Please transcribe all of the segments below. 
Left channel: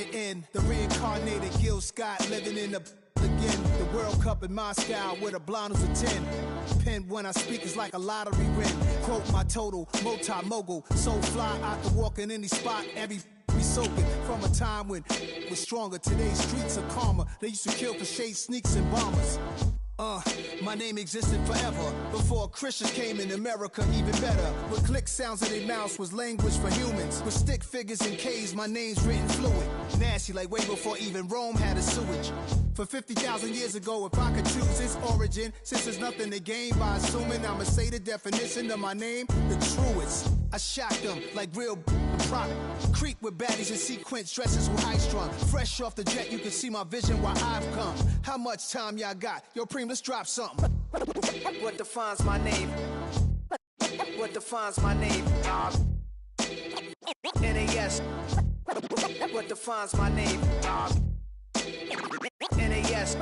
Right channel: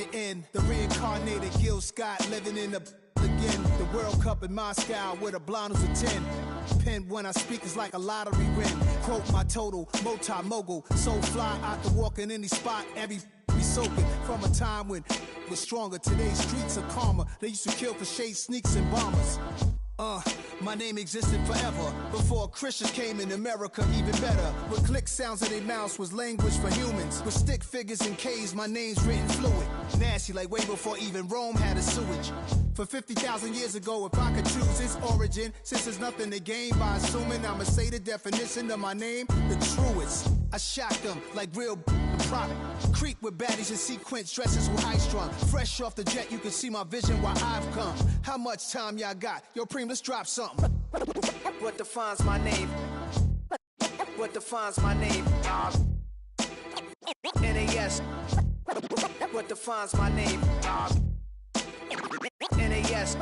the end. The reincarnated Gil Scott living in the again. The World Cup in Moscow with a blonde who's a 10. Pen when I speak is like a lottery win. Quote my total, multi-mogul. So fly, I can walk in any spot, every be soaking. From a time when was stronger. Today's streets are calmer. They used to kill for shade sneaks and bombers. My name existed forever. Before Christians came in America, even better. With click sounds in their mouths was language for humans. With stick figures and K's, my name's written fluid. Nasty like way before even Rome had a sewage. For 50,000 years ago, if I could choose its origin, since there's nothing to gain by assuming I'ma say the definition of my name, the truest. I shocked them like real product. Creep with baddies in sequence, dresses with high strung. Fresh off the jet, you can see my vision where I've come. How much time y'all got? Yo, Preem, let's drop something. What defines my name? What defines my name? NAS. What defines my name? NAS.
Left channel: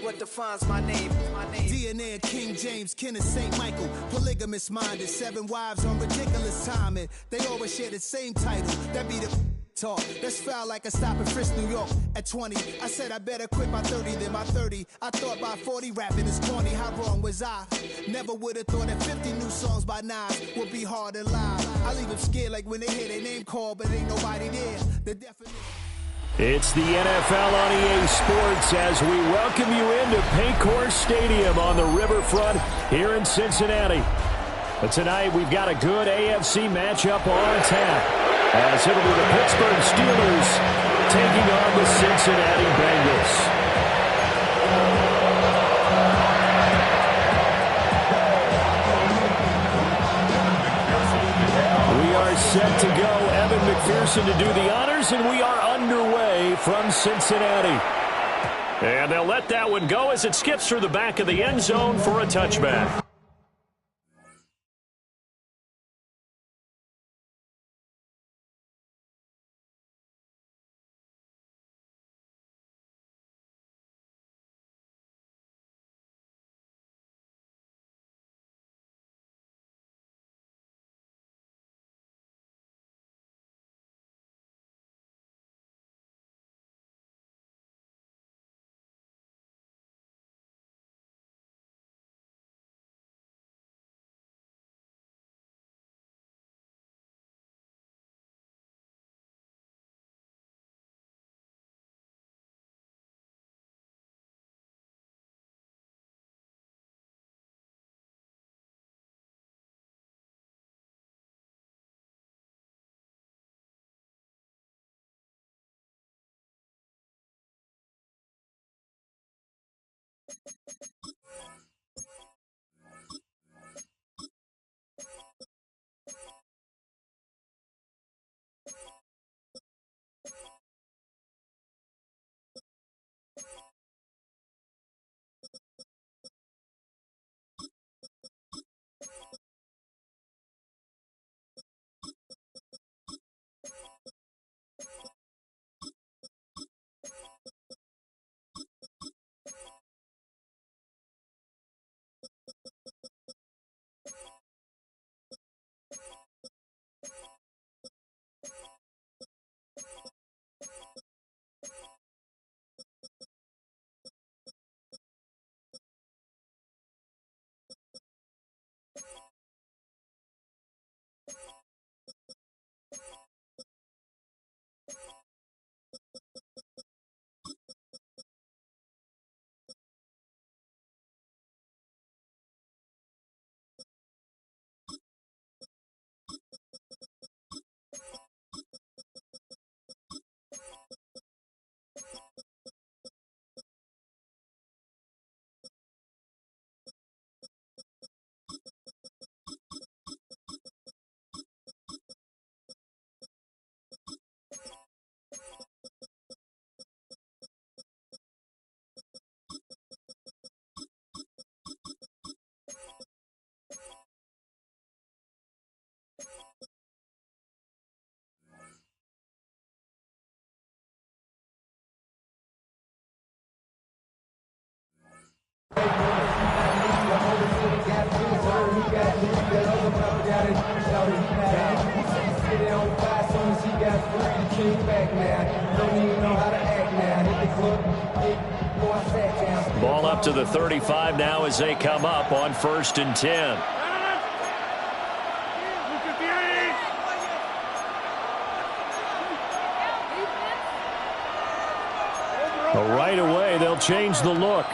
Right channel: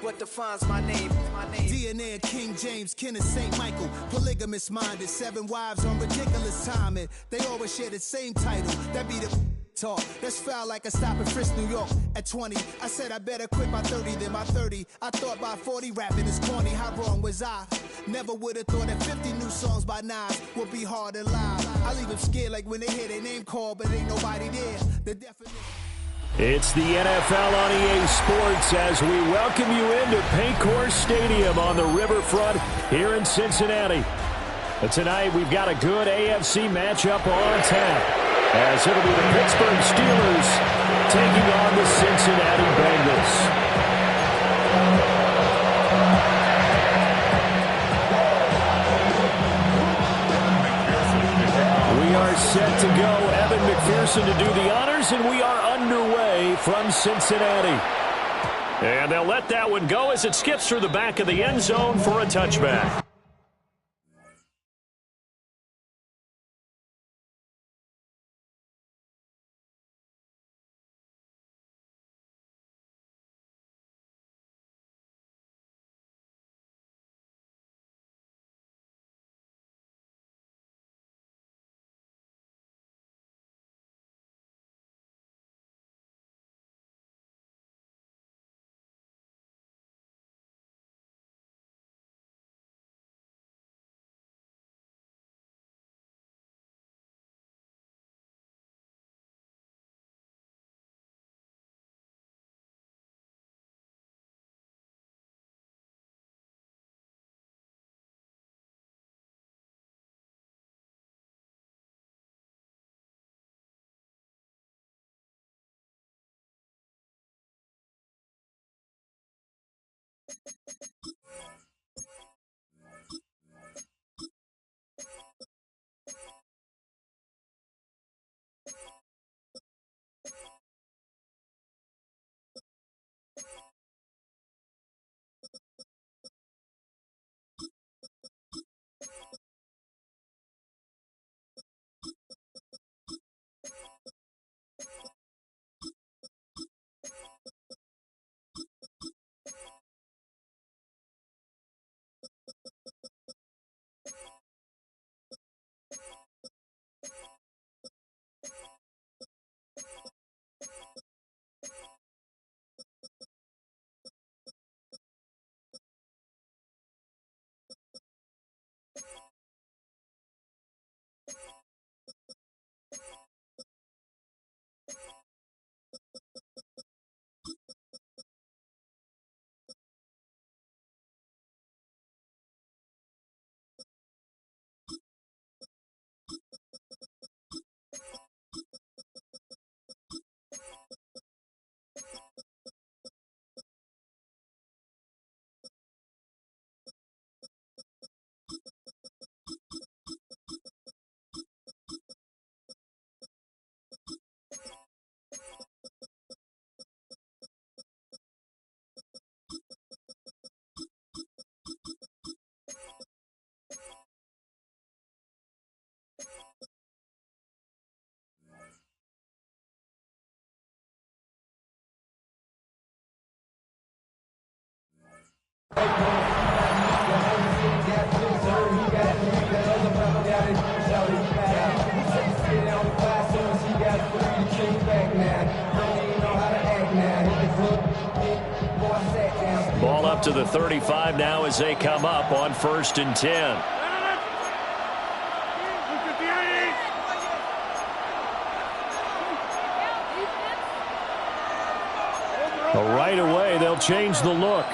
What defines my name? DNA of King James, kin of St. Michael. Polygamous minded, 7 wives on ridiculous timing. They always share the same title. That be the talk. That's foul like a stop in Frisk, New York. At 20, I said I better quit by 30 than by 30. I thought by 40 rapping is corny. How wrong was I? Never would have thought that 50 new songs by Nas would be hard and live. I leave them scared like when they hear their name called, but ain't nobody there. The definition. It's the NFL on EA Sports as we welcome you into Paycor Stadium on the riverfront here in Cincinnati. But tonight we've got a good AFC matchup on tap as it'll be the Pittsburgh Steelers taking on the Cincinnati Bengals. We are set to go. Evan McPherson to do the honors, and we are underway from Cincinnati. And they'll let that one go as it skips through the back of the end zone for a touchback. Ball up to the 35 now as they come up on 1st and 10. Right away, they'll change the look.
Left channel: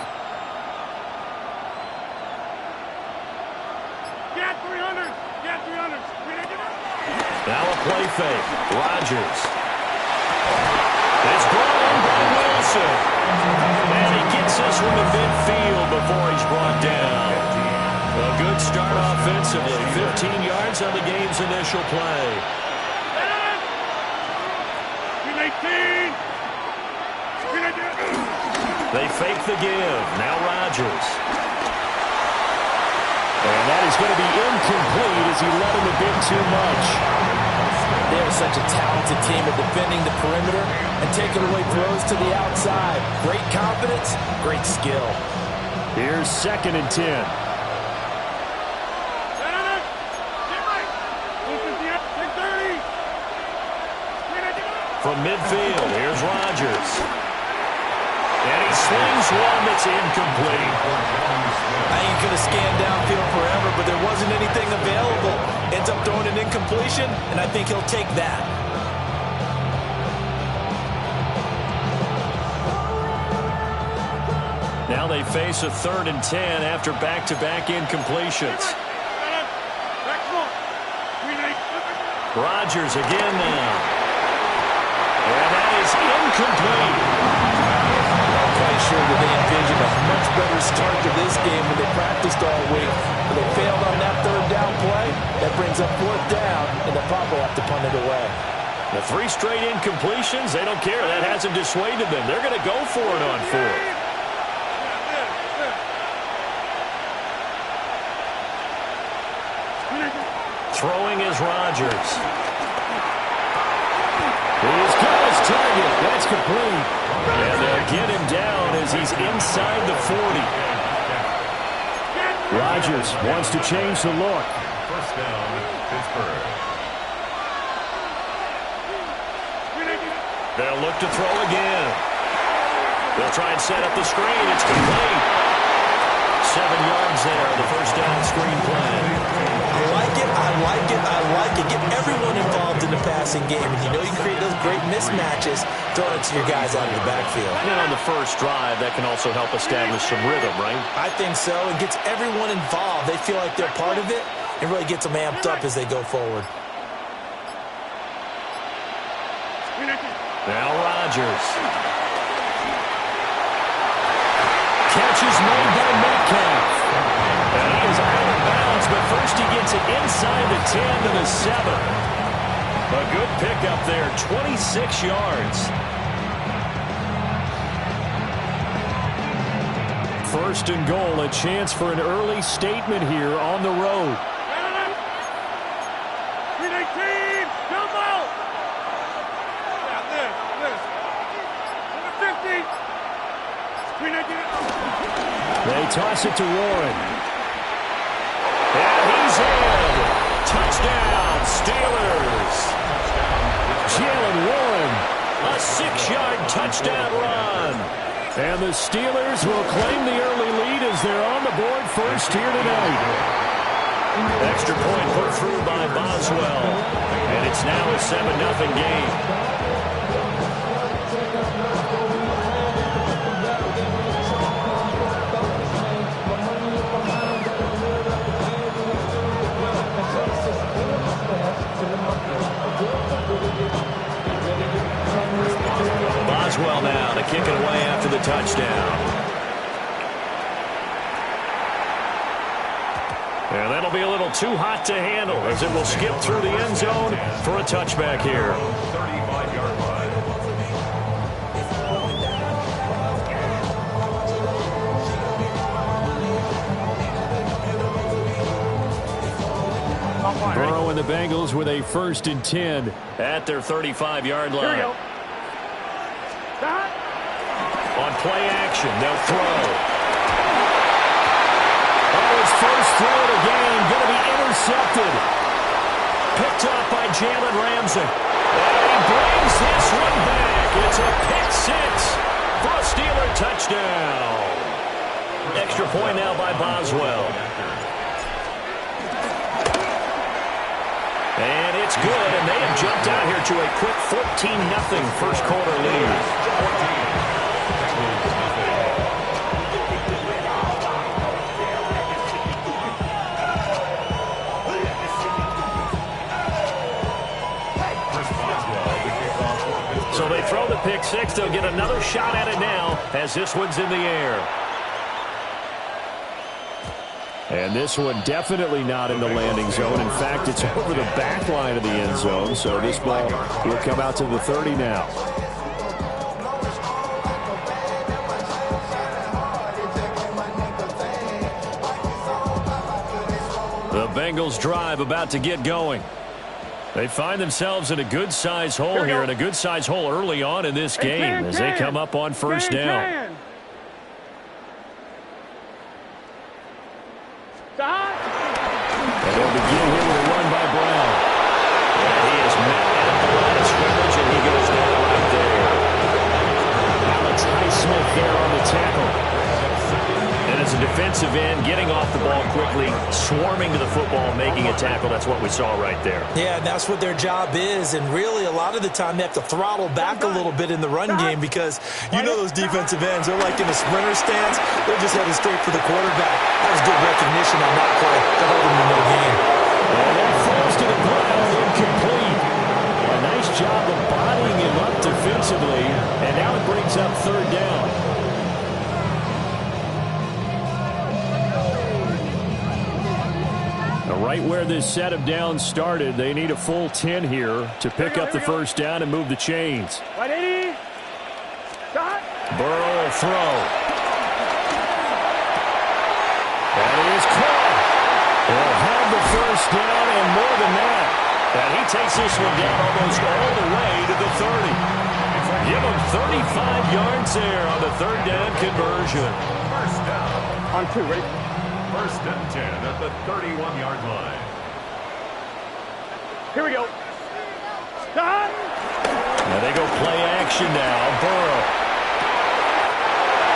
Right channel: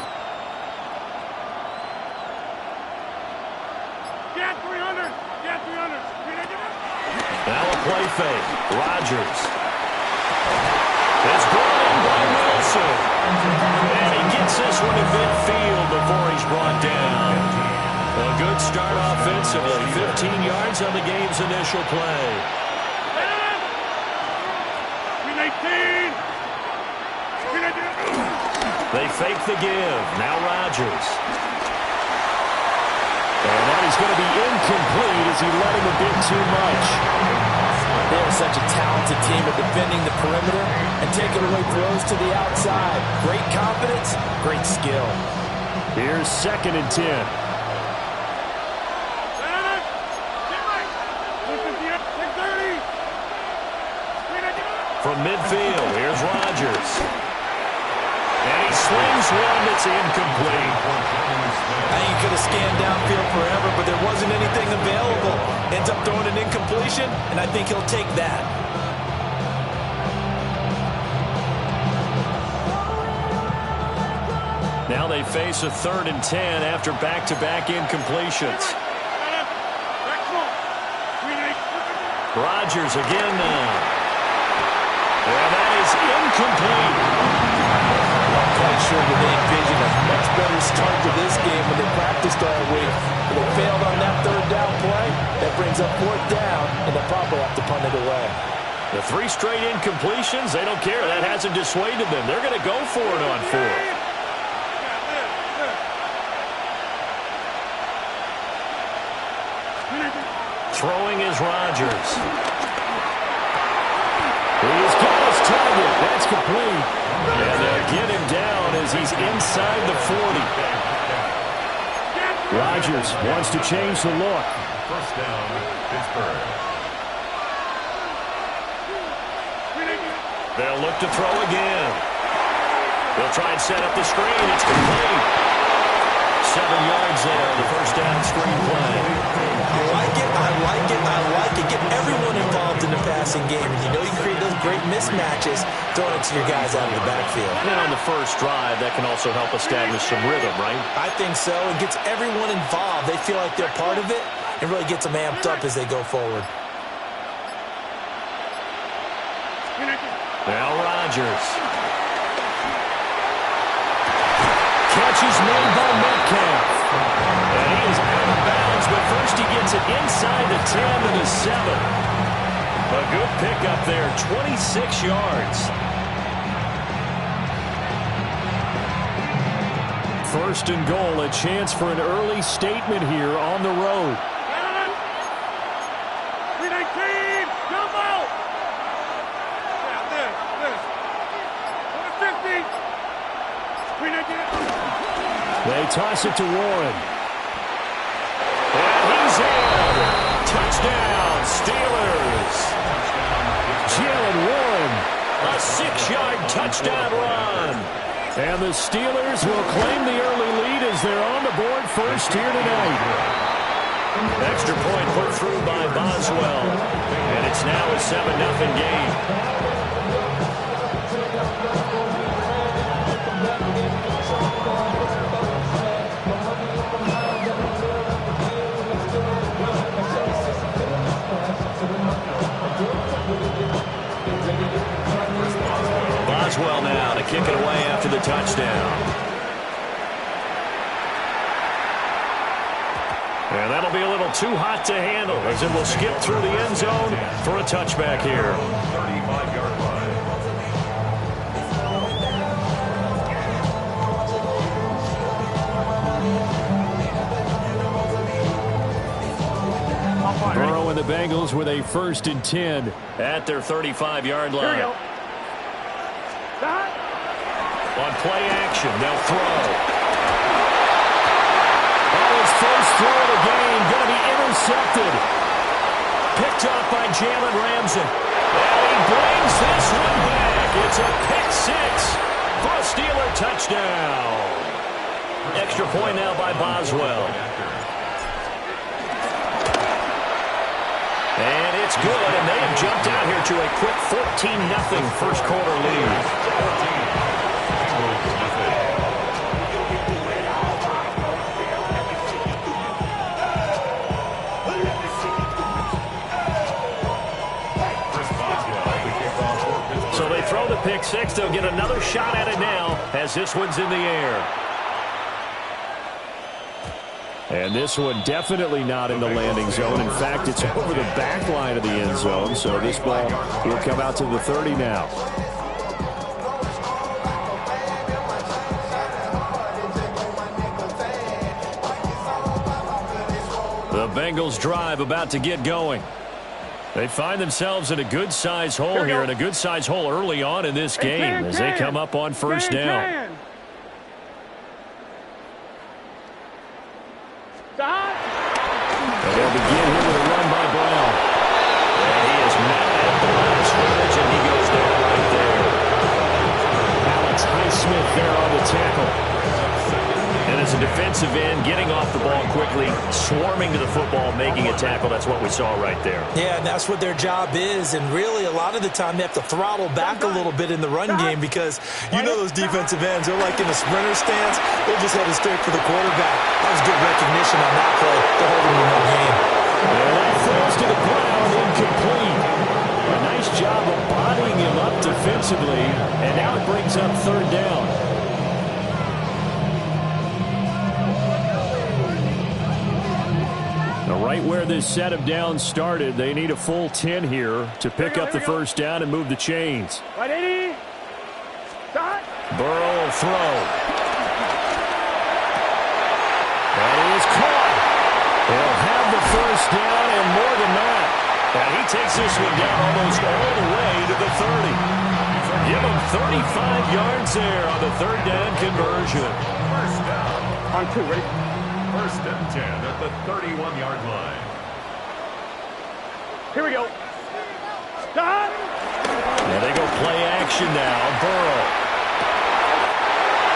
Now a play fake. Rodgers. It's brought in by Wilson. And he gets this one to midfield before he's brought down. A good start offensively. 15 yards on the game's initial play. 18. They fake the give. Now Rodgers. And that is going to be incomplete as he let him a bit too much. They're such a talented team at defending the perimeter and taking away throws to the outside. Great confidence, great skill. Here's 2nd and 10. From midfield, here's Rodgers. And he slings one that's incomplete. I think he could have scanned downfield forever, but there wasn't anything available. Ends up throwing an incompletion, and I think he'll take that. Now they face a 3rd and 10 after back-to-back incompletions. Rodgers again now. And that is incomplete. I'm quite sure that they envisioned a much better start to this game when they practiced all week. But they failed on that 3rd down play. That brings up 4th down, and they'll probably have to punt it away. The 3 straight incompletions, they don't care. That hasn't dissuaded them. They're going to go for it on 4th. Throwing is Rodgers. He's got his target. That's complete. And they'll get him down as he's inside the 40. Rodgers wants to change the look. 1st down, Pittsburgh. They'll look to throw again. They'll try and set up the screen. It's complete. 7 yards there, the 1st down screen play. I like it, I like it, I like it. Get everyone involved in the passing game. And you know you create those great mismatches throwing it to your guys out of the backfield. And on the first drive, that can also help establish some rhythm, right? I think so. It gets everyone involved. They feel like they're part of it and really gets them amped up as they go forward. Now Rodgers. Catch is made by Metcalf. And he is out of bounds, but first he gets it inside the 10 to the 7. A good pickup there, 26 yards. 1st and goal, a chance for an early statement here on the road. 319, jumbo! They toss it to Warren. And he's in. Touchdown, Steelers. Jalen Warren, a 6-yard touchdown run. And the Steelers will claim the early lead as they're on the board first here tonight. Extra point put through by Boswell. And it's now a 7-0 game. Boswell now to kick it away after the touchdown. And that'll be a little too hot to handle as it will skip through the end zone for a touchback here. 35-yard line. Burrow and the Bengals with a 1st and 10 at their 35-yard line. On play action, they'll throw. Oh, his first throw of the game going to be intercepted. Picked up by Jalen Ramsey. And he brings this one back. It's a pick six for a Steeler touchdown. Extra point now by Boswell. And it's good, and they have jumped out here to a quick 14-0 first quarter lead. 14. Bengals nothing. Chris Boswell, the kickoff for Pittsburgh. So they throw the pick six. They'll get another shot at it now as this one's in the air. And this one definitely not in the landing zone. In fact, it's over the back line of the end zone. So this ball will come out to the 30 now. The Bengals drive about to get going. They find themselves in a good-sized hole here, and a good-sized hole early on in this game as they come up on first down. And they'll begin here with a run by Brown. And he is met at the line of scrimmage, and he goes down right there. Alex Highsmith there on the tackle. And as a defensive end, getting off the ball quickly, swarming to the football, making a tackle. That's what we saw right there. Yeah, and that's what their job is. And really, a lot of the time, they have to throttle back a little bit in the run game because you know those defensive ends, they're like in a sprinter stance. They're just headed straight for the quarterback. That was good recognition on that play to hold him to no gain. And that falls to the ground, incomplete. A nice job of bodying him up defensively, and now it brings up third down. Now, right where this set of downs started, they need a full 10 here to pick up the first down and move the chains. Burrow will throw. That is caught. He'll have the first down and more than that. And he takes this one down almost all the way to the 30. Give him 35 yards there on the third down conversion. First down. On two, ready? First and 10 at the 31-yard line. Here we go. Stop! Now they go play action now. Burrow.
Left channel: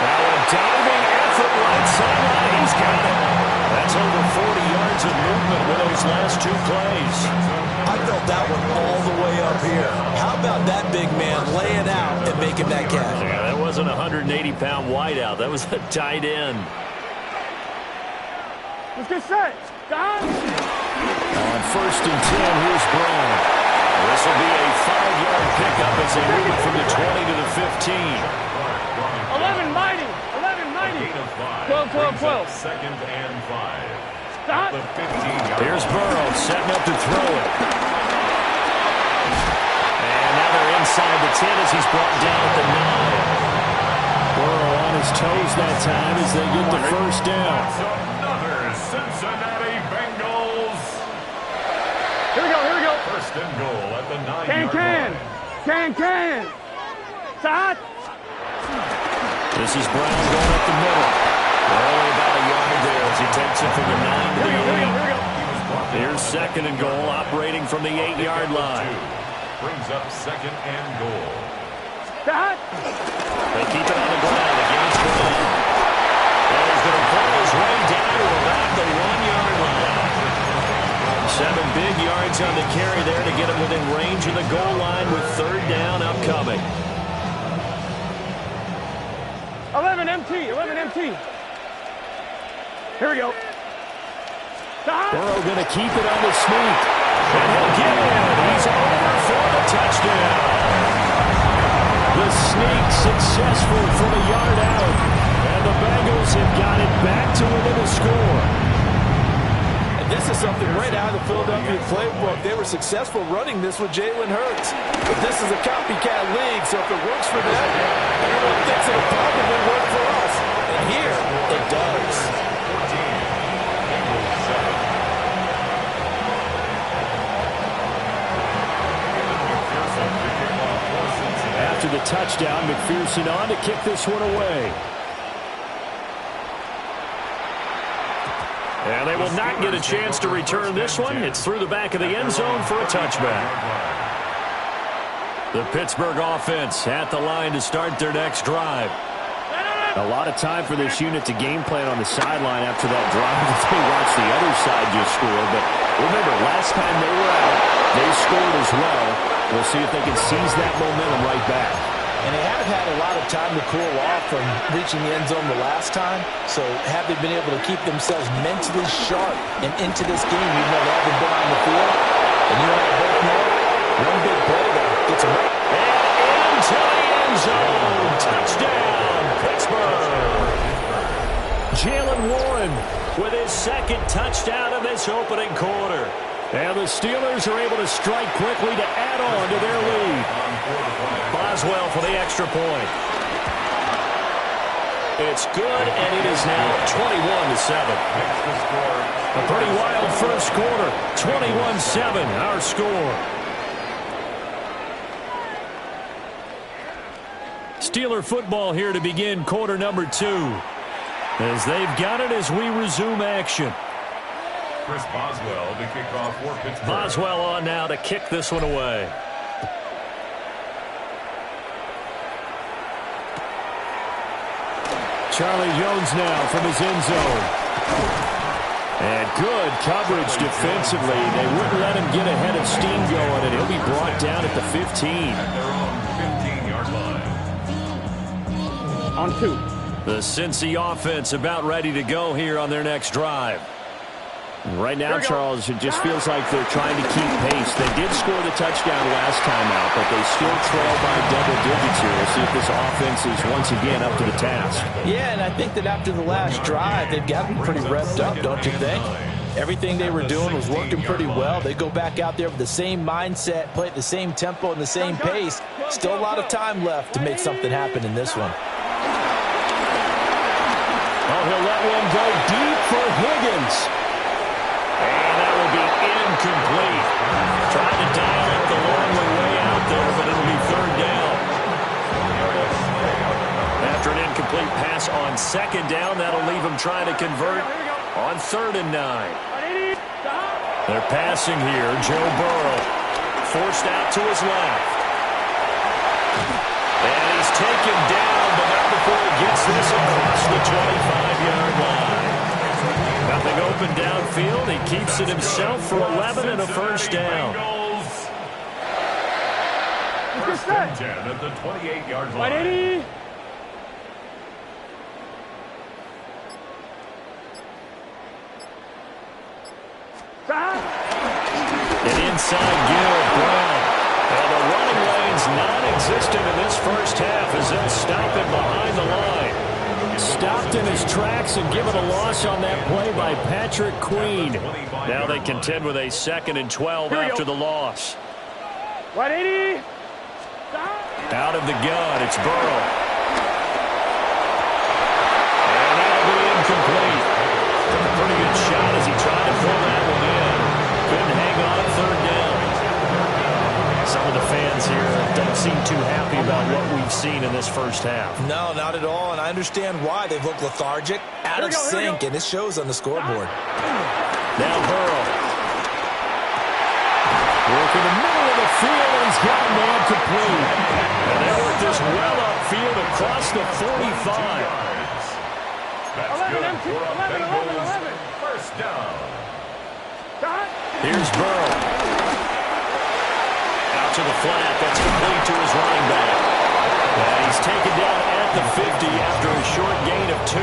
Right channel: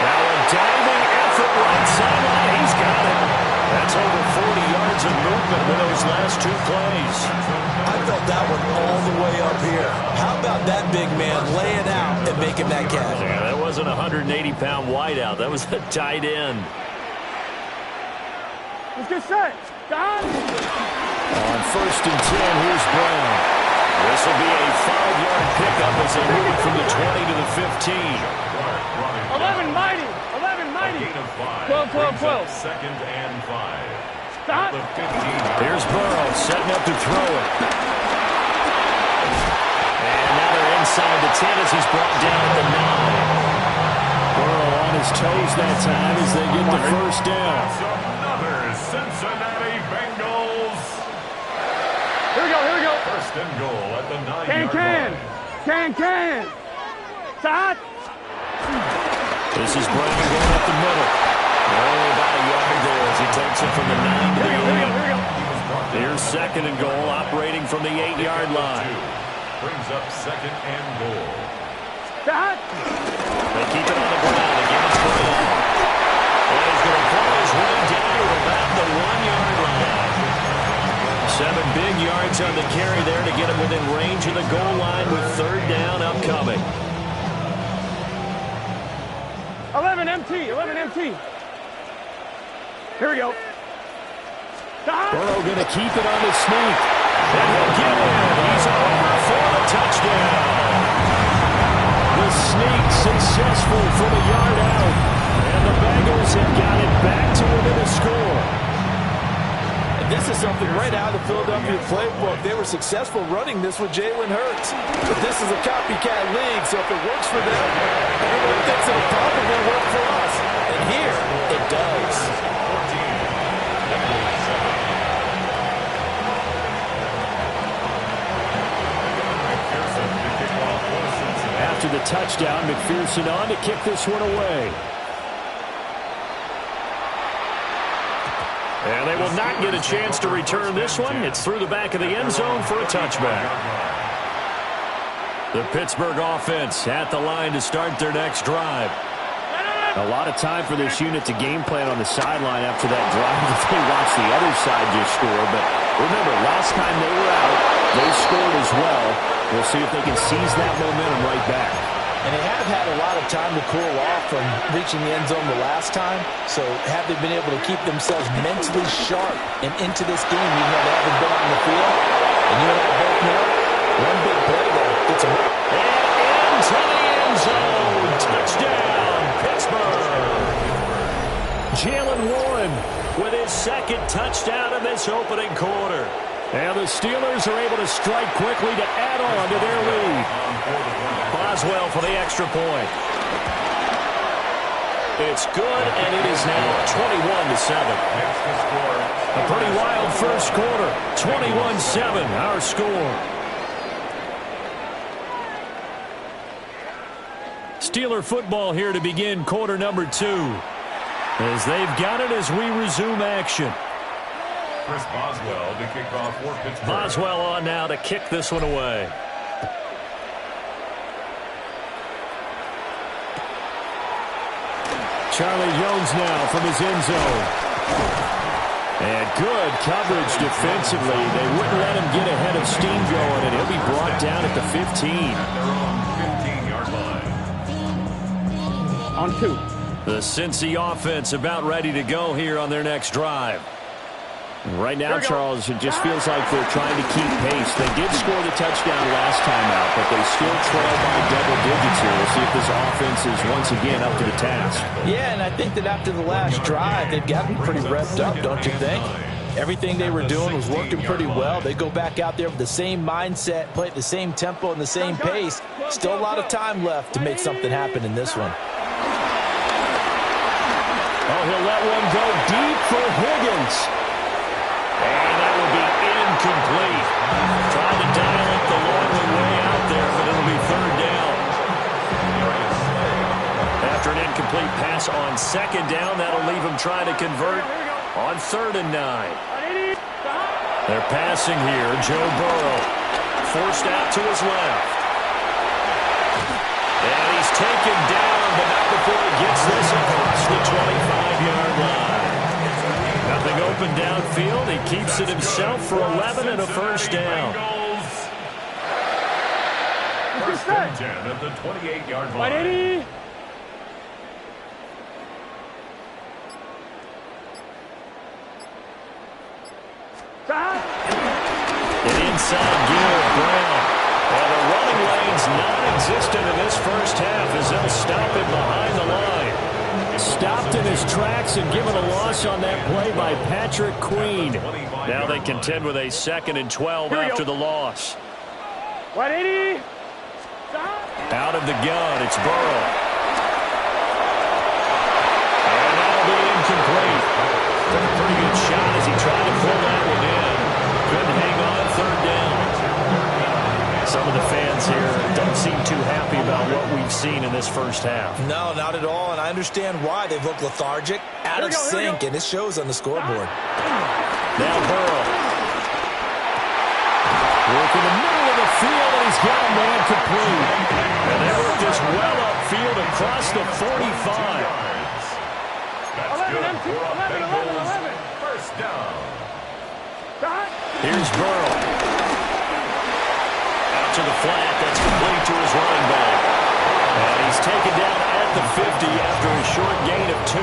Now a diving effort right sideline. He's got it. That's over 40 yards of movement with those last two plays. I felt that one all the way up here. How about that big man laying out and making that catch? Yeah, that wasn't a 180-pound wideout. That was a tight end. Let's get set. Stop! On first and 10, here's Brown. This will be a 5-yard pickup as they move it from the 20 to the 15. 11 mighty. 11 mighty. 12, 12, 12. Second and 5. Stop. Here's Burrow setting up to throw it. And now they're inside the 10 as he's brought down at the 9. Burrow on his toes that time as they get the first down. Another Cincinnati Bengals. Here we go, here we go. First and goal at the 9-yard line. Can. Stop. This is Brown going up the middle. Only about a yard there as he takes it from the 9 to the 8. Here's second and goal, operating from the 8-yard line. Brings up second and goal. Stop. They keep it on the ground. Again, it's Brown. And he's going to pull his way down to about the 1-yard line. 7 big yards on the carry there to get him within range of the goal line with third down upcoming. 11 MT. Here we go. Stop. Burrow going to keep it on the sneak. And he'll get in. He's over for the touchdown. The sneak successful from a yard out. And the Bengals have got it back to within a score. And this is something right out of the Philadelphia playbook. They were successful running this with Jalen Hurts. But this is a copycat league, so if it works for them, everyone thinks it'll probably work for us. And here, it does. 14. Bengals 7. McPherson to kick off for Cincinnati. After the touchdown, McPherson on to kick this one away. And they will not get a chance to return this one. It's through the back of the end zone for a touchback. The Pittsburgh offense at the line to start their next drive. A lot of time for this unit to game plan on the sideline after that drive that they watched the other side just score. But remember, last time they were out, they scored as well. We'll see if they can seize that momentum right back. And they have had a lot of time to cool off from reaching the end zone the last time. So have they been able to keep themselves mentally sharp and into this game even though they haven't been on the field? And you and I both know one big play there gets them. And into the end zone. Touchdown, Pittsburgh. Jalen Warren with his second touchdown of this opening quarter. And the Steelers are able to strike quickly to add on to their lead. Boswell for the extra point. It's good, and it is now 21-7. A pretty wild first quarter. 21-7, our score. Steeler football here to begin quarter number 2. As they've got it as we resume action. Chris Boswell to kick off for Pittsburgh. Boswell on now to kick this one away. Charlie Jones now from his end zone. And good coverage defensively. They wouldn't let him get ahead of steam going, and he'll be brought down at the 15. At their own 15-yard line. On 2. The Cincy offense about ready to go here on their next drive. Right now, Charles, it just feels like they're trying to keep pace. They did score the touchdown last time out, but they still trail by double digits here. We'll see if this offense is once again up to the task. Yeah, and I think that after the last drive, they've gotten pretty revved up, don't you think? Everything they were doing was working pretty well. They go back out there with the same mindset, play at the same tempo and the same pace. Still a lot of time left to make something happen in this one. Oh, he'll let one go deep for Higgins. And that will be incomplete. Trying to dial up the long way out there, but it'll be third down. After an incomplete pass on second down, that'll leave him trying to convert on 3rd and 9. They're passing here. Joe Burrow forced out to his left. And he's taken down, but not before he gets this across the 25-yard line. Nothing open downfield. He keeps it himself for 11 and a first down. First and 10 at the 28-yard line. An inside give, Brown. And the running lane's non-existent in this first half as they'll stop him behind the line. Stopped in his tracks and given a loss on that play by Patrick Queen. Now they contend with a 2nd and 12 after the loss. 180. Out of the gun, it's Burrow. And that'll be incomplete. Took a pretty good shot as he tried to pull that one in. Couldn't hang on 3rd down. Some of the fans here don't seem too happy about what we've seen in this first half. No, not at all, and I understand why. They've looked lethargic, out of sync, and it shows on the scoreboard. Now Burrow. Work in the middle of the field, and he's got a man complete. And they work this well upfield across the 45. That's good for a Bengals first down. Here's Burrow. Out to the flat. That's complete to his running back. And he's taken down at the 50 after a short gain of 2.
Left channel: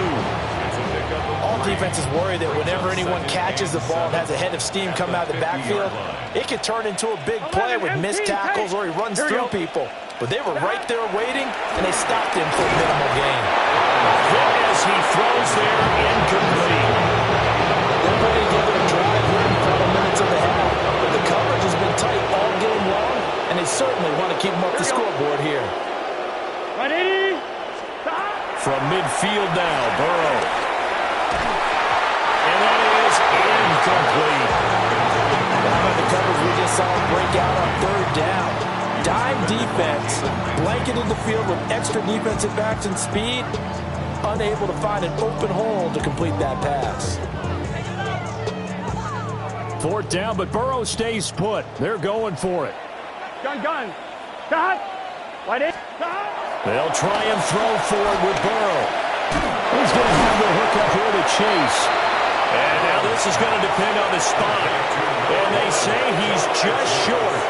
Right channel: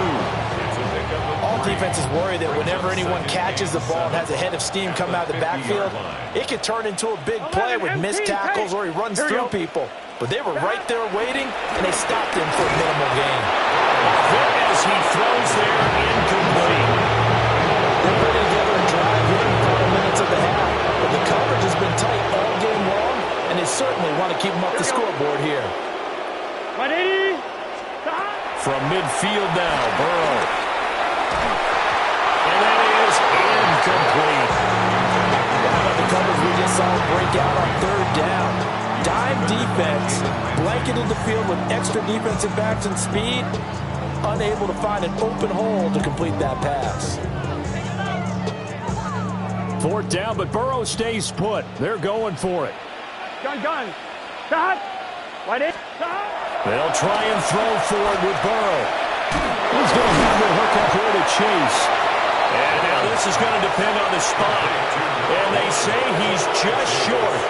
All defenses worry that whenever anyone catches the ball and has a head of steam come out of the backfield, it could turn into a big play with missed tackles or he runs through people. But they were right there waiting, and they stopped him for a minimal gain. A hit as he throws there, incomplete. They're putting together a drive here in the final minutes of the half, but the coverage has been tight all game long, and they certainly want to keep them up the scoreboard here. 180. From midfield now, Burrow. And that is incomplete. How about the coverage we just saw break out on 3rd down? Dime defense, blanketed the field with extra defensive backs and speed, unable to find an open hole to complete that pass. 4th down, but Burrow stays put. They're going for it. Gun. They'll try and throw forward with Burrow. He's going to have the hook up here to Chase. And now this is going to depend on the spot. And they say he's just short.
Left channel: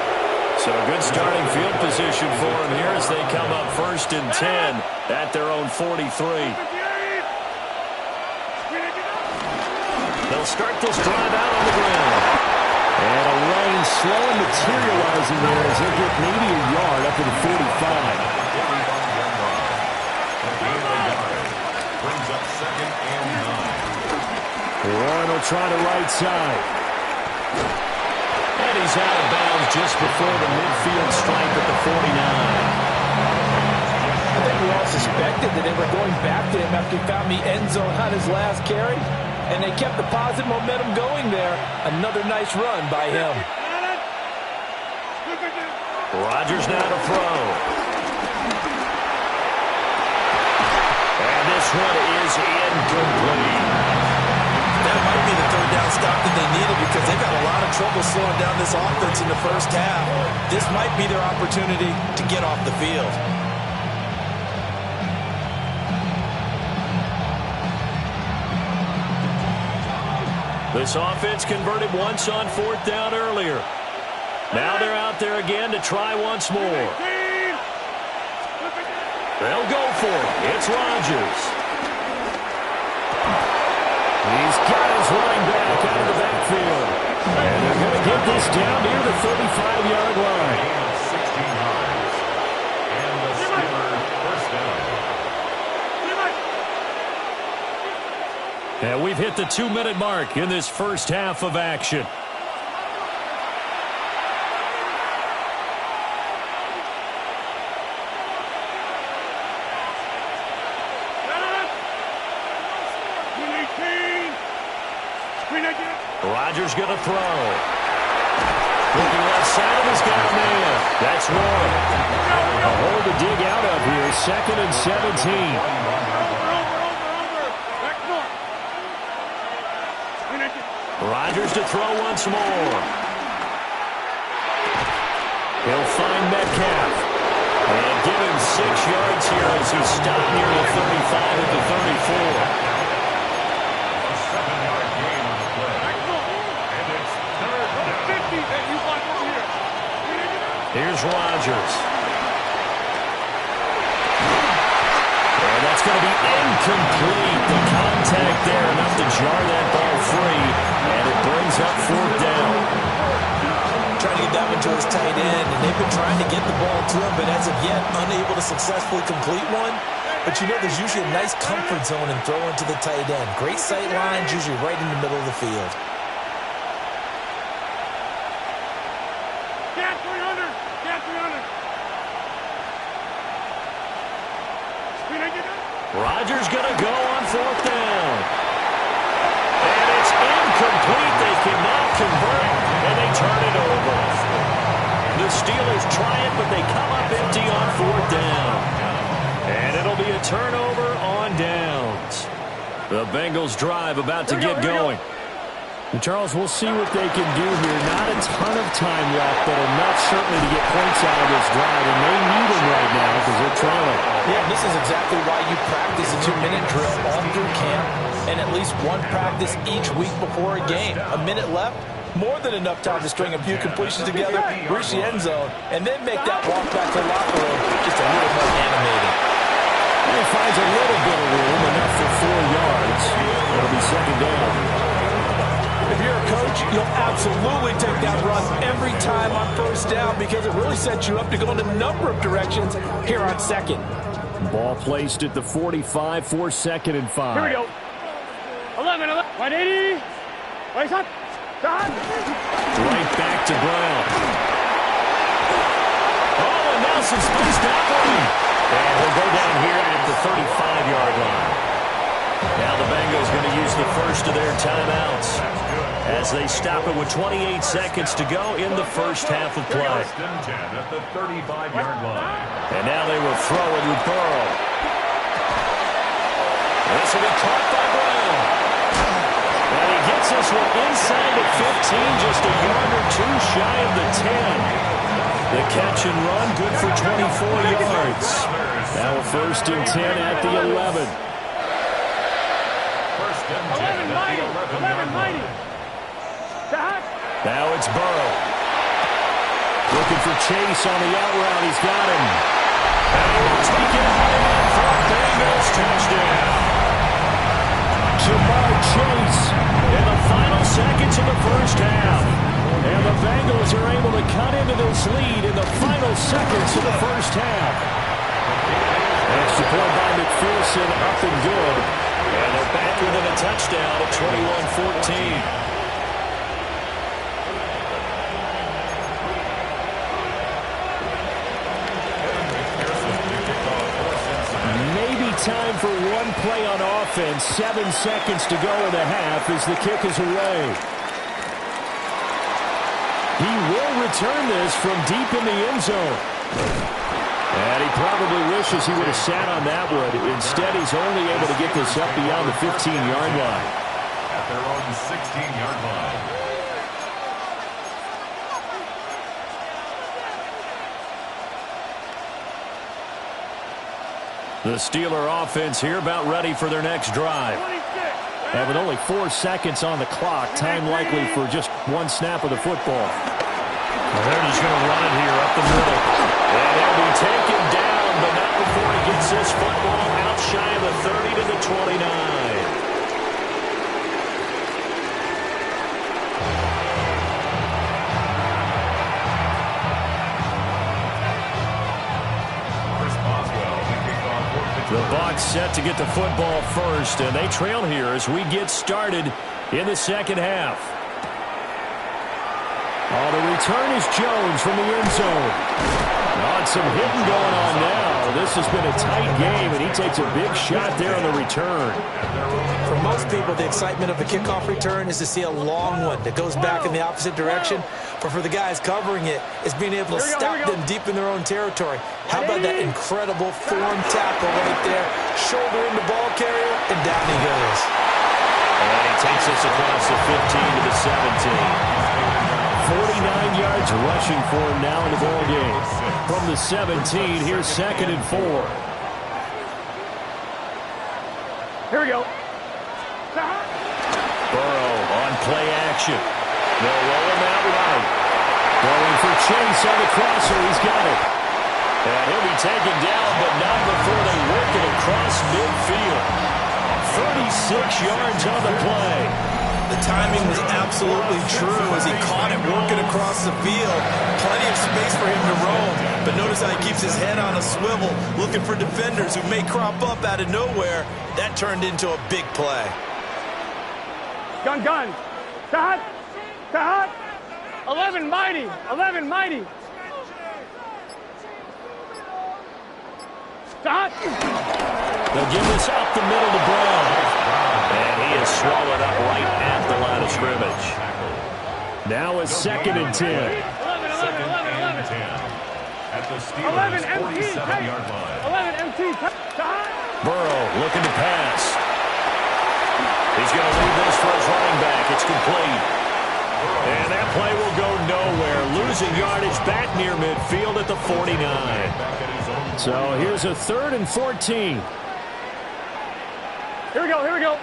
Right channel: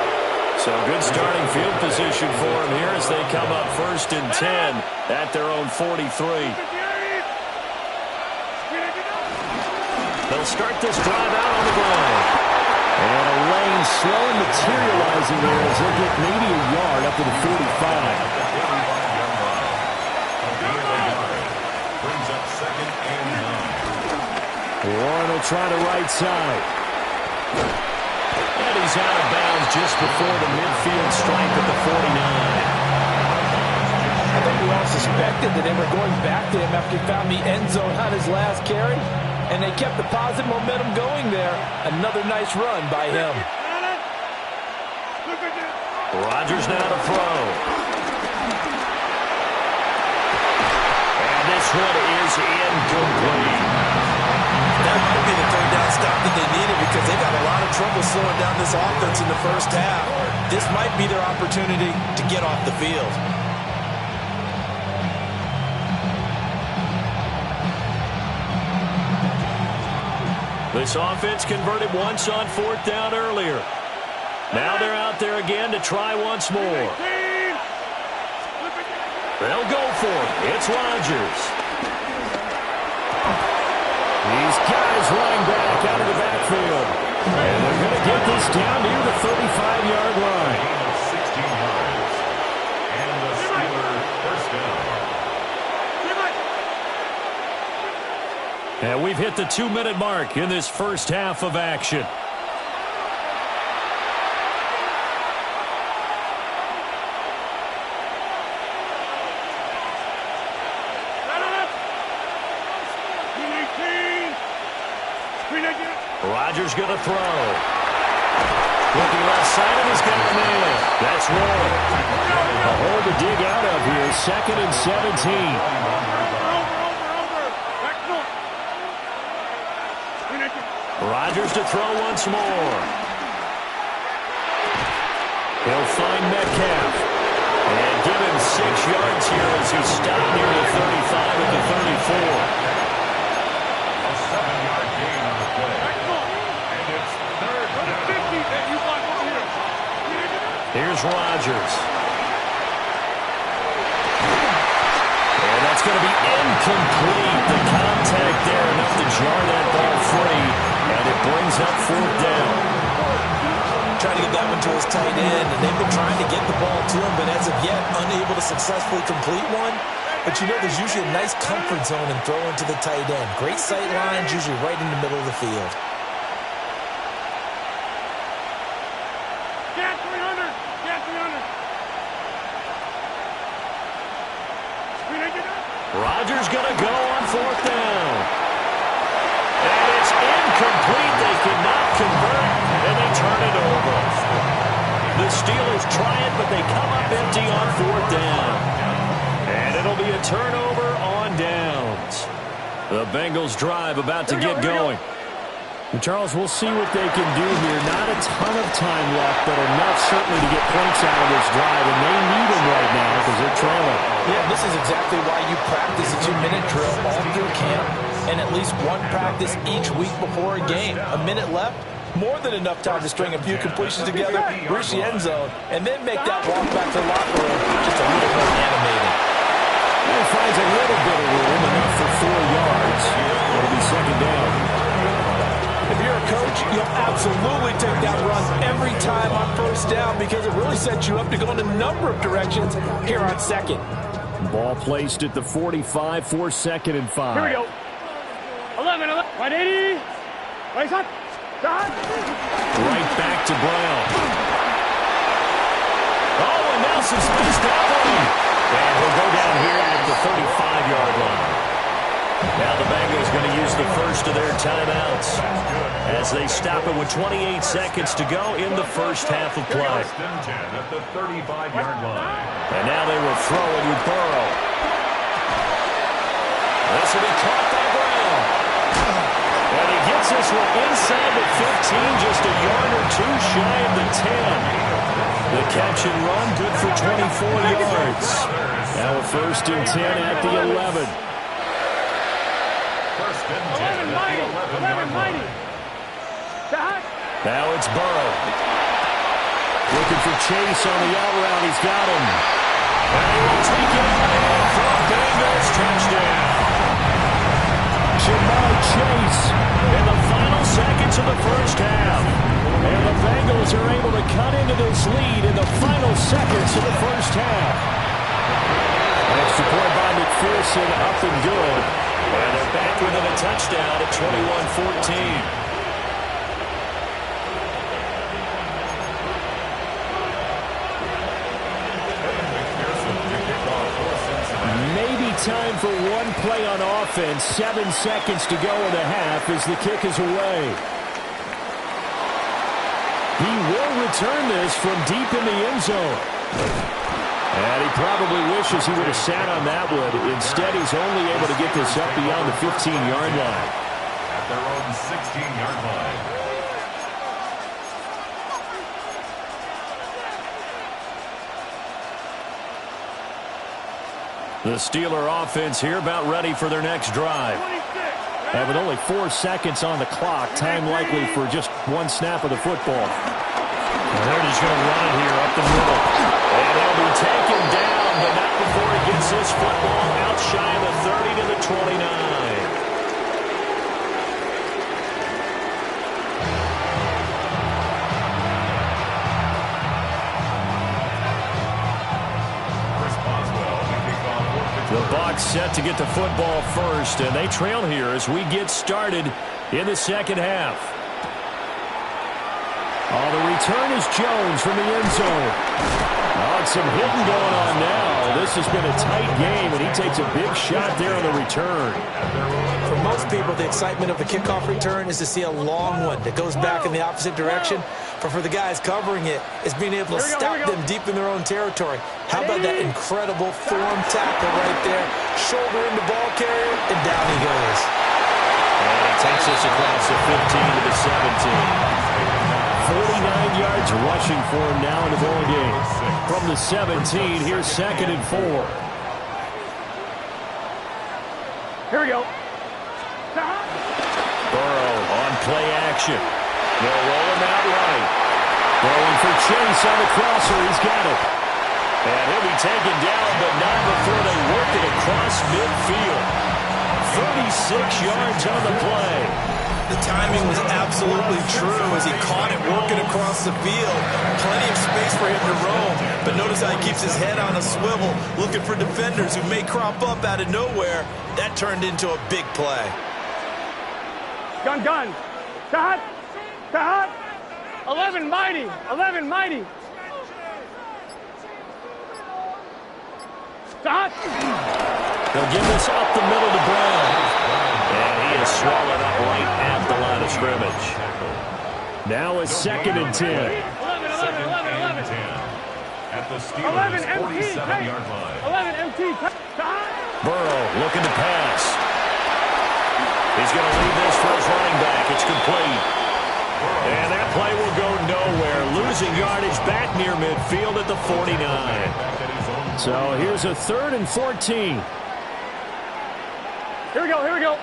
So good starting field position for him here as they come up 1st and 10 at their own 43. They'll start this drive out on the ground. And a lane slow and materializing there as they'll get maybe a yard up to the 45. Brings up 2nd and 9. Warren will try the right side. And he's out of bounds just before the midfield stripe at the 49. I think we all suspected that they were going back to him after he found the end zone on his last carry. And they kept the positive momentum going there. Another nice run by him. Rodgers now to throw. And this one is incomplete. That might be the 3rd down stop that they needed because they've got a lot of trouble slowing down this offense in the first half. This might be their opportunity to get off the field. This offense converted once on 4th down earlier. Now they're out there again to try once more. They'll go for it. It's Rodgers. He's got his running back out of the backfield. And they're going to get this down near the 35-yard line. Gain of 16 yards. And the Steelers 1st down. And we've hit the 2-minute mark in this first half of action. Rodgers going to throw. Looking left side of his got a man. That's Warren. A hole to dig out of here. 2nd and 17. Rodgers to throw once more. He'll find Metcalf. And give him 6 yards here as he's stopped near the 35 at the 34. A 7-yard gain on the play. And it's 3rd down. Here's Rodgers. And that's going to be incomplete. The contact there enough to jar that ball free. And it brings up 4th down. Trying to get that one to his tight end, and they've been trying to get the ball to him, but as of yet, unable to successfully complete one. But you know there's usually a nice comfort zone in throwing to the tight end. Great sight lines, usually right in the middle of the field. Get 300! Get 300! Rodgers going to go on 4th down. And it's incomplete. They cannot convert, and they turn it over. The Steelers try it, but they come up empty on 4th down. And it'll be a turnover on downs. The Bengals drive about to get going. And Charles, we'll see what they can do here. Not a ton of time left, but enough certainly to get points out of this drive, and they need them right now because they're trailing. Yeah, this is exactly why you practice a 2-minute drill all through camp and at least one practice each week before a game. A minute left, more than enough time to string a few completions together, reach the end zone, and then make that walk back to the locker room just a little more animated. And he finds a little bit of room, enough for 4 yards. It'll be 2nd down. If you're a coach, you'll absolutely take that run every time on 1st down because it really sets you up to go in a number of directions here on 2nd. Ball placed at the 45 for 2nd and 5. Here we go. 11, 180. Place up. Right back to Brown. Oh, and now some space to operate. And he'll go down here at the 35-yard line. Now the Bengals going to use the first of their timeouts as they stop it with 28 seconds to go in the first half of play. At the 35-yard line. And now they will throw it with Burrow. This will be caught by Brown. And he gets this one inside the 15, just a yard or two shy of the 10. The catch and run, good for 24 yards. Now a 1st and 10 at the 11. 1st and 10 at the 11-yard line. Now it's Burrow. Looking for Chase on the out route. He's got him. And he will take it out in for a Bengals touchdown. Jamar Chase in the final seconds of the first half. And the Bengals are able to cut into this lead in the final seconds of the first half. Extra point by McPherson, up and good. And they're back within a touchdown at 21-14. Time for one play on offense. 7 seconds to go in the half as the kick is away. He will return this from deep in the end zone. And he probably wishes he would have sat on that one. Instead, he's only able to get this up beyond the 15-yard line. At their own 16-yard line. The Steeler offense here about ready for their next drive. And with only 4 seconds on the clock, time likely for just one snap of the football. And they're just going to run it here up the middle. And he'll be taken down, but not before he gets this football out shy of the 30 to the 29. The Bucs set to get the football first, and they trail here as we get started in the second half. Oh, the return is Jones from the end zone. Oh, and some hitting going on now. This has been a tight game, and he takes a big shot there on the return. For most people, the excitement of a kickoff return is to see a long one that goes back in the opposite direction. But for the guys covering it, it's being able to stop them deep in their own territory. How about that incredible form tackle right there? Shoulder into ball carrier, and down he goes. And he takes this across the 15 to the 17. 49 yards rushing for him now in the ball game. From the 17, here's 2nd and 4. Here we go. Burrow on play action. They'll roll him out right. Going for Chase on the crosser. He's got it. And he'll be taken down, but not before they work it across midfield. 36 yards on the play. The timing was absolutely true as he caught it working across the field. Plenty of space for him to roam. But notice how he keeps his head on a swivel, looking for defenders who may crop up out of nowhere. That turned into a big play. Gun. Tahat. 11 mighty. 11 mighty. Tahat. They'll give this up the middle to Brown. And he is swallowed up right at the line of scrimmage. Now it's 2nd and 10. 11. At the Steelers' 47-yard line. 11 MT. Burrow looking to pass. He's going to leave this for his running back. It's complete. And that play will go nowhere. Losing yardage back near midfield at the 49. So here's a 3rd and 14. Here we go.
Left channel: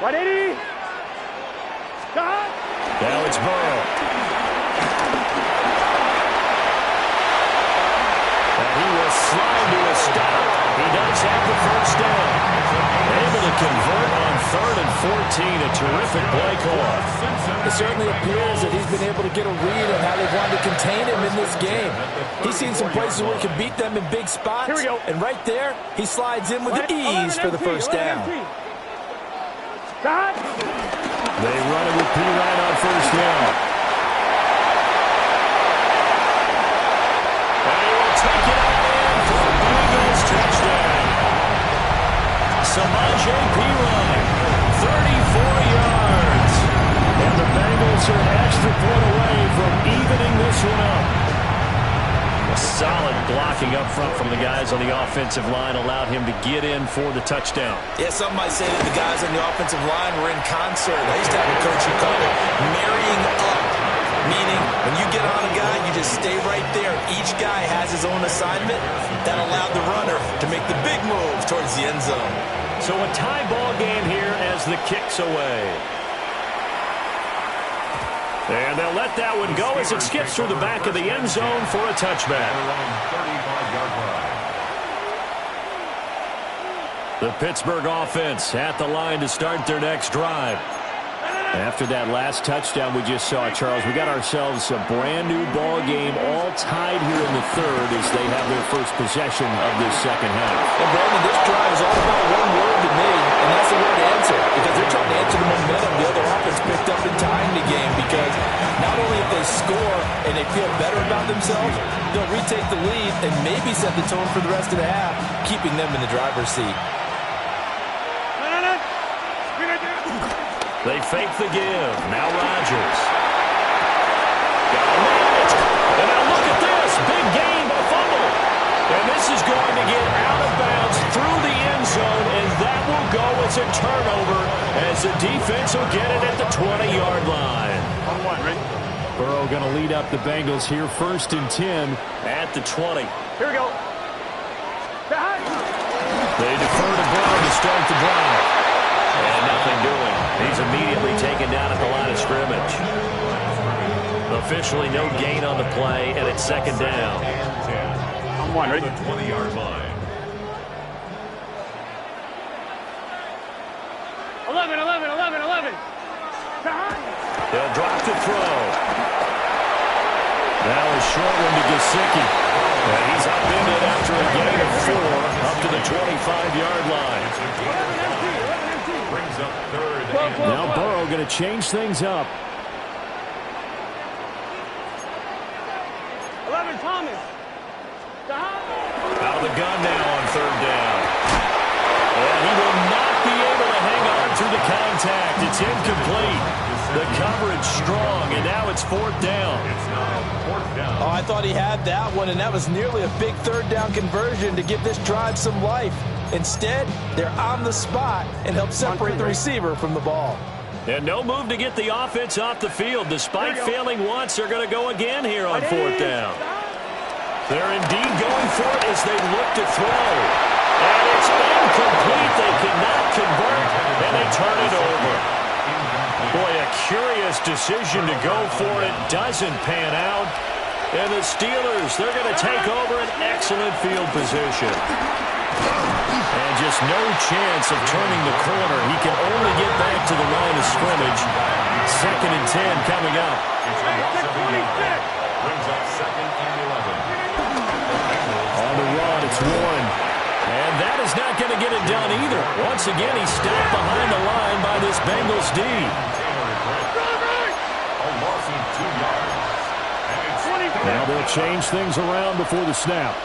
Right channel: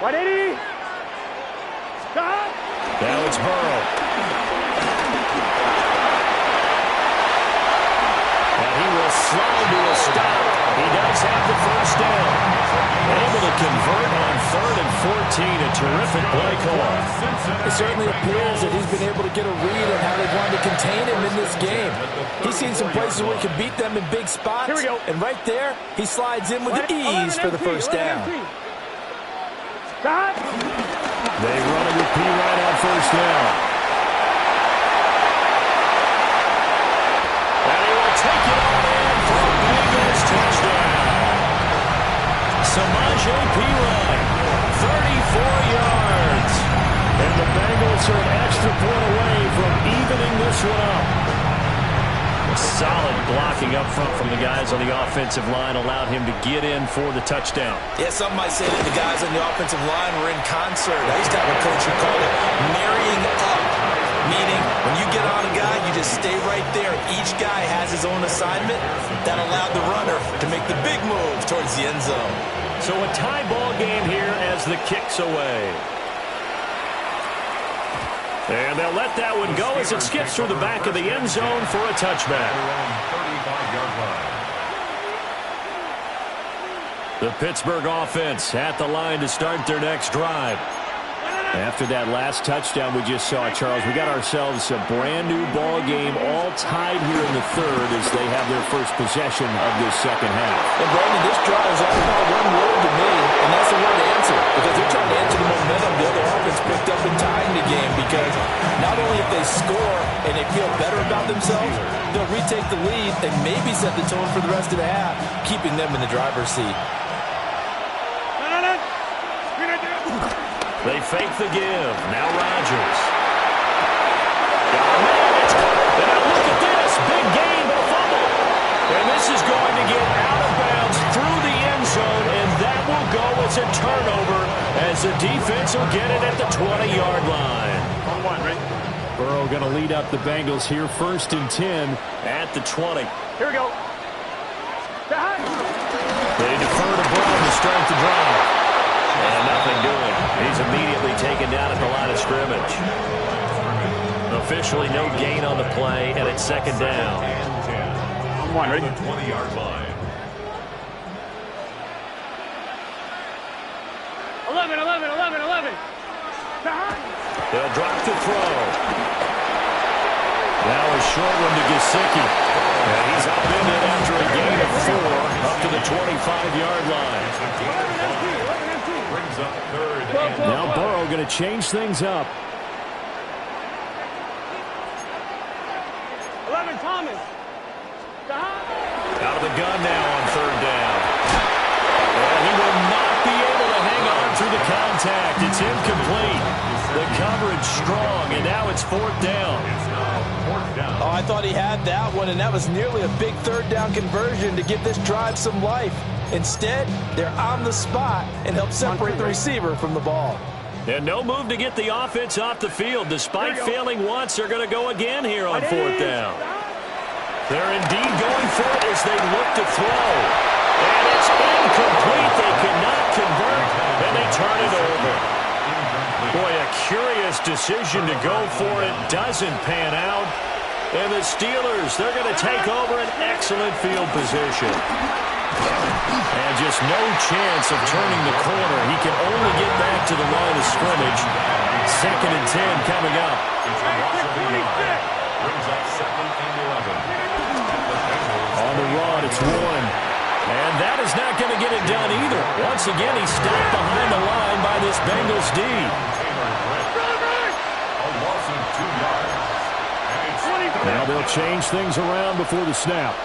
180. Now it's Burrow. And he will slide to a stop. He does have the first down. Able to convert on 3rd and 14. A terrific play call. It certainly appears that he's been able to get a read on how they've wanted to contain him in this game. He's seen some places where he can beat them in big spots. Here we go. And right there, he slides in with ease for the first down. They run it with P. Ryan on first down. And he will take it on in for a Bengals touchdown. Samaje P. Ryan, 34 yards. And the Bengals are an extra point away from evening this one up. Solid blocking up front from the guys on the offensive line allowed him to get in for the touchdown. Yeah, some might say that the guys on the offensive line were in concert. I used to have a coach who called it marrying up, meaning when you get on a guy, you just stay right there. Each guy has his own assignment. That allowed the runner to make the big move towards the end zone. So a tie ball game here as the kick's away. And they'll let that one go as it skips through the back of the end zone for a touchback. The Pittsburgh offense at the line to start their next drive. After that last touchdown we just saw, Charles, we got ourselves a brand new ball game all tied here in the third as they have their first possession of this second half. And Brandon, this drive is all about one word to me, and that's the word answer. Because they're trying to answer the momentum the other offense picked up in tying the game. Because not only if they score and they feel better about themselves, they'll retake the lead and maybe set the tone for the rest of the half, keeping them in the driver's seat. They fake the give. Now Rodgers. Got a man. And now look at this. Big gain, but a fumble. And this is going to get out of bounds through the end zone, and that will go as a turnover as the defense will get it at the 20-yard line. On one, right? Burrow going to lead up the Bengals here, 1st and 10 at the 20. Here we go. They defer to Brown to start the drive. And nothing doing. He's immediately taken down at the line of scrimmage. Officially no gain on the play, and it's second down. On one, ready? 20-yard line. 11. They'll drop the throw. Now a short one to Gesicki. And he's upended after a gain of 4 up to the 25-yard line. Brings up third. Now Burrow going to change things up. 11, Thomas. Out of the gun now on third down. And he will not be able to hang on through the contact. It's incomplete. The coverage strong, and now it's 4th down. It's now 4th down. Oh, I thought he had that one, and that was nearly a big third down conversion to give this drive some life. Instead, they're on the spot and help separate the receiver from the ball. And no move to get the offense off the field. Despite failing once, they're going to go again here on 4th down. They're indeed going for it as they look to throw. And it's incomplete. They cannot convert, and they turn it over. Boy, a curious decision to go for it. Doesn't pan out. And the Steelers, they're going to take over an excellent field position. And just no chance of turning the corner. He can only get back to the line of scrimmage. 2nd and 10 coming up. Brings up 2nd and 11. On the run, it's 1. And that is not going to get it done either. Once again, he's stopped behind the line by this Bengals D. A loss of 2 yards. And it's Now they'll change things around before the snap.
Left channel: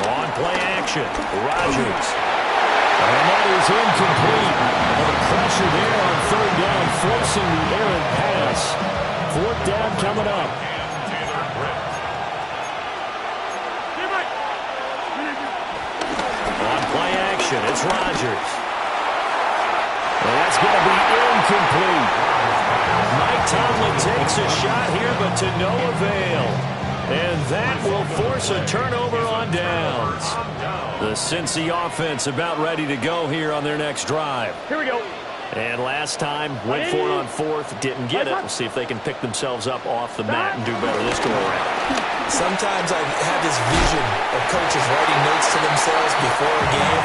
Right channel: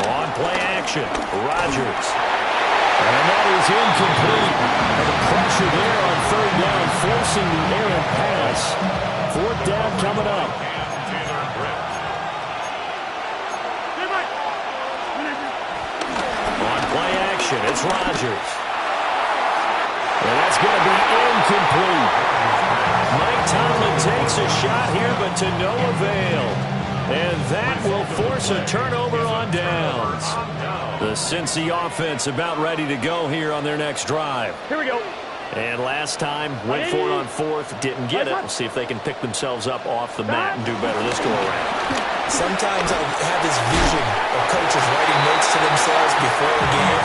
On play action, Rodgers. And that is incomplete. And the pressure there on 3rd down, forcing the errant pass. 4th down coming up. On play action, it's Rodgers. And that's going to be incomplete. Mike Tomlin takes a shot here, but to no avail. And that will force a turnover on downs. The Cincy offense about ready to go here on their next drive. Here we go. And last time, went for it on 4th, didn't get it. We'll see if they can pick themselves up off the mat and do better this go-around. Sometimes I have this vision of coaches writing notes to themselves before a game.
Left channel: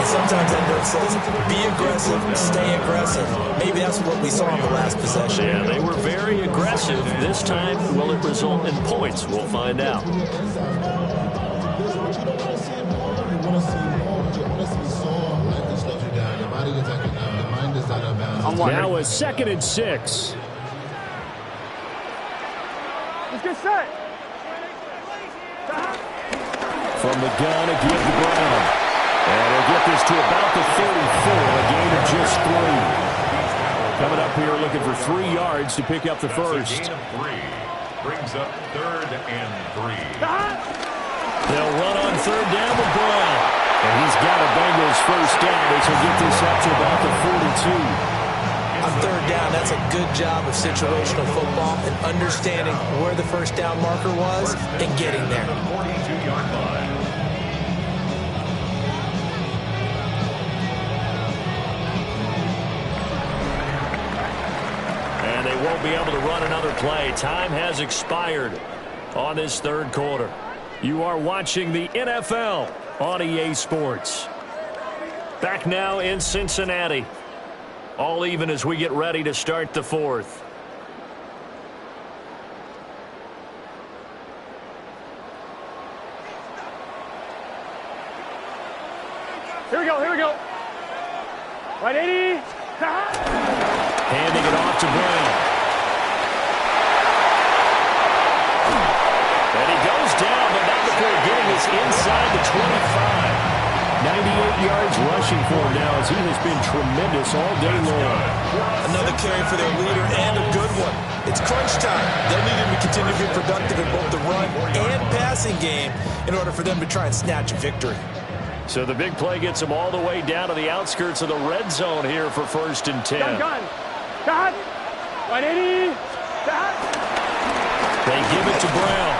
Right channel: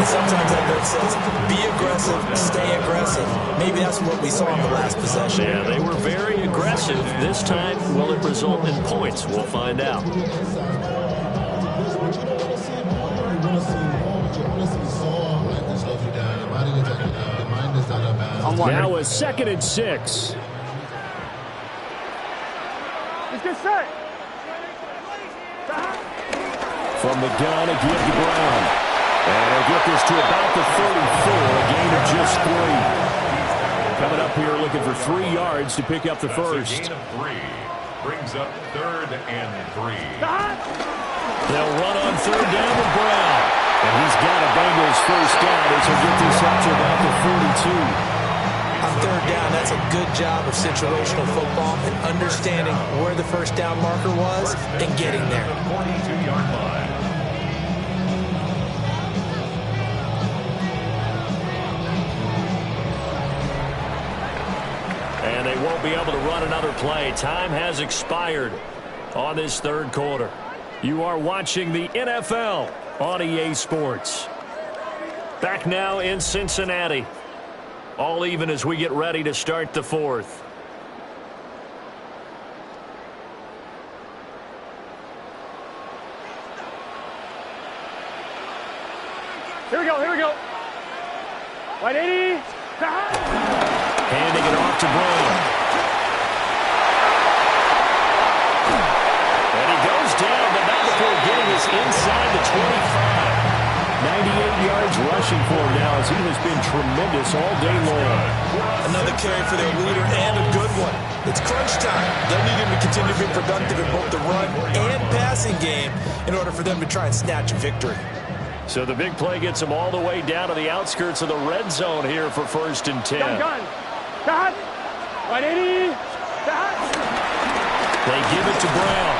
And sometimes that note says, be aggressive, stay aggressive. Maybe that's what we saw in the last possession. Yeah, they were very aggressive. This time, will it result in points? We'll find out. Now a 2nd and 6. Let's get set. From the gun, a give to Brown. And he'll get this to about the 34, a gain of just 3. Coming up here looking for 3 yards to pick up the first. Gain of 3. brings up 3rd and 3. They'll run on 3rd down with Brown. And he's got a Bengals first down as he'll get this up to about the 42. On 3rd down, that's a good job of situational football and understanding where the first down marker was and getting there. 42-yard line. And they won't be able to run another play. Time has expired on this 3rd quarter. You are watching the NFL on EA Sports. Back now in Cincinnati. All even as we get ready to start the 4th. Here we go, here we go. 180. Handing it off to Brown. And he goes down, but not before getting us inside the 25. 98 yards rushing for him now as he has been tremendous all day long. Another carry for their leader and a good one. It's crunch time. They'll need him to continue to be productive in both the run and passing game in order for them to try and snatch a victory. So the big play gets him all the way down to the outskirts of the red zone here for 1st and 10. Gun. Got. 180. Got. They give it to Brown.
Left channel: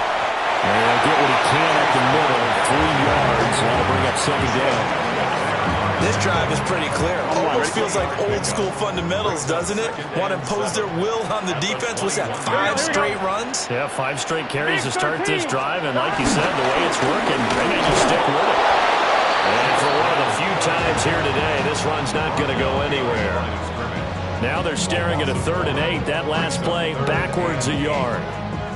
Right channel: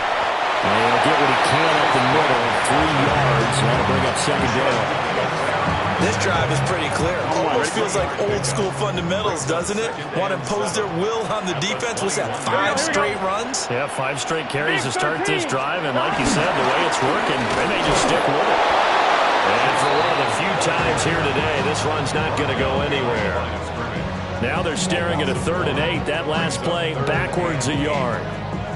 And he'll get what he can at the middle. 3 yards. That'll bring up 2nd down. This drive is pretty clear. Almost feels like old school fundamentals, doesn't it? Want to impose their will on the defense. What's that, 5 straight runs? Yeah, 5 straight carries to start this drive. And like you said, the way it's working, they may just stick with it. And for one of the few times here today, this run's not going to go anywhere. Now they're staring at a 3rd and 8. That last play backwards a yard.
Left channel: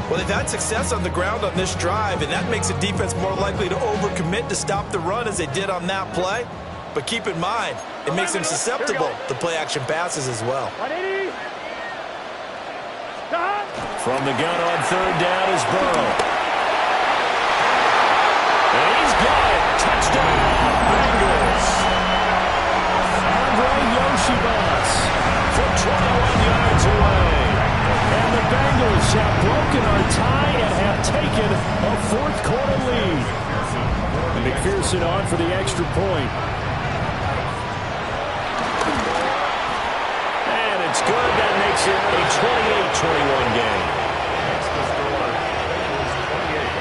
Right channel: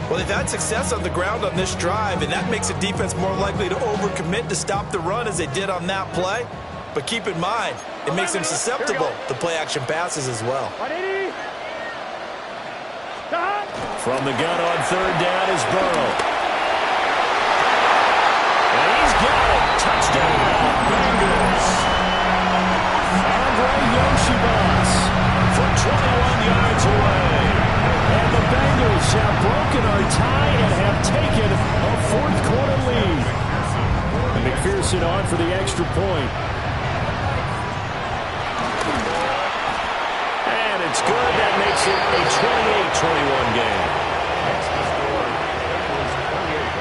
Well, they've had success on the ground on this drive, and that makes the defense more likely to overcommit to stop the run as they did on that play. But keep in mind, it makes them susceptible to play-action passes as well. 180. Got. From the gun on 3rd down is Burrow. And he's got it. Touchdown, Bengals. Andre Yoshibas from 21 yards away. And the Bengals have broken our tie and have taken a 4th quarter lead. And McPherson on for the extra point. And it's good. That makes it a 28-21 game. Next to score, Bengals 28,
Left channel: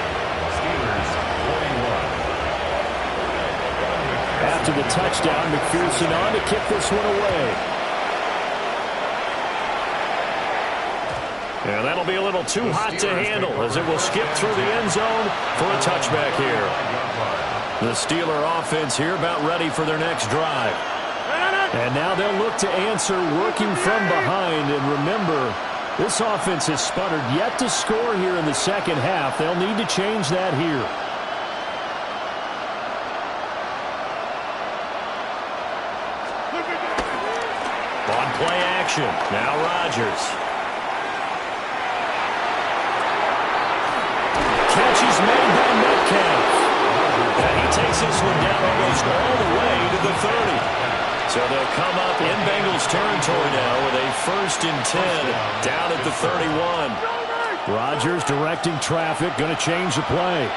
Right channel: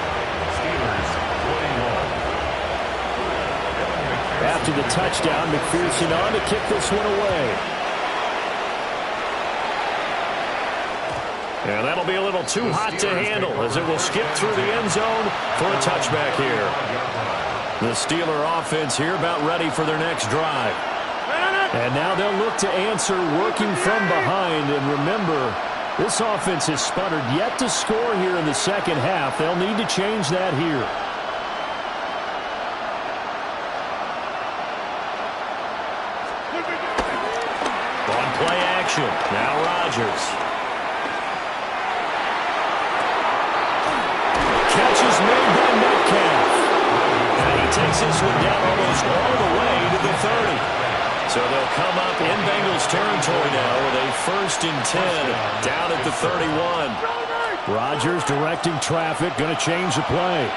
Steelers 21. After the touchdown, McPherson on to kick this one away. And that'll be a little too hot to handle as it will skip through the end zone for a touchback here. The Steeler offense here about ready for their next drive. And now they'll look to answer working from behind. And remember, this offense has sputtered yet to score here in the 2nd half. They'll need to change that here. On play action, now Rodgers. Catch is made by Metcalf. And he takes this one down almost all the way to the 30. So they'll come up in Bengals territory now with a 1st and 10 down at the 31. Rodgers directing traffic, going to change the play.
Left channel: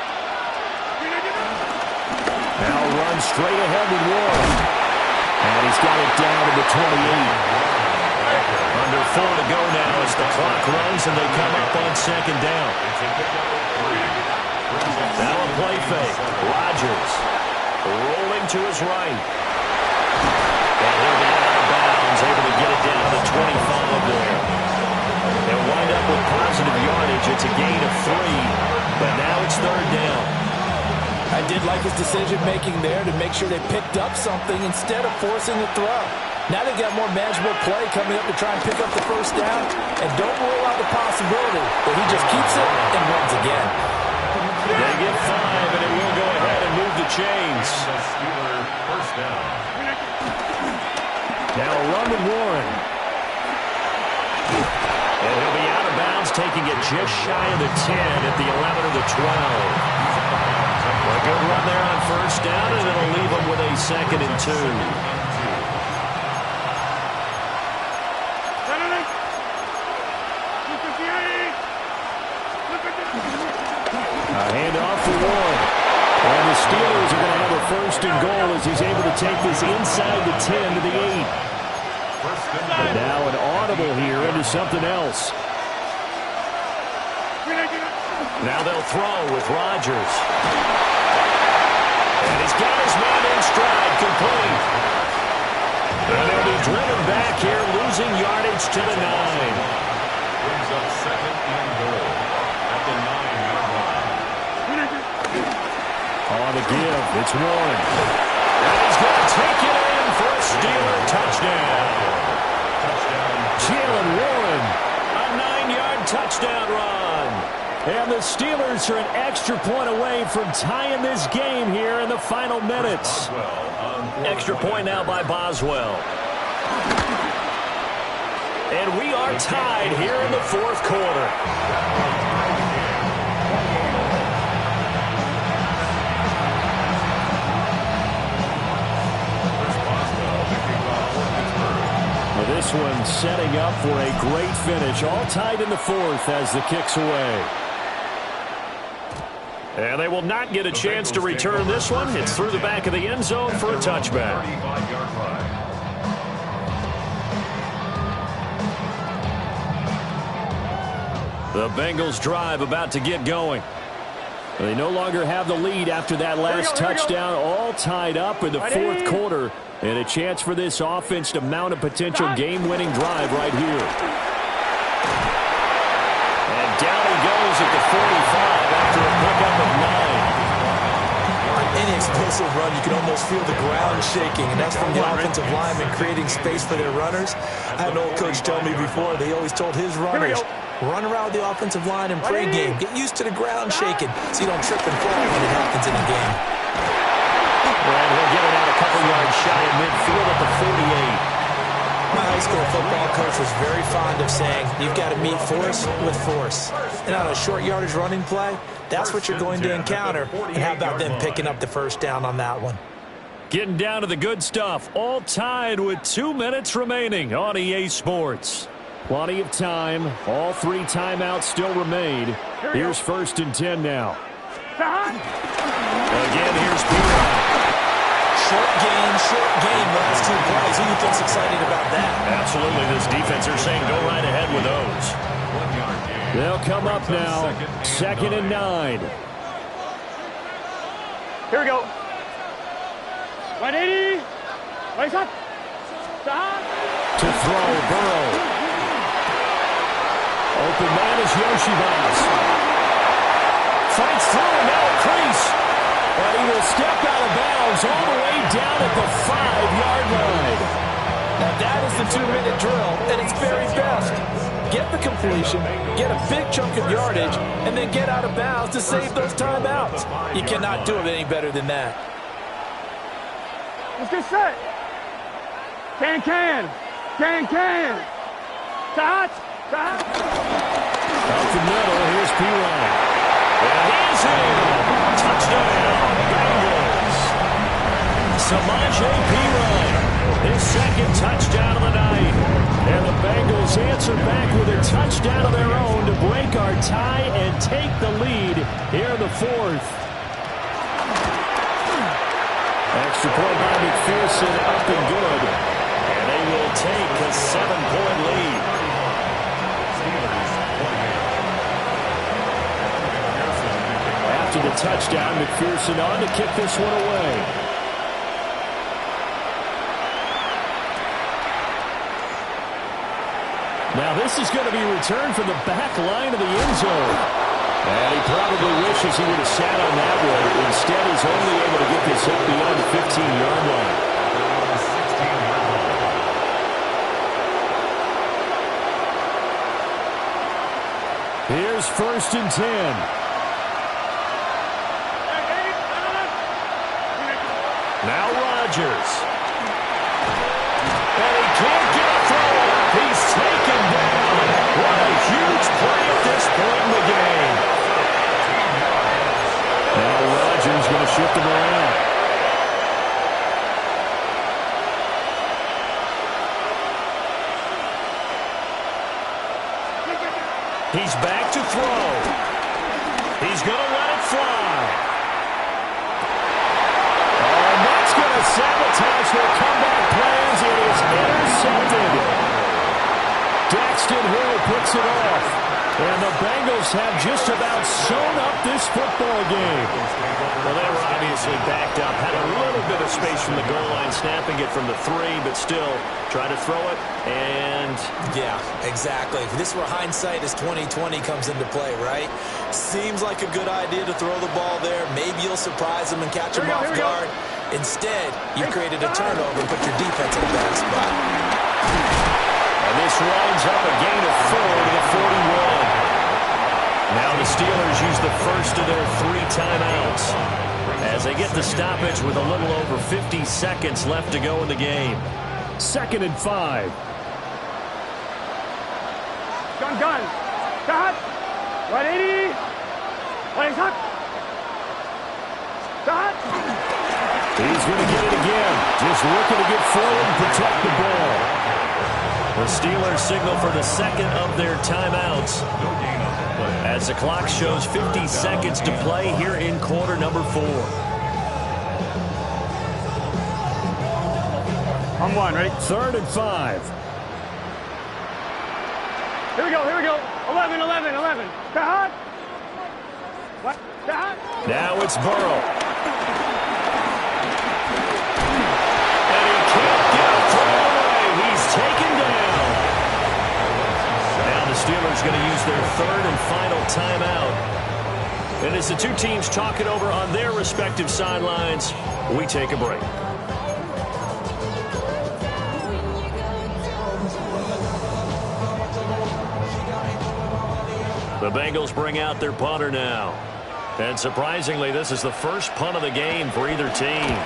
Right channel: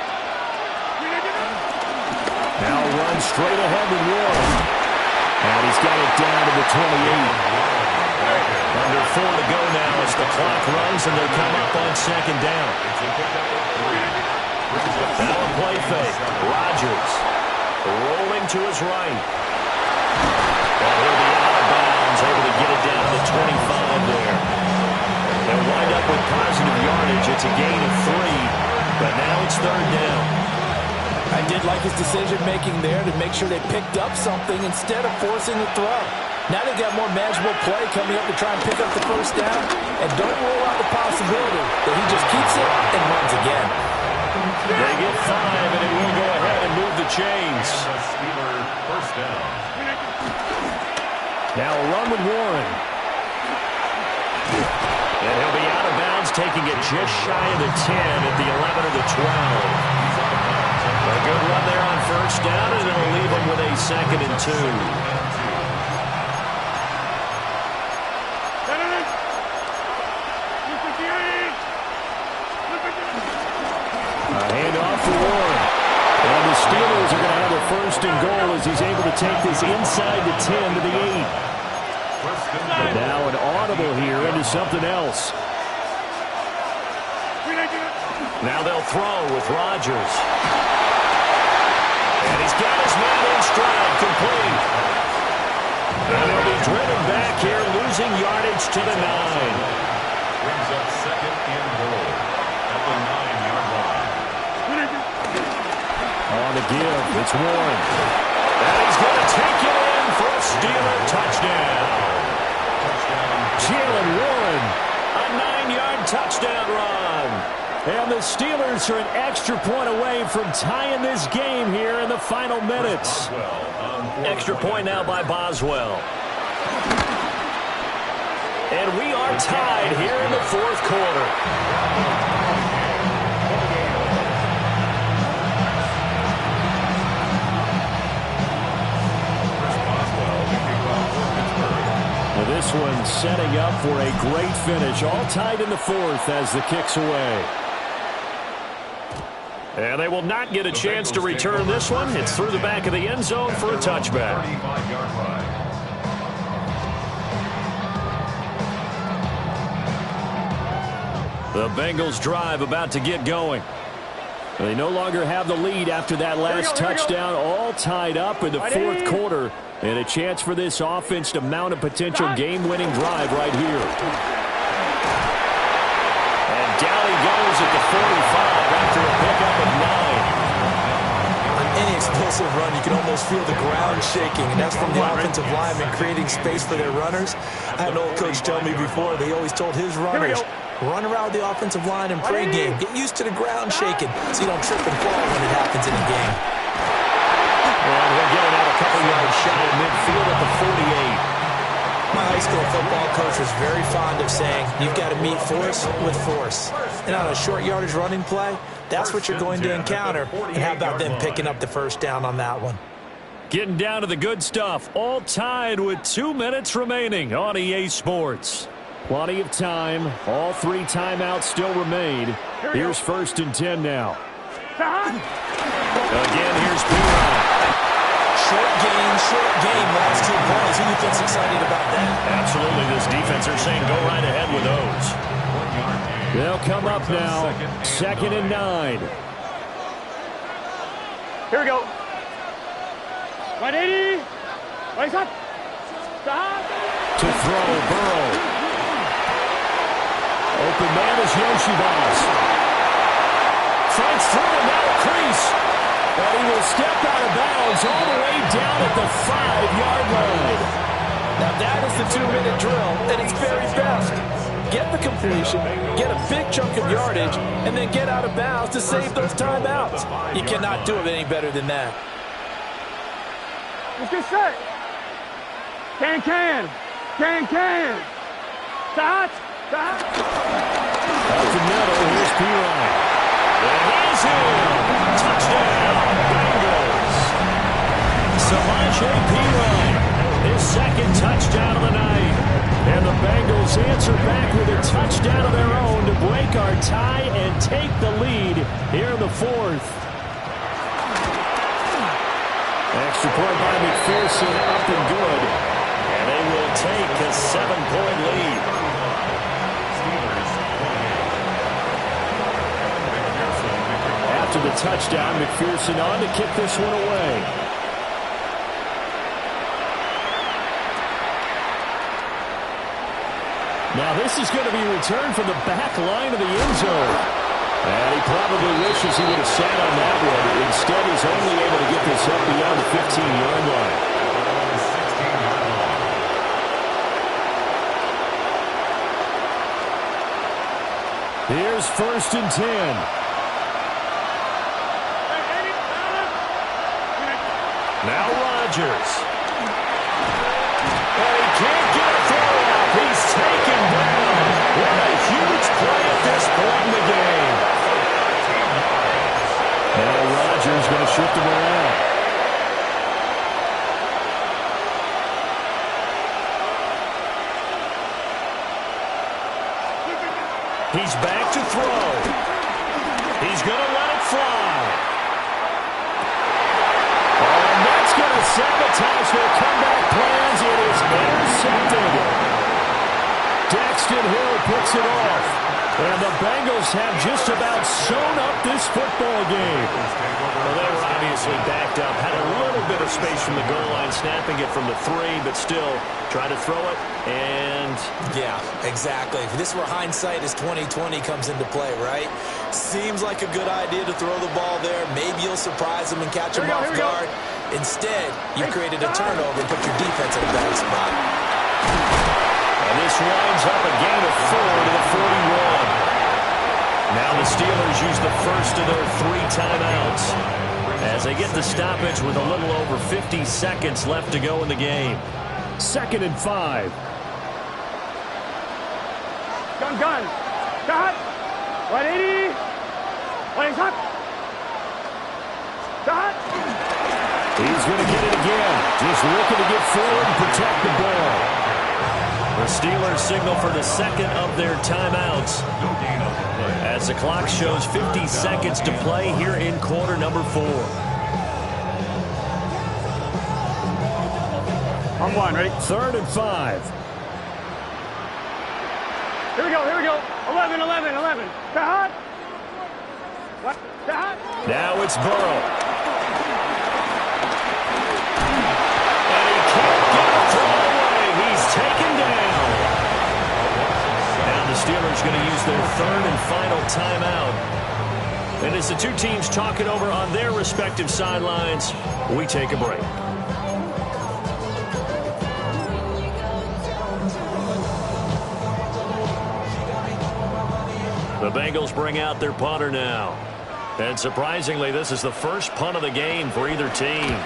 Now run straight ahead with Warren. And he's got it down to the 28. Under 4 to go now as the clock runs and they come up on 2nd down. Now a play fake. Rodgers rolling to his right. And he'll be out of bounds, able to get it down to the 25 there. They'll wind up with positive yardage. It's a gain of 3, but now it's 3rd down. I did like his decision-making there to make sure they picked up something instead of forcing the throw. Now they've got more manageable play coming up to try and pick up the 1st down, and don't rule out the possibility that he just keeps it and runs again. They get 5, and it will go ahead and move the chains. Steeler 1st down. Now a run with Warren. And he'll be out of bounds, taking it just shy of the 10 at the 11 or the 12. A good run there on 1st down, and it'll leave them with a 2nd and 2. for Warren. And the Steelers are going to have a first and goal as he's able to take this inside the 10 to the 8. And now an audible here into something else. Now they'll throw with Rodgers. And he's got his man in stride, complete. And they'll be driven back here, losing yardage to the 9. Brings up second and goal at the 9-yard line. On the give, it's Warren. And he's going to take it in for a Steeler touchdown. Jalen Warren. A 9-yard touchdown run. And the Steelers are an extra point away from tying this game here in the final minutes. Extra point now by Boswell. And we are tied here in the fourth quarter. Well, this one setting up for a great finish. All tied in the fourth as the kick's away. And they will not get a chance to return this one. It's through the back of the end zone for a touchback. The Bengals drive about to get going. They no longer have the lead after that last touchdown. All tied up in the fourth quarter. And a chance for this offense to mount a potential game-winning drive right here. And down he goes at the 45 after a pickup of 9. On any explosive run, you can almost feel the ground shaking, and that's from the offensive linemen creating space for their runners. I had an old coach tell me before, they always told his runners, run around the offensive line in pregame. Get used to the ground shaking so you don't trip and fall when it happens in a game. And he'll get it out a couple yards shy of midfield at the 48. My high school football coach was very fond of saying, you've got to meet force with force. And on a short yardage running play, that's what you're going to encounter. And how about them picking up the first down on that one? Getting down to the good stuff. All tied with 2 minutes remaining on EA Sports. Plenty of time. All 3 timeouts still remain. Here's first and 10 now. Again, here's P-Ryan. Short game, last 2 plays. Who do you think's excited about that? Absolutely, this defense are saying go right ahead with those. They'll come up now, second and 9. Here we go. 180. Right up. Stop. To throw, Burrow. Open man is Yoshibas. Fights through and now a crease. And he will step out of bounds all the way down at the 5-yard line. Now that is the 2-minute drill at its very best. Get the completion, get a big chunk of yardage, and then get out of bounds to save those timeouts. You cannot do it any better than that. Let's get set. Can. Touch. Out the middle, here's P-Ryan. And he's in. Touchdown, Bengals. Samaje P-Ryan, his second touchdown of the night. And the Bengals answer back with a touchdown of their own to break our tie and take the lead here in the fourth. Extra point by McPherson, up and good. And they will take a 7-point lead. After the touchdown, McPherson on to kick this one away. Now this is going to be returned from the back line of the end zone. And he probably wishes he would have sat on that one. Instead, he's only able to get this up beyond the 15-yard line. Here's first and 10. Now Rodgers. And he can't get a throw off. He's taken down. What a huge play at this point in the game. Now Rodgers going to shift him around. He's back to throw. He's going to let it fly. Oh, and that's going to sabotage their comeback plans. It is intercepted. Daxton Hill picks it off. And the Bengals have just about sewn up this football game. Well, they were obviously backed up, had a little bit of space from the goal line, snapping it from the 3, but still try to throw it, and... Yeah, exactly. If this were hindsight as 2020 comes into play, right? Seems like a good idea to throw the ball there. Maybe you'll surprise them and catch them off guard. Instead, you've created a turnover and put your defense in a bad spot. And this winds up a gain of 4 to the 41. Now the Steelers use the first of their 3 timeouts as they get the stoppage with a little over 50 seconds left to go in the game. 2nd and 5. Gun. Got. 180. 180. Got. He's going to get it again. Just looking to get forward and protect the ball. The Steelers signal for the 2nd of their timeouts as the clock shows 50 seconds to play here in quarter number 4. On 1, ready? 3rd and 5. Here we go. 11. Got. What? Got. Now it's Burrow. And he can't get a throw away. He's taken down. Now the Steelers going to use their 3rd and final timeout. And as the two teams talk it over on their respective sidelines, we take a break. The Bengals bring out their punter now. And surprisingly, this is the first punt of the game for either team.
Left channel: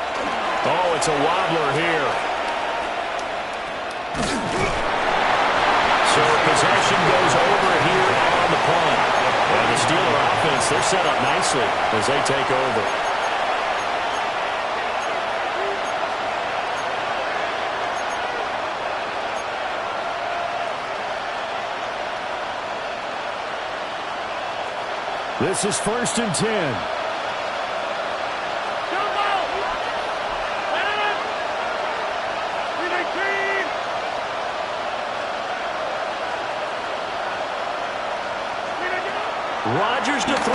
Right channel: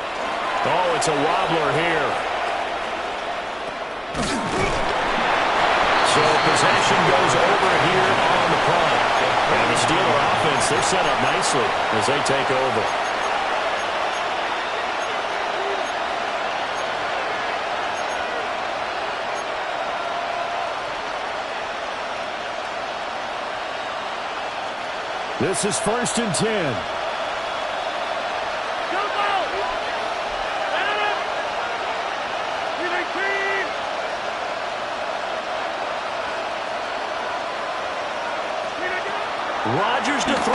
Oh, it's a wobbler here. So possession goes over here on the punt. And the Steeler offense, they're set up nicely as they take over. This is 1st and 10. Rodgers to throw.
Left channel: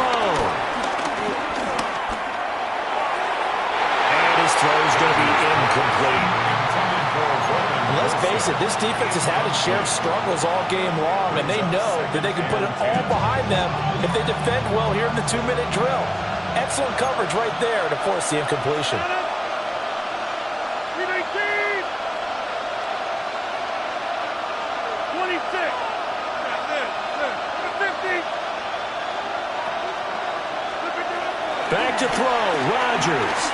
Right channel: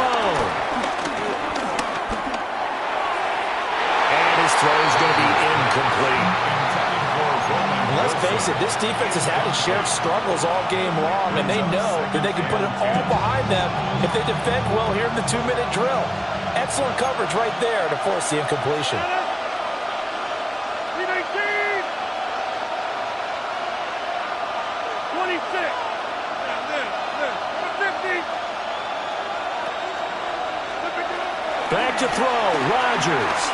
And his throw is going to be incomplete. And let's face it, this defense has had its share of struggles all game long, and they know that they can put it all behind them if they defend well here in the 2-minute drill. Excellent coverage right there to force the incompletion. 26. 50. Back to throw, Rodgers.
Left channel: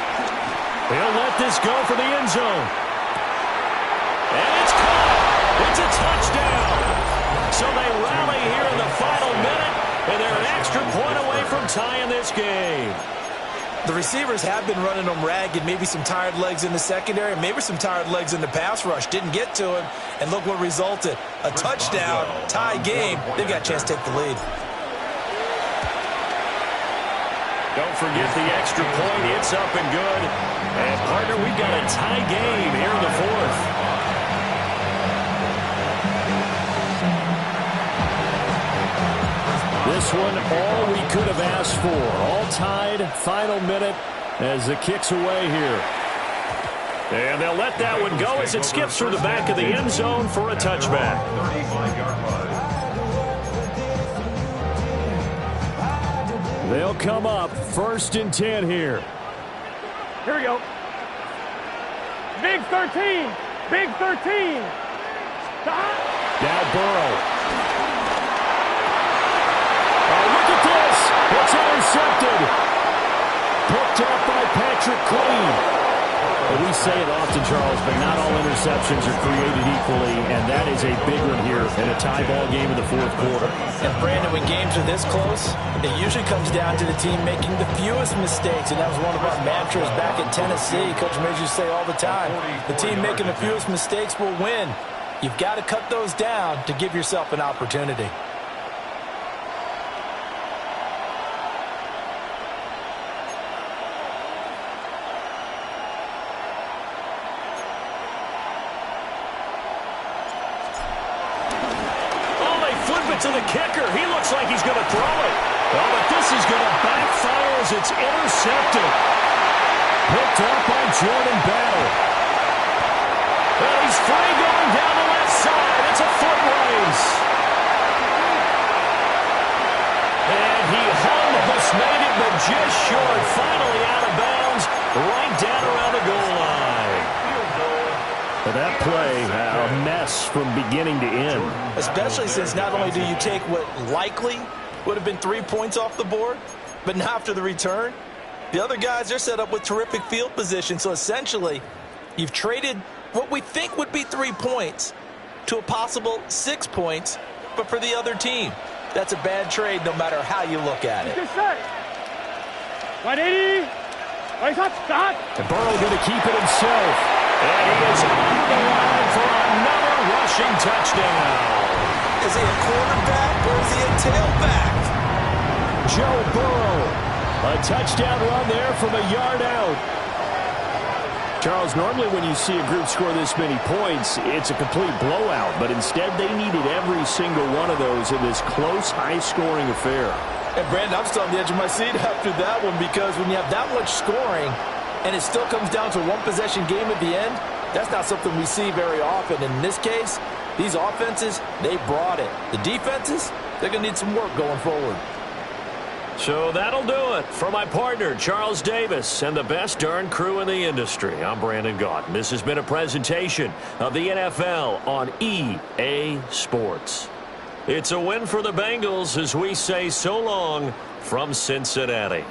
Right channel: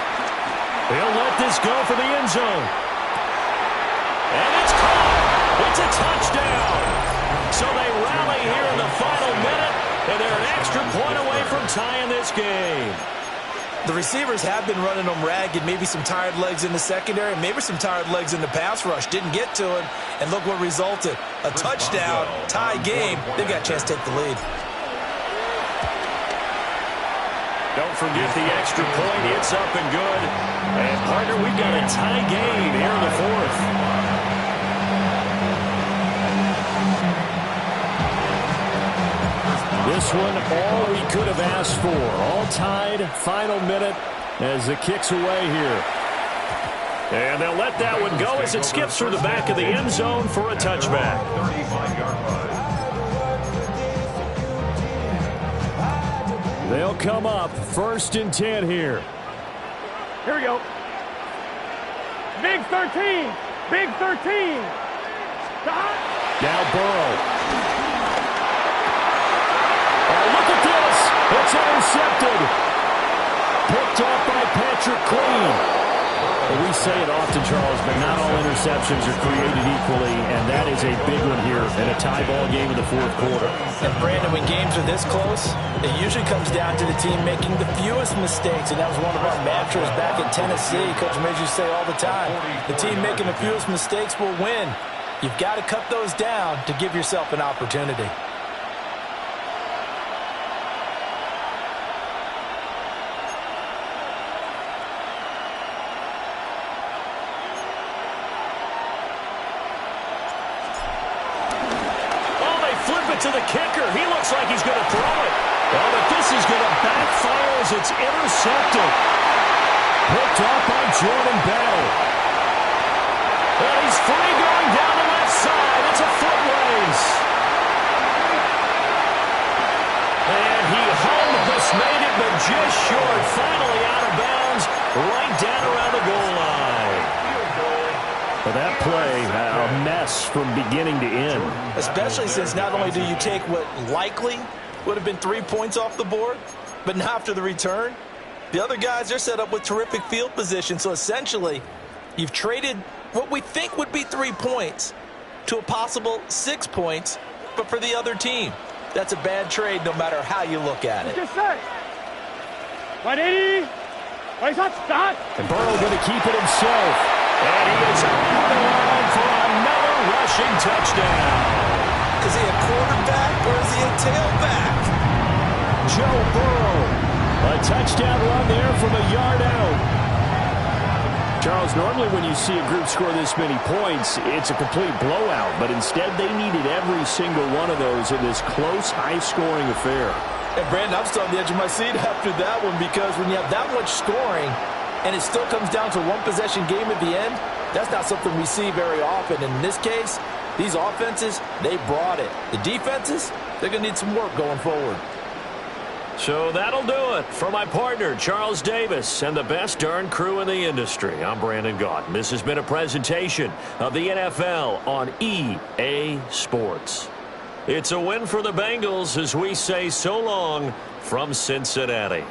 He'll let this go for the end zone. And it's caught. It's a touchdown. So they rally here in the final minute, and they're an extra point away from tying this game. The receivers have been running them ragged, maybe some tired legs in the secondary, maybe some tired legs in the pass rush. Didn't get to him, and look what resulted. A touchdown, tie game. They've got a chance to take the lead. Don't forget the extra point. It's up and good. And, partner, we've got a tie game here in the 4th. This one, all we could have asked for. All tied, final minute as the kick's away here. And they'll let that one go as it skips through the back of the end zone for a touchback. 35-yard line. They'll come up 1st and 10 here. Here we go. Big 13. Big 13. Now Burrow. Oh, look at this. It's intercepted. Picked up by Patrick Queen. Well, we say it often, Charles, but not all interceptions are created equally, and that is a big one here in a tie ball game in the 4th quarter. And, Brandon, when games are this close, it usually comes down to the team making the fewest mistakes, and that was one of our mantras back in Tennessee. Coach made you say all the time, the team making the fewest mistakes will win. You've got to cut those down to give yourself an opportunity. it to the kicker. He looks like he's going to throw it. Oh, but this is going to backfire as it's intercepted. Picked off by Jordan Battle. Well, he's free going down the left side. It's a foot race. And he almost made it, but just short. Finally out of bounds, right down around the goal line. Well, that play, a mess from beginning to end. Especially since not only do you take what likely would have been 3 points off the board, but now after the return, the other guys are set up with terrific field position. So essentially, you've traded what we think would be 3 points to a possible 6 points, but for the other team. That's a bad trade no matter how you look at it. 180. And Burrow going to keep it himself. And he is over the line for another rushing touchdown. Is he a quarterback or is he a tailback? Joe Burrow. A touchdown run there from a yard out. Charles, normally when you see a group score this many points, it's a complete blowout. But instead, they needed every single one of those in this close, high-scoring affair. And, Brandon, I'm still on the edge of my seat after that one because when you have that much scoring and it still comes down to one possession game at the end, that's not something we see very often. And in this case, these offenses, they brought it. The defenses, they're going to need some work going forward. So that'll do it for my partner, Charles Davis, and the best darn crew in the industry. I'm Brandon Gaudin. This has been a presentation of the NFL on EA Sports. It's a win for the Bengals as we say so long from Cincinnati.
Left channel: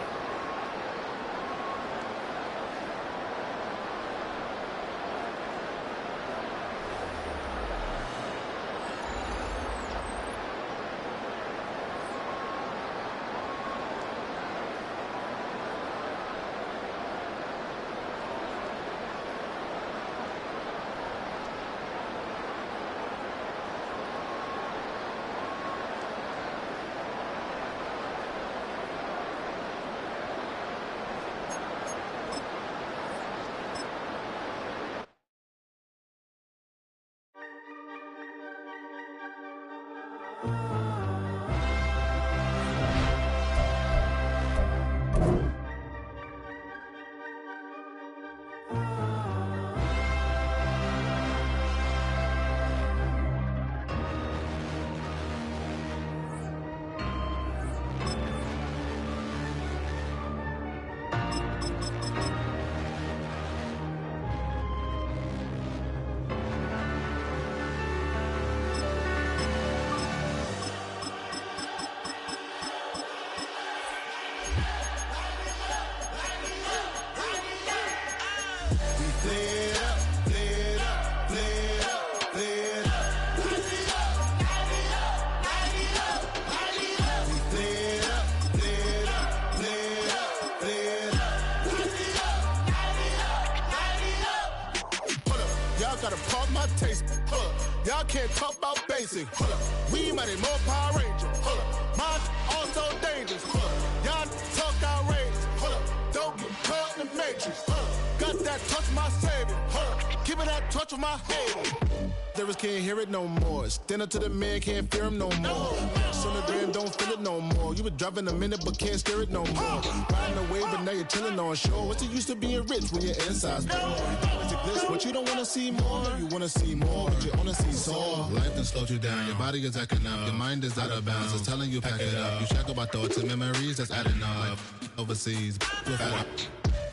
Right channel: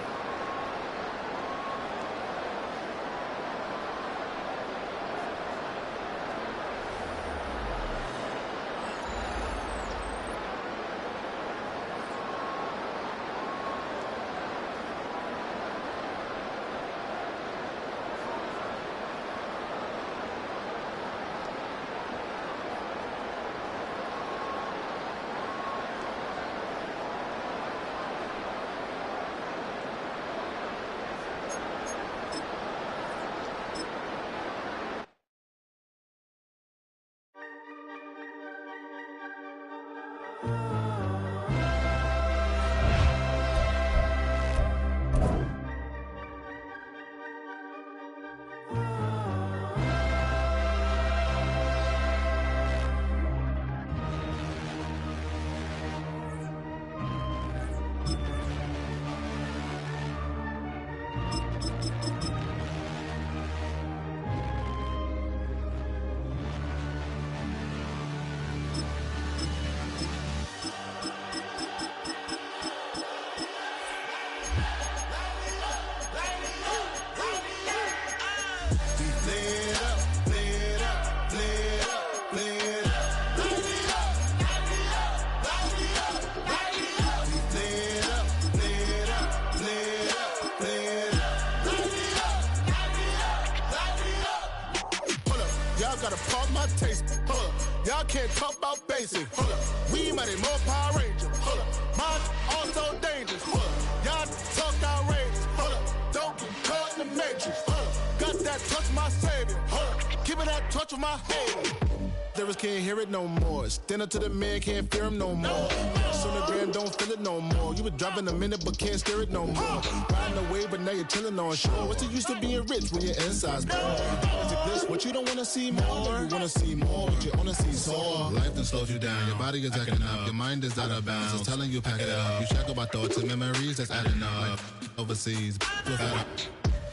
Gotta pump my taste. Y'all can't talk about basic. We mighty more Power Ranger. Mine also dangerous. Y'all talk outrageous. Don't get caught in the matrix. Got that touch my savior. Give me that touch of my hater. Lyrics can't hear it no more. Stand up to the man, can't fear him no more. Sonogram don't feel it no more. You were driving a minute but can't steer it no more. Riding away but now you're chilling on shore. What's the use of being rich when your inside's poor? Is it this what you don't want to see more? No, you want to see more but you only see soar. Life done slowed you down. Your body is acting up. Your mind is out of bounds. It's telling you pack it up. You shackle by thoughts and memories that's adding up. Like overseas.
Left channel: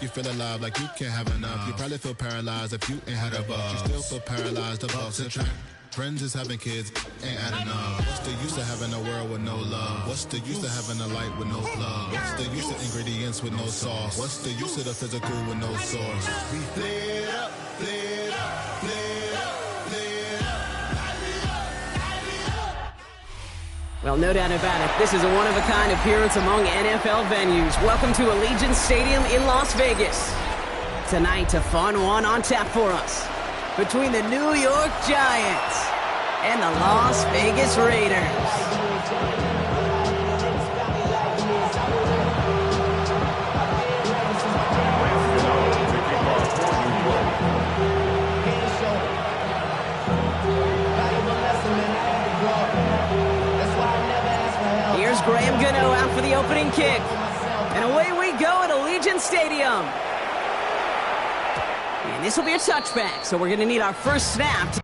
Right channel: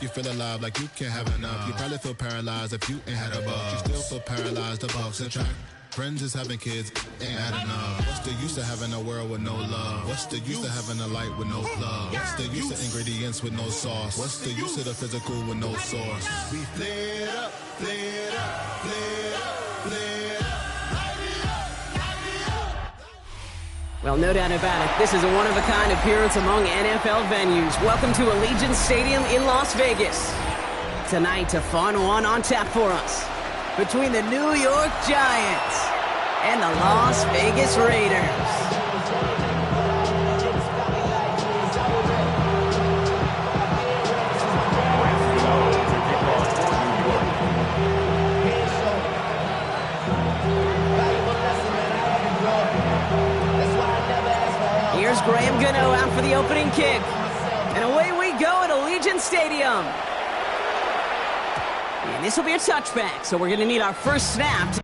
You feel alive like you can't have enough. You probably feel paralyzed if you ain't had a buck. You still feel paralyzed, the bucks and track. Friends is having kids, ain't adding up. What's the use of having a world with no love? What's the use of having a light with no plug? What's the use of ingredients with no sauce? What's the use of the physical with no source? We flared up, flared up, flared up, flared up. Well, no doubt about it, this is a one-of-a-kind appearance among NFL venues. Welcome to Allegiant Stadium in Las Vegas. Tonight, a fun one on tap for us between the New York Giants and the Las Vegas Raiders. Valuable lesson, man. I had to grow. That's why opening kick. And away we go at Allegiant Stadium. And this will be a touchback, so we're going to need our first snap.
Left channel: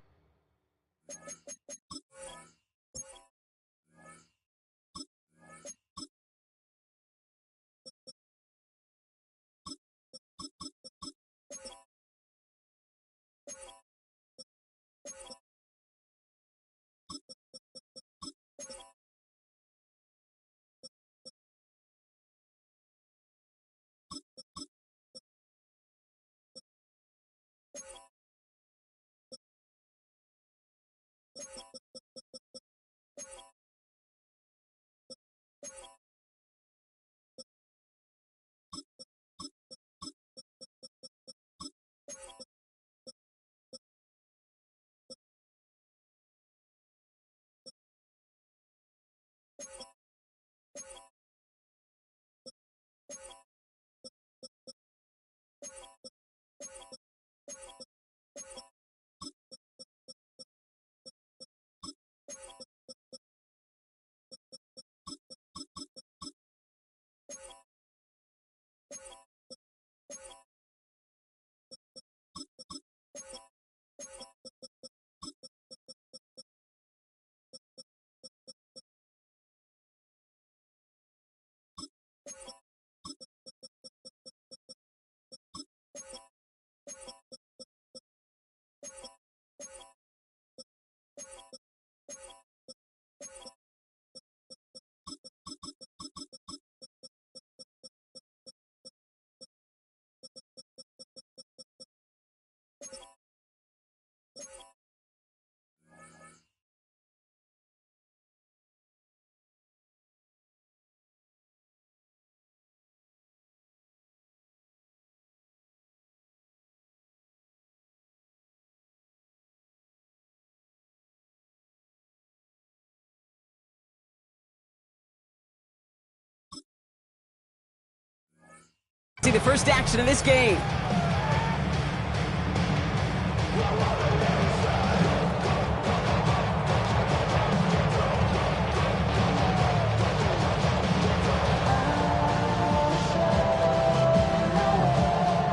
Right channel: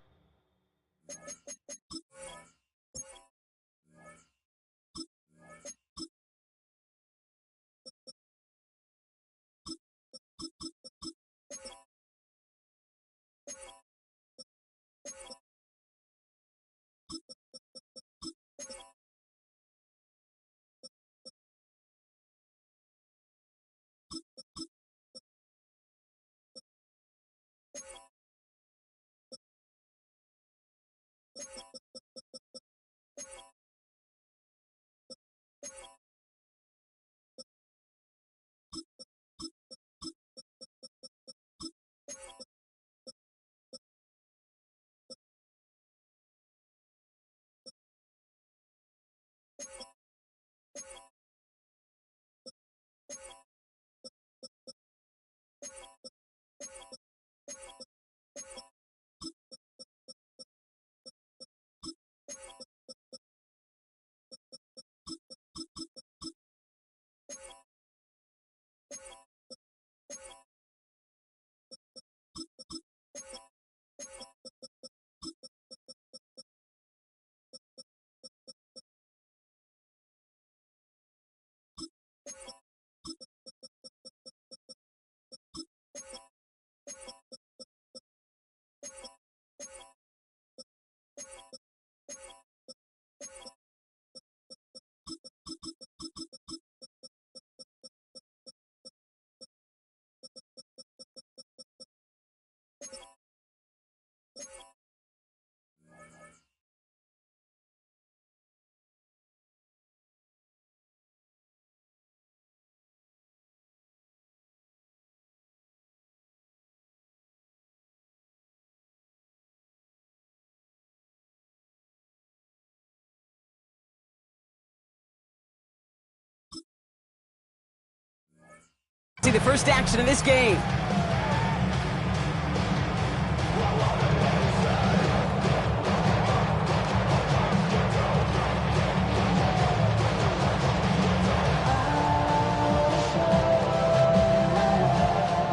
See the first action of this game.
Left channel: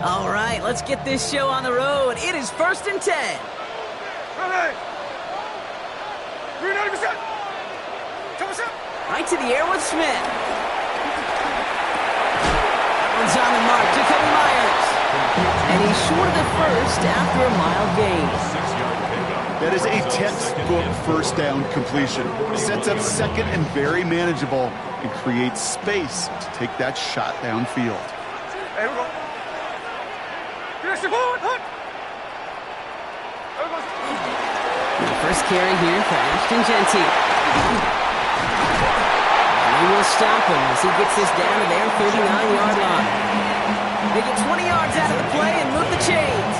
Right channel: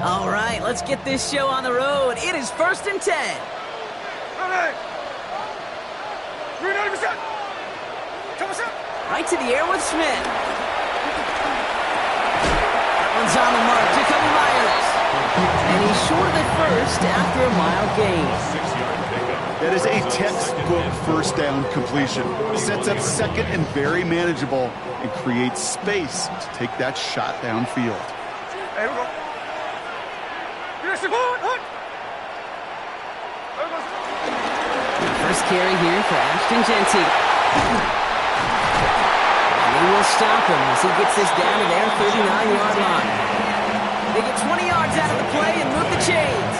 All right, let's get this show on the road. It is 1st and 10. Ready? 390%. Right to the air with Smith. One's on the mark, Jacoby Myers. And he's short of the first after a mild gain. That is a textbook first down completion. Sets up second and very manageable and creates space to take that shot downfield. Here we go. The first carry here for Ashton Genty. They will stop him as he gets this down to their 39-yard line. They get 20 yards out of the play and move the chains.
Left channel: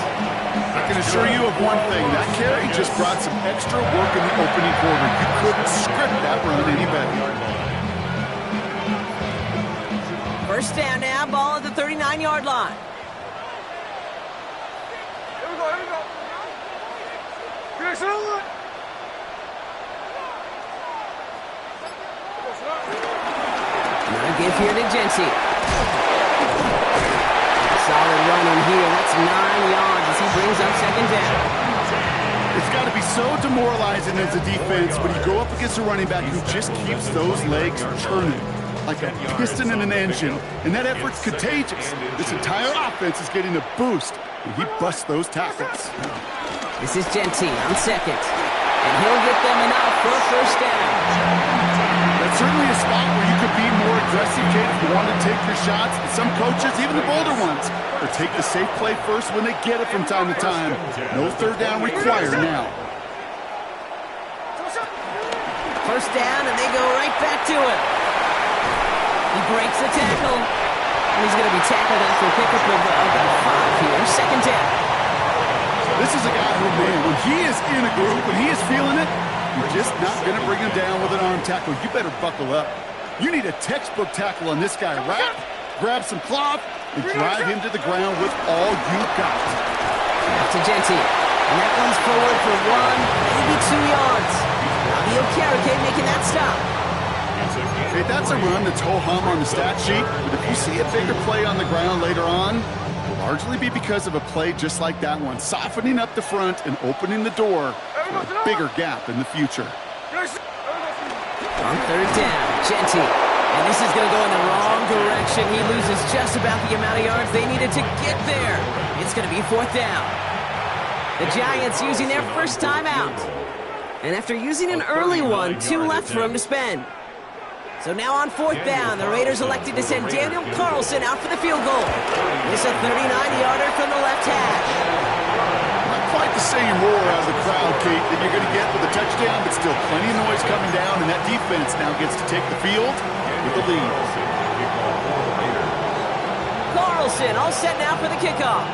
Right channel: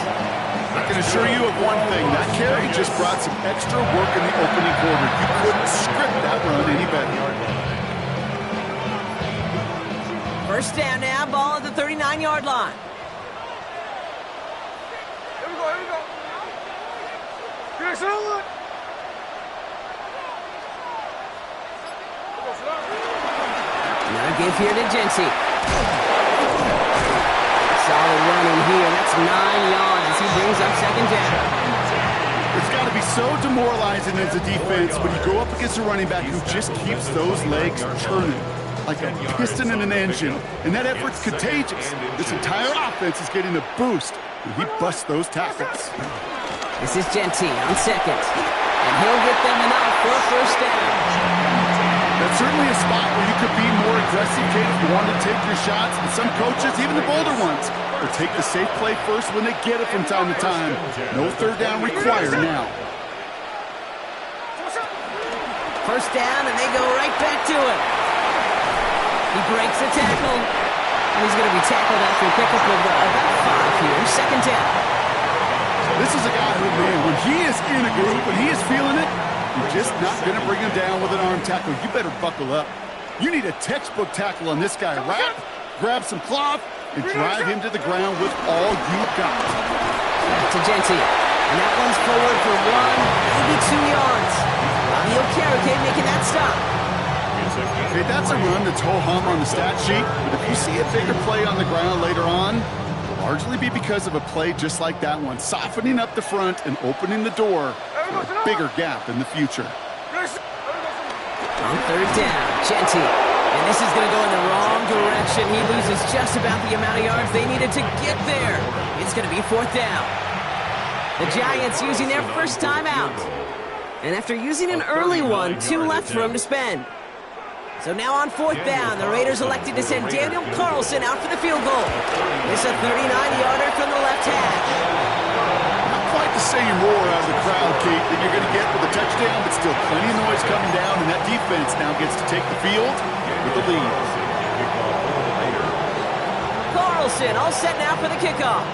I can assure you of one thing. That carry just brought some extra work in the opening quarter. You couldn't script that run any better. First down now, ball at the 39-yard line. Here we go, here we go. Here's another one. Another give here to Genty. Solid running here. That's 9 yards as he brings up second down. It's got to be so demoralizing as a defense when you go up against a running back who just keeps those legs churning like a piston in an engine. And that effort's contagious. This entire offense is getting a boost when he busts those tackles. This is Genty on second. And he'll get them enough for a first down. That's certainly a spot where you could be more aggressive, kid, if you want to take your shots. And some coaches, even the bolder ones, will take the safe play first when they get it from time to time. No third down required now. First down, and they go right back to it. He breaks a tackle, and he's going to be tackled after a pickup of about 5 here. Second down. This is a guy who, man, when he is in a group, when he is feeling it, you're just not going to bring him down with an arm tackle. You better buckle up. You need a textbook tackle on this guy. Wrap, grab some cloth, and drive him to the ground with all you got. Back to Genty. And that one's forward for 1, maybe 2 yards. Bobby Okereke making that stop. Okay, that's a run that's ho-hum on the stat sheet, but if you see a bigger play on the ground later on, it'll largely be because of a play just like that one, softening up the front and opening the door for a bigger gap in the future. On third down, Genty. And this is going to go in the wrong direction. He loses just about the amount of yards they needed to get there. It's going to be fourth down. The Giants using their first timeout. And after using an early one, 2 left for him to spend. So now on fourth down, the Raiders elected to send Daniel Carlson out for the field goal. It's a 39-yarder from the left hash. Not quite the same roar out of the crowd, Kate, that you're going to get with a touchdown, but still plenty of noise coming down, and that defense now gets to take the field with the lead. Carlson all set now for the kickoff.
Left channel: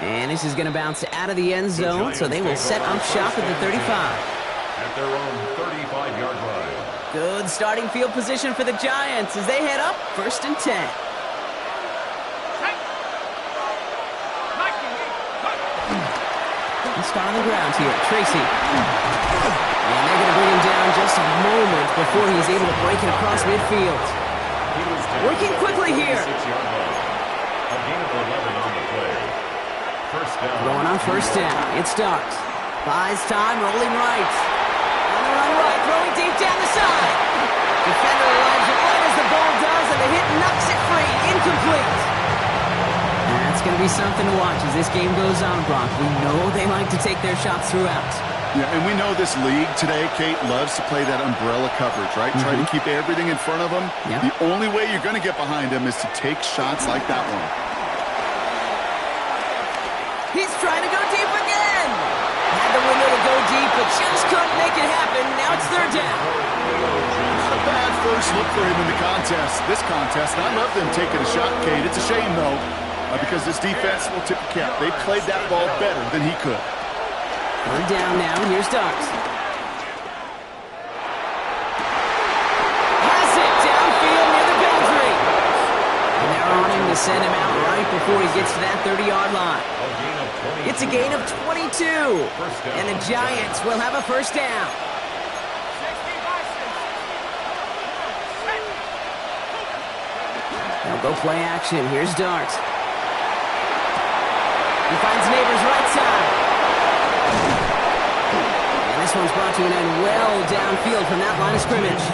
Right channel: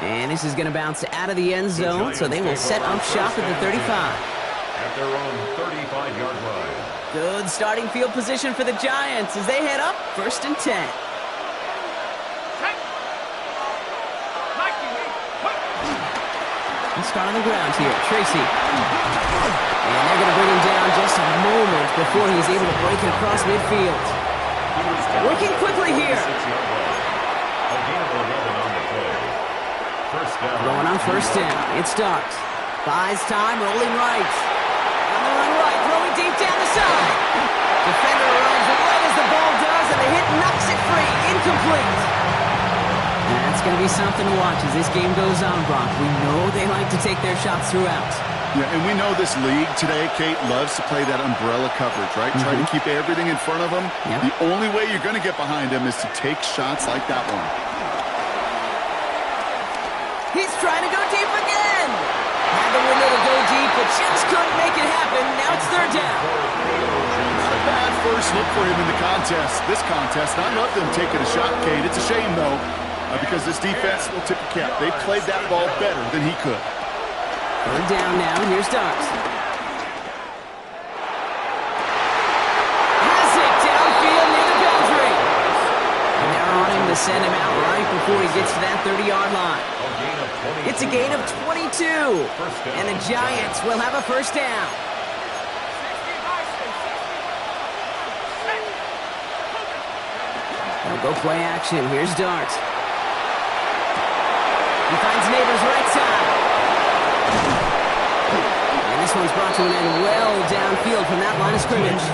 And this is going to bounce out of the end zone, so they will set up shop at the 35. At their own 35-yard line. Good starting field position for the Giants as they head up first and 10. Let's start on the ground here. Tracy. And they're going to bring him down just a moment before he's able to break it across midfield. Working quickly here. A gain of 11 on the play. First down. Going on first down. It starts. Buys time, rolling right. On the run right, throwing deep down the side. Defender arrives right as the ball does, and the hit knocks it free. Incomplete. That's going to be something to watch as this game goes on, Brock. We know they like to take their shots throughout. Yeah, and we know this league today, Kate, loves to play that umbrella coverage, right? Try to keep everything in front of them. Yep. The only way you're going to get behind them is to take shots like that one. He's trying to go deep again. Had the window to go deep, but just couldn't make it happen. Now it's third down. Not a bad first look for him in the contest. This contest, and I love them taking a shot, Kate. It's a shame, though, because this defense will tip the cap. They played that ball better than he could. Third down now. Here's Starks. Has it downfield near the boundary. And they're on him to send him out right before he gets to that 30-yard line. It's a gain of 22. And the Giants will have a first down. They'll go play action. Here's Dart. He finds Neighbors right side. And this one's brought to an end well downfield from that line of scrimmage.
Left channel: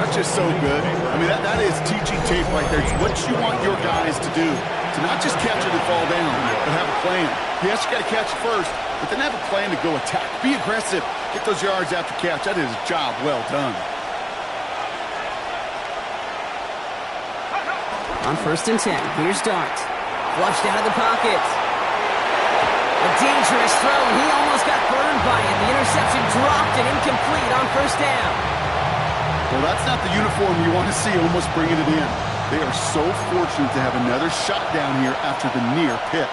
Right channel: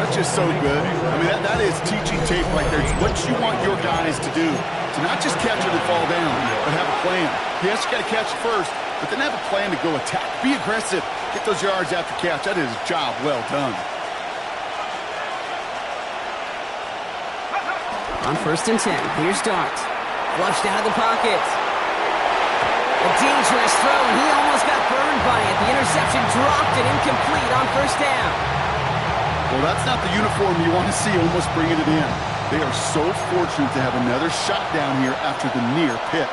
That's just so good. I mean, that is teaching tape right there. It's what you want your guys to do. To not just catch it and fall down, but have a plan. Yes, you got to catch it first, but then have a plan to go attack. Be aggressive. Get those yards after catch. That is a job well done. On first and 10, here's Dart. Flushed out of the pocket. A dangerous throw, and he almost got burned by it. The interception dropped and incomplete on first down. Well, that's not the uniform you want to see almost bringing it in. They are so fortunate to have another shot down here after the near pick.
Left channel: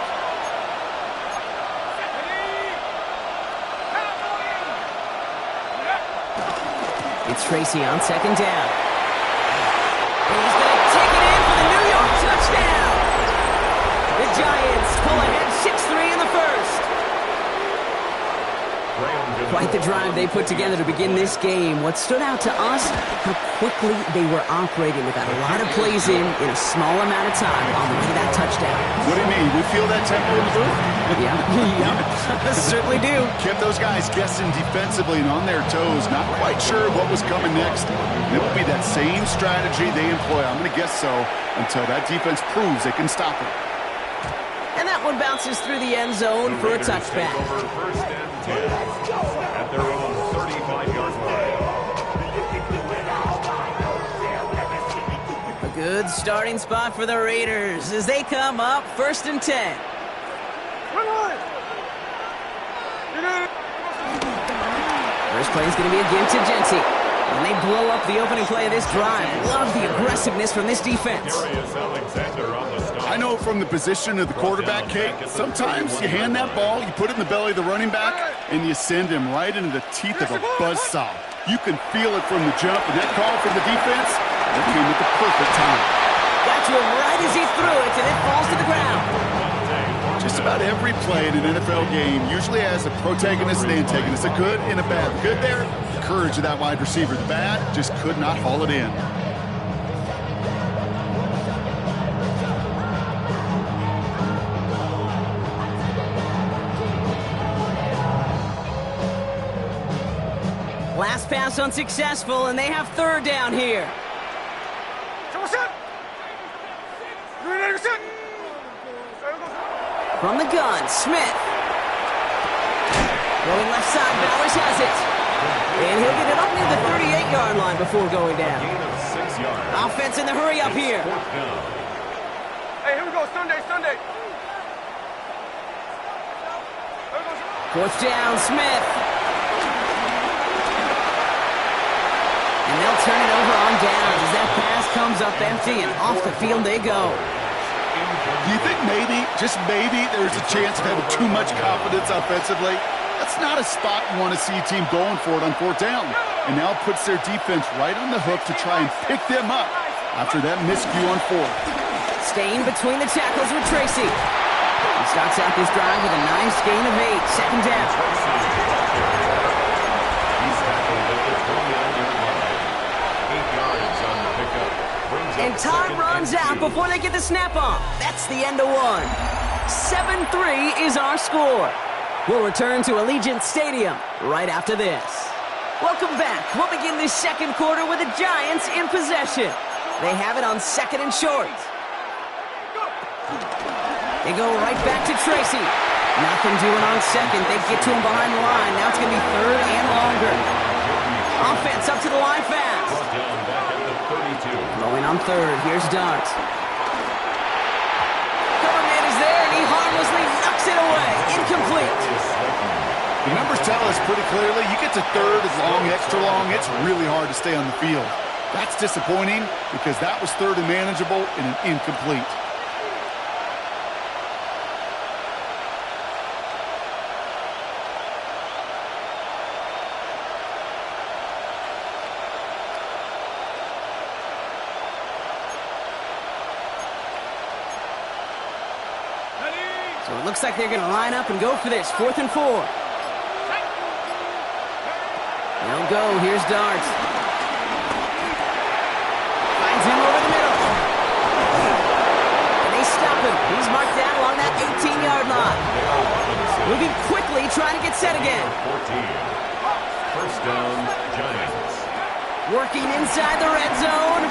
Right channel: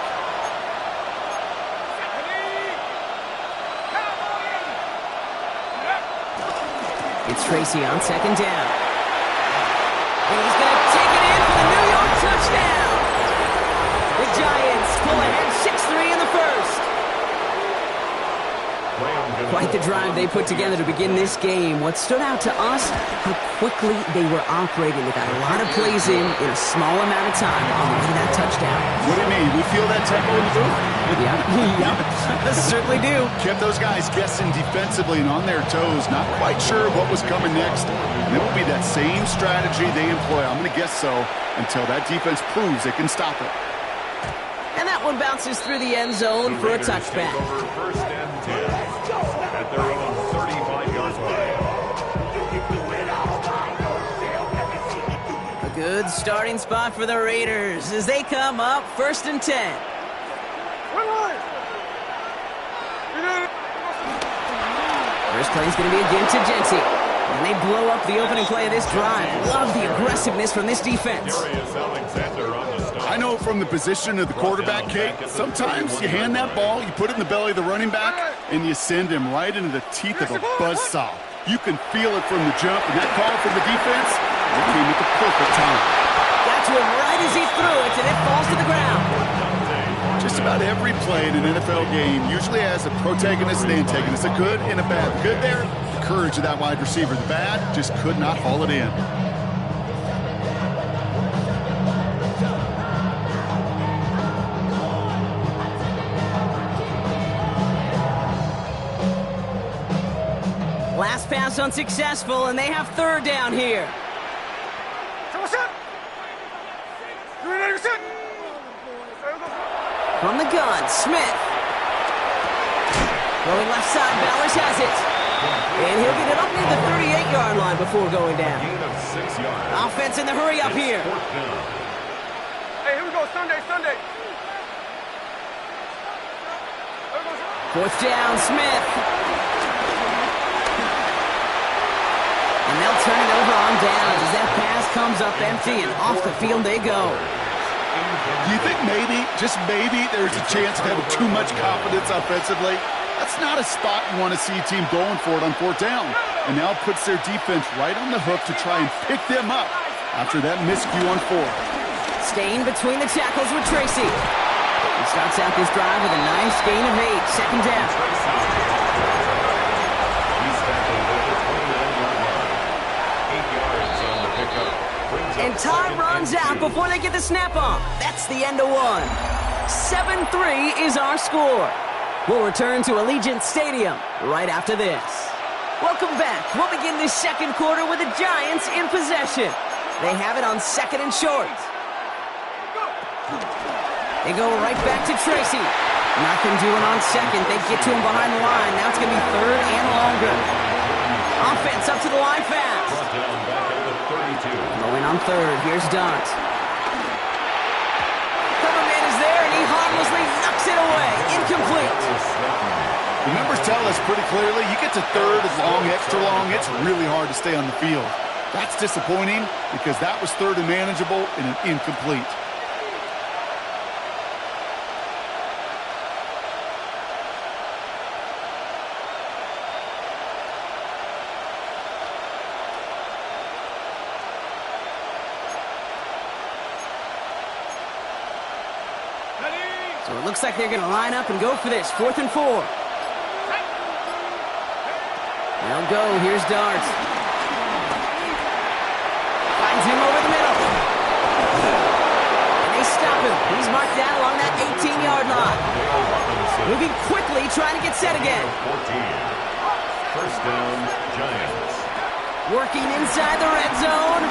It's Tracy on second down. And he's going to take it in for the New York touchdown. The Giants pull ahead 6-3 in the first. Quite the drive they put together to begin this game. What stood out to us, how quickly they were operating. They got a lot of plays in a small amount of time on the way to that touchdown. What do you mean? We feel that tempo in the booth? Yeah, certainly do. Kept those guys guessing defensively and on their toes, not quite sure what was coming next. And it will be that same strategy they employ, I'm going to guess so, until that defense proves they can stop it. And that one bounces through the end zone for a touchback. Over first and 10 at their own 35-yard line. A good starting spot for the Raiders as they come up first and 10. First play is going to be again to Genty. And they blow up the opening play of this drive. Love the aggressiveness from this defense. I know from the position of the quarterback, Kate, sometimes you hand that ball, you put it in the belly of the running back, and you send him right into the teeth of a buzzsaw. You can feel it from the jump, and that call from the defense, that came at the perfect time. Got to him right as he threw it, and it falls to the ground. Just about every play in an NFL game usually has a protagonist and antagonist, a good and a bad. The good there, the courage of that wide receiver. The bad, just could not haul it in. Last pass unsuccessful, and they have third down here. From the gun, Smith. Going left side, Bowers has it. And he'll get it up near the 38-yard line before going down. Gain of 6 yards. Offense in the hurry up here. Hey, here we go, Sunday. Fourth down, Smith. And they'll turn it over on downs as that pass comes up empty, and off the field they go. Do you think maybe, just maybe, there's a chance of having too much confidence offensively? That's not a spot you want to see a team going for it on fourth down. And now it puts their defense right on the hook to try and pick them up after that miscue on fourth. Staying between the tackles with Tracy. He starts out this drive with a nice gain of 8. Second down. He's tackled at the 29-yard line. 8 yards on the pickup. And time runs out before they get the snap off. That's the end of one. 7-3 is our score. We'll return to Allegiant Stadium right after this. Welcome back. We'll begin this second quarter with the Giants in possession. They have it on second and short. They go right back to Tracy. Nothing doing on second. They get to him behind the line. Now it's going to be third and longer. Offense up to the line fast. Going on third. Here's Dart. Cover man is there, and he harmlessly knocks it away. Incomplete. The numbers tell us pretty clearly, you get to third as long, extra long, it's really hard to stay on the field. That's disappointing because that was third and manageable and an incomplete. So it looks like they're going to line up and go for this. 4th and 4. They'll go. Here's Dart. Finds him over the middle. And they stop him. He's marked down along that 18-yard line. Moving quickly, trying to get set again. 14. First down, Giants. Working inside the red zone.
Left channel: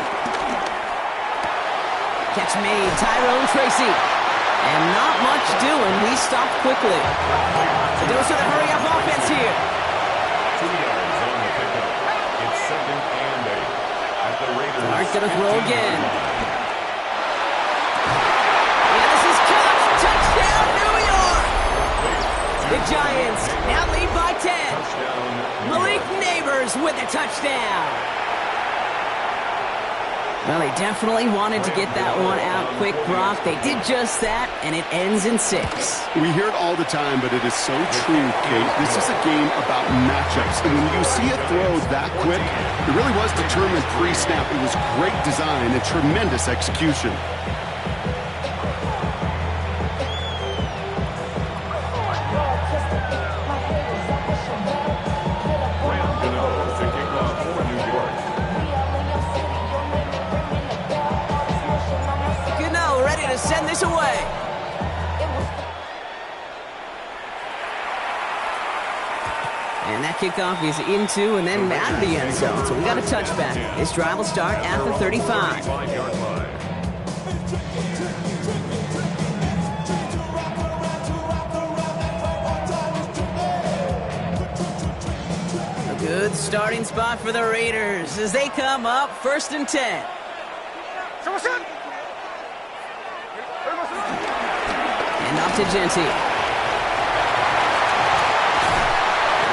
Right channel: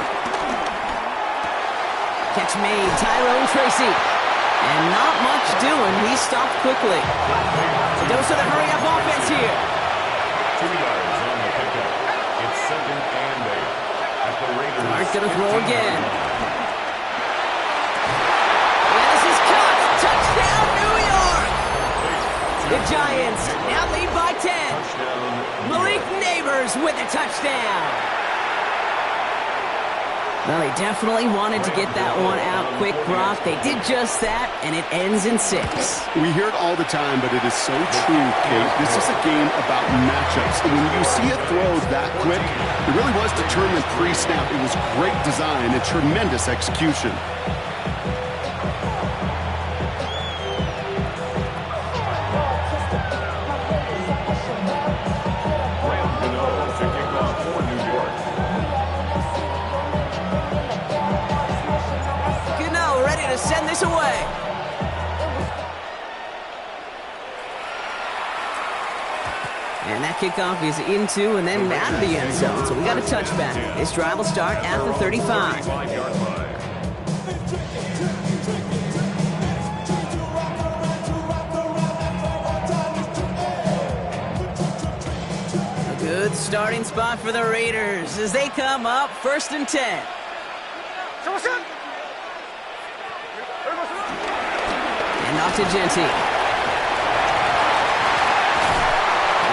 Catch made. Tyrone Tracy. And not much doing. He stopped quickly. A dose of the hurry-up offense here. 2 yards on the pickup. It's second and 8. At the Raiders. Dart going to throw again. And this is caught. Touchdown, New York. The Giants now lead by 10. Malik Neighbors with a touchdown. Well, they definitely wanted to get that one out quick, Brock. They did just that, and it ends in 6. We hear it all the time, but it is so true, Kate. This is a game about matchups. And when you see a throw that quick, it really was determined pre-snap. It was great design and tremendous execution. Send this away. And that kickoff is into and then out of the end zone. So we got a touchback. This drive will start at the 35. A good starting spot for the Raiders as they come up 1st and 10. And off to Genty. And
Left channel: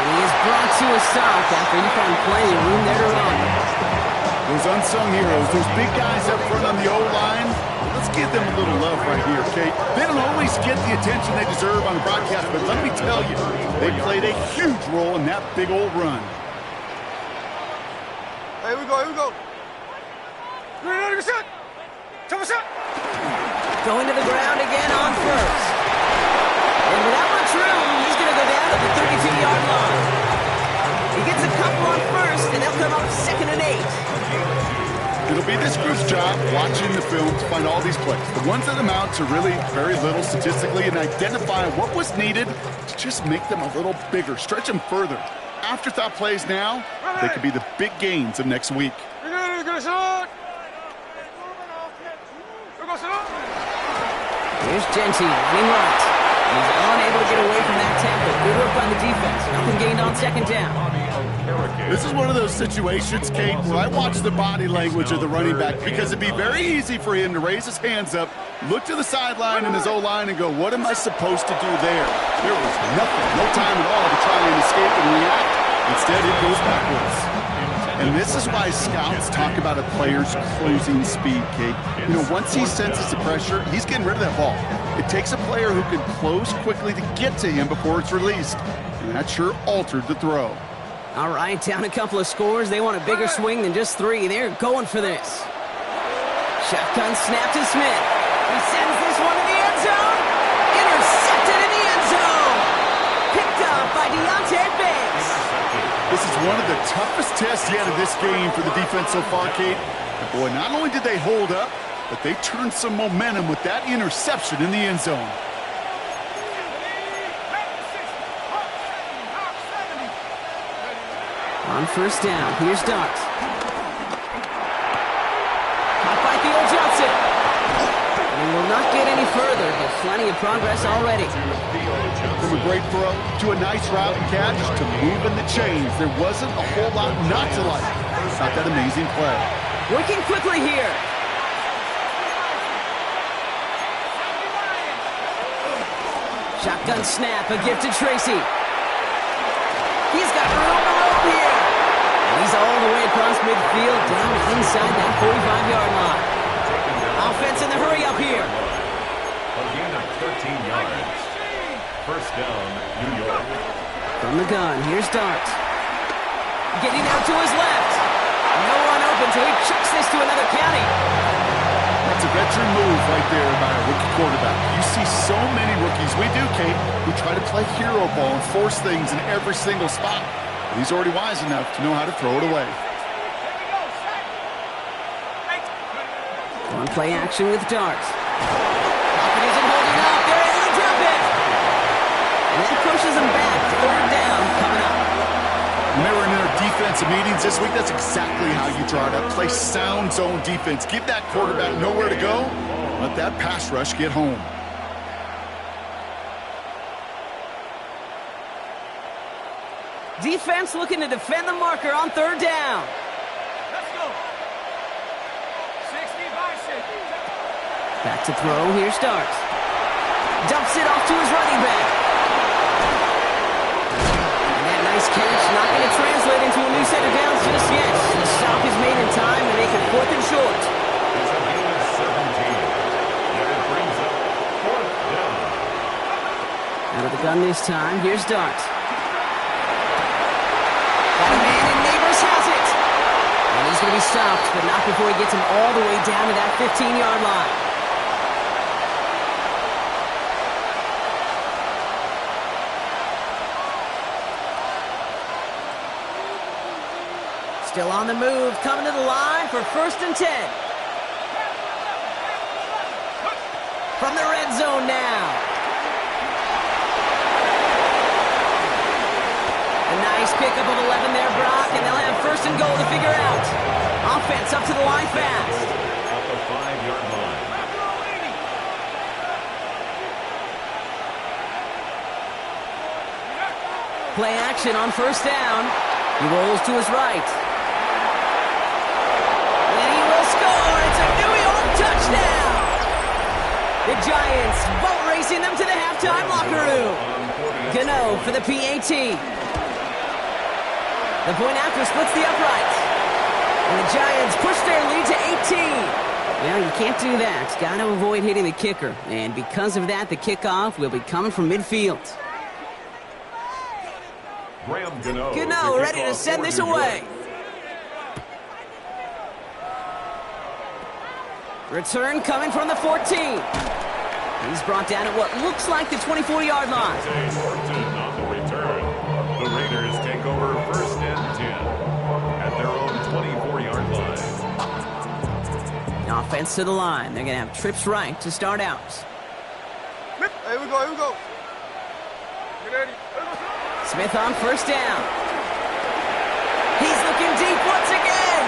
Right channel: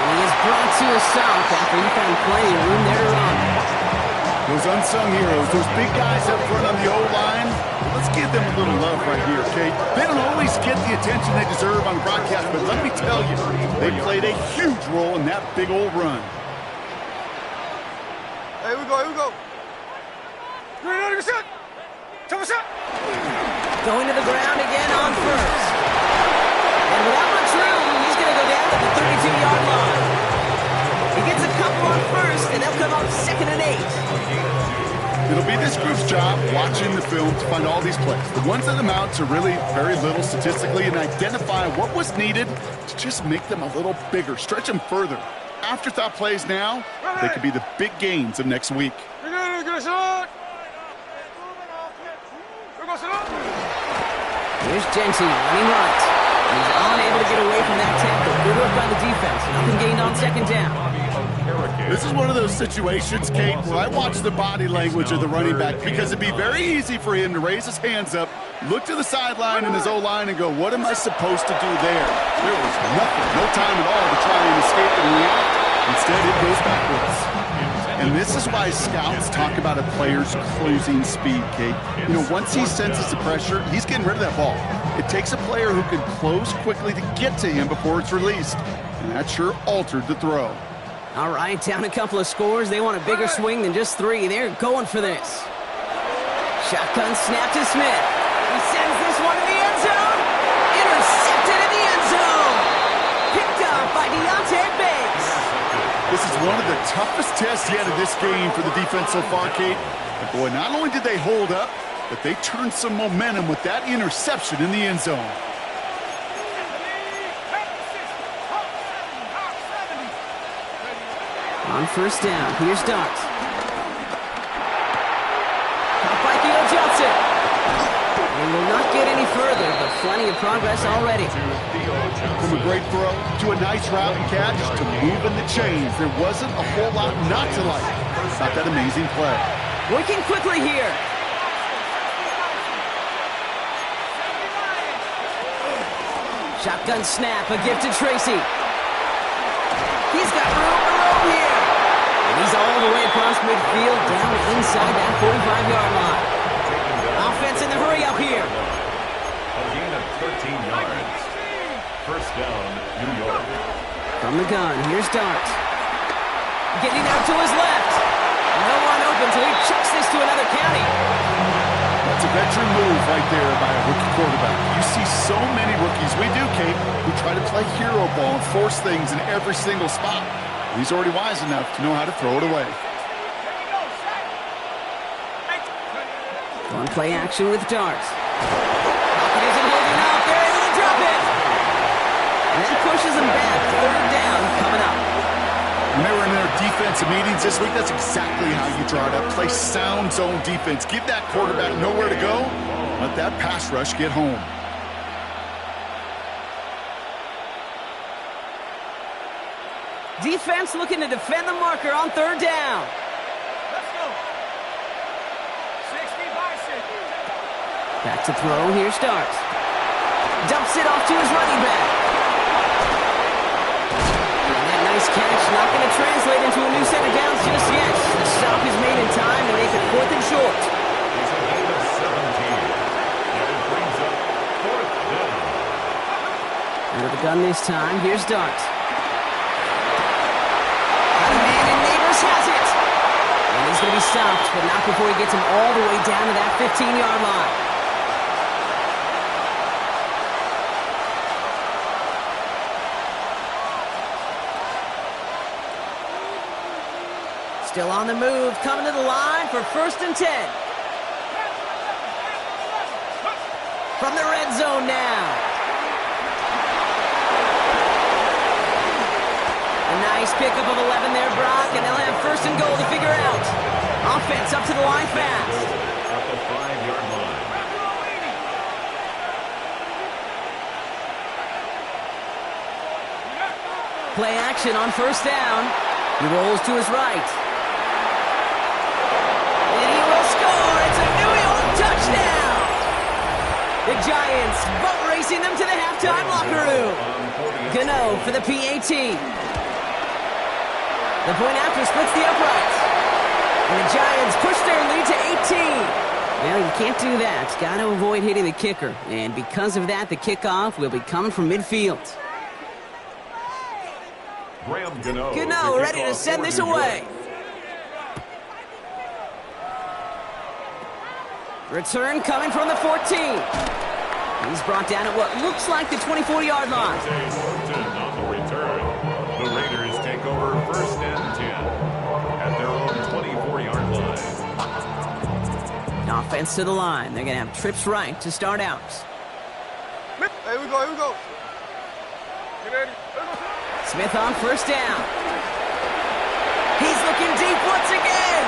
he is brought to a stop after he found plenty of room there to run. Those unsung heroes, those big guys up front on the O-line, let's give them a little love right here, Kate. They don't always get the attention they deserve on the broadcast, but let me tell you, they played a huge role in that big old run. Hey, here we go. 100%. Going to the ground again on first. And without much room, he's going to go down to the 32-yard line. He gets a couple on first, and they'll come up 2nd and 8. It'll be this group's job watching the film to find all these plays, the ones that amount to really very little statistically, and identify what was needed to just make them a little bigger, stretch them further. Afterthought plays now, they could be the big gains of next week. Here's Genty running right. And he's unable to get away from that tackle. Good work by the defense. Nothing gained on 2nd down. This is one of those situations, Kate, where I watch the body language of the running back because it'd be very easy for him to raise his hands up, look to the sideline in his O-line and go, what am I supposed to do there? There was nothing, no time at all to try and escape and react. Instead, it goes backwards. And this is why scouts talk about a player's closing speed, Kate. You know, once he senses the pressure, he's getting rid of that ball. It takes a player who can close quickly to get to him before it's released. And that sure altered the throw. All right, down a couple of scores. They want a bigger swing than just 3. They're going for this. Shotgun snap to Smith. He sends this one to the end zone. Intercepted in the end zone. Picked up by Deontay Banks. This is one of the toughest tests yet of this game for the defense so far, Kate. But boy, not only did they hold up, but they turned some momentum with that interception in the end zone. On 1st down, here's Dart. Caught by Theo Johnson. He will not get any further, but plenty of progress already. From a great throw to a nice route and catch to moving the chains, there wasn't a whole lot not to like. Not that amazing play. Working quickly here. Shotgun snap, a gift to Tracy. He's got room to roam here. And he's all the way across midfield, down inside that 45-yard line. Offense in the hurry up here. A gain of 13 yards. 1st down, New York. From the gun, here's Dart. Getting out to his left. No one open, so he chucks this to another county. That's a veteran move right there by a rookie quarterback. You see so many rookies, we do, Kate, who try to play hero ball and force things in every single spot. But he's already wise enough to know how to throw it away. On play action with Dart. Pocket isn't holding up. They're able to drop it. And then pushes them back. 3rd down coming up. When they were in their defensive meetings this week, that's exactly how you draw it up. Play sound zone defense. Give that quarterback nowhere to go. Let that pass rush get home. Defense looking to defend the marker on 3rd down. Let's go. 60 by 60. Back to throw. Here's Dart. Dumps it off to his running back. Nice catch, not going to translate into a new set of downs just yet. The stop is made in time to make it 4th and short. It's a gain of 17. Yet it brings up 4th down. Out of the gun this time, here's Dart. Got a man and Neighbors has it. And he's going to be stopped, but not before he gets him all the way down to that 15-yard line. Still on the move, coming to the line for 1st and 10. From the red zone now. A nice pickup of 11 there, Brock, and they'll have 1st and goal to figure out. Offense up to the line fast. At the 5-yard line. Play action on 1st down. He rolls to his right. And he will score. It's a New York touchdown. The Giants boat racing them to the halftime locker room. Gano for the PAT. The point after splits the uprights. And the Giants push their lead to 18. Well, you can't do that. Got to avoid hitting the kicker. And because of that, the kickoff will be coming from midfield. Gano ready to send this away. Return coming from the 14. He's brought down at what looks like the 24-yard line. On the return. The Raiders take over 1st and 10 at their own 24-yard line. Offense to the line. They're going to have trips right to start out. Here we go. Get ready. Smith on 1st down. He's looking deep once again.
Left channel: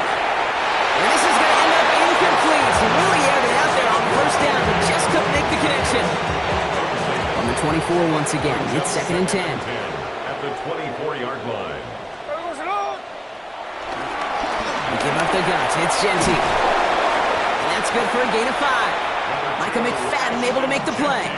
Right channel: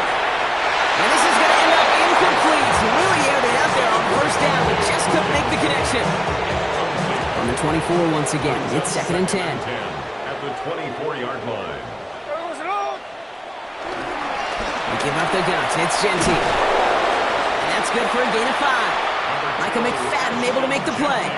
And this is going to end up incomplete. He really aired it out there on 1st down, but just couldn't make the connection. On the 24 once again, it's 2nd and 10. At the 24-yard line. They give up the guts. It's Genty. And that's good for a gain of 5. Micah McFadden able to make the play.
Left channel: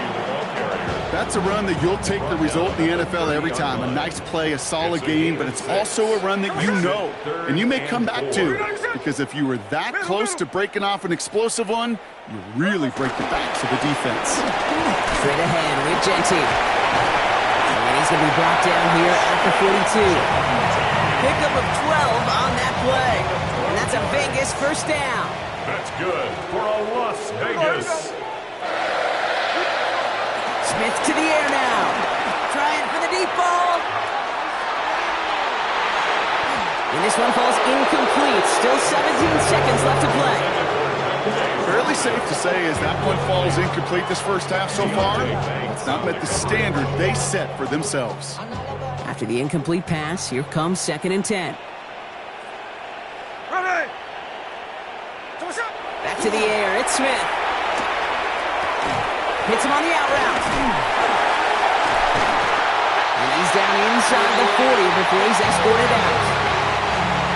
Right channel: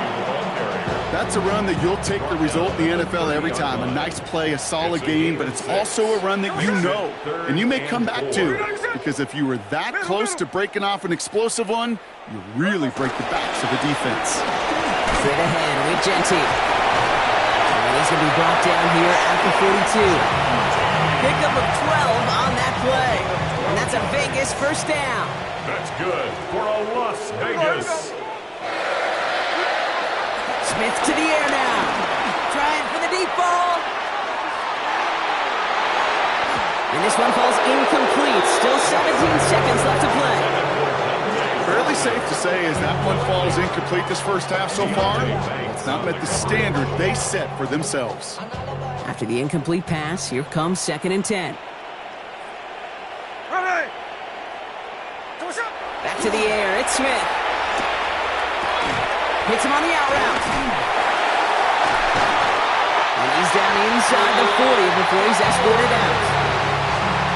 That's a run that you'll take the result in the NFL every time. A nice play, a solid game, but it's also a run that you know, and you may come back to, because if you were that close to breaking off an explosive one, you really break the backs of the defense. Straight ahead with Genty. And he's going to be brought down here at the 42. Pickup of 12 on that play. And that's a Vegas 1st down. That's good for a Las Vegas. Smith to the air now. Trying for the deep ball. And this one falls incomplete. Still 17 seconds left to play. Fairly safe to say as that one falls incomplete this first half so far, it's not met the standard they set for themselves. After the incomplete pass, here comes 2nd and 10. Ready. Back to the air. It's Smith. Hits him on the out route. And he's down inside the 40 before he's escorted out.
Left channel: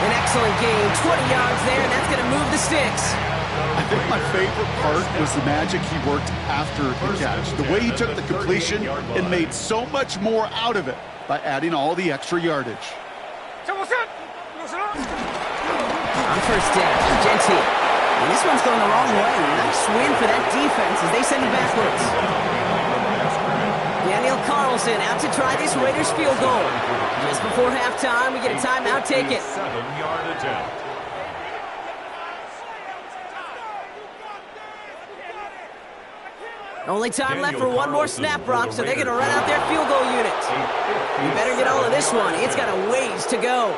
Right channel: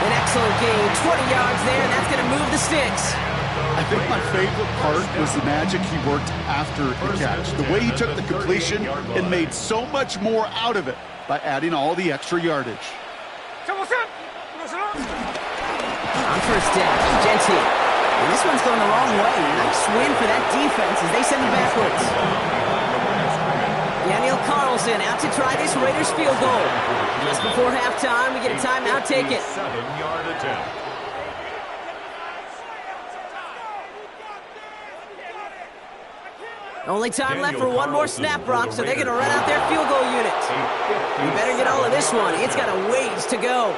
An excellent gain. 20 yards there, and that's going to move the sticks. I think my favorite part was the magic he worked after the catch. The way he took the completion and made so much more out of it by adding all the extra yardage. On 1st down, Genty. And this one's going the wrong way. Nice win for that defense as they send it backwards. Daniel Carlson out to try this Raiders field goal. Just before halftime, we get a timeout. Take it. 7-yard attempt. Only time left for one more snap, Brock, so they're going to run out their field goal unit. We better get all of this one. It's got a ways to go.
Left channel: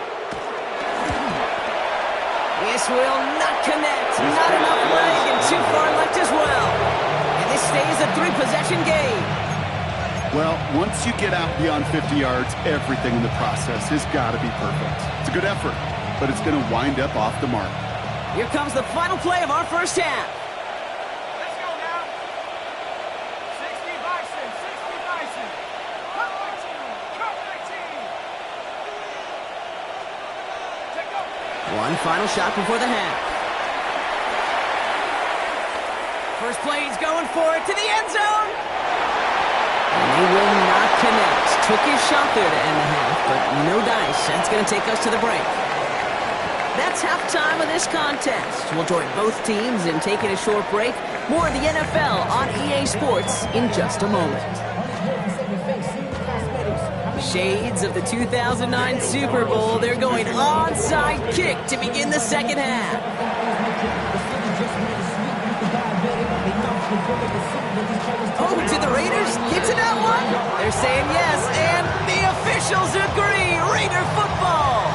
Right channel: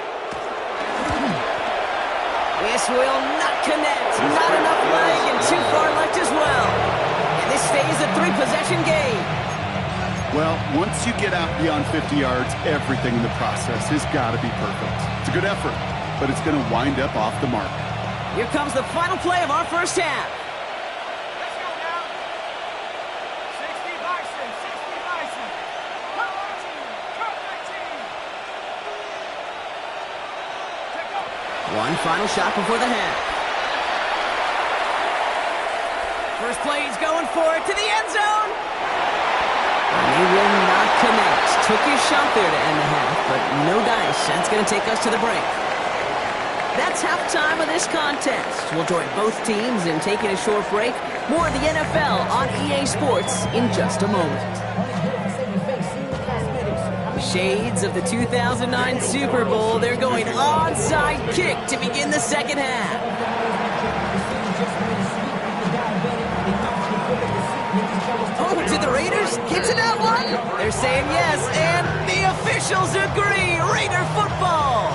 This will not connect. Not enough leg and too far left as well. And this stays a 3-possession game. Well, once you get out beyond 50 yards, everything in the process has got to be perfect. It's a good effort, but it's going to wind up off the mark. Here comes the final play of our first half. Let's go now. 60 Bison. Cut 19. Take go. One final shot before the half. First play, he's going for it to the end zone. And they will not connect. Took his shot there to end the half, but no dice. That's going to take us to the break. That's halftime of this contest. We'll join both teams in taking a short break. More of the NFL on EA Sports in just a moment. Shades of the 2009 Super Bowl. They're going onside kick to begin the second half. Oh, did the Raiders get to that one? They're saying yes, and the officials agree. Raider football.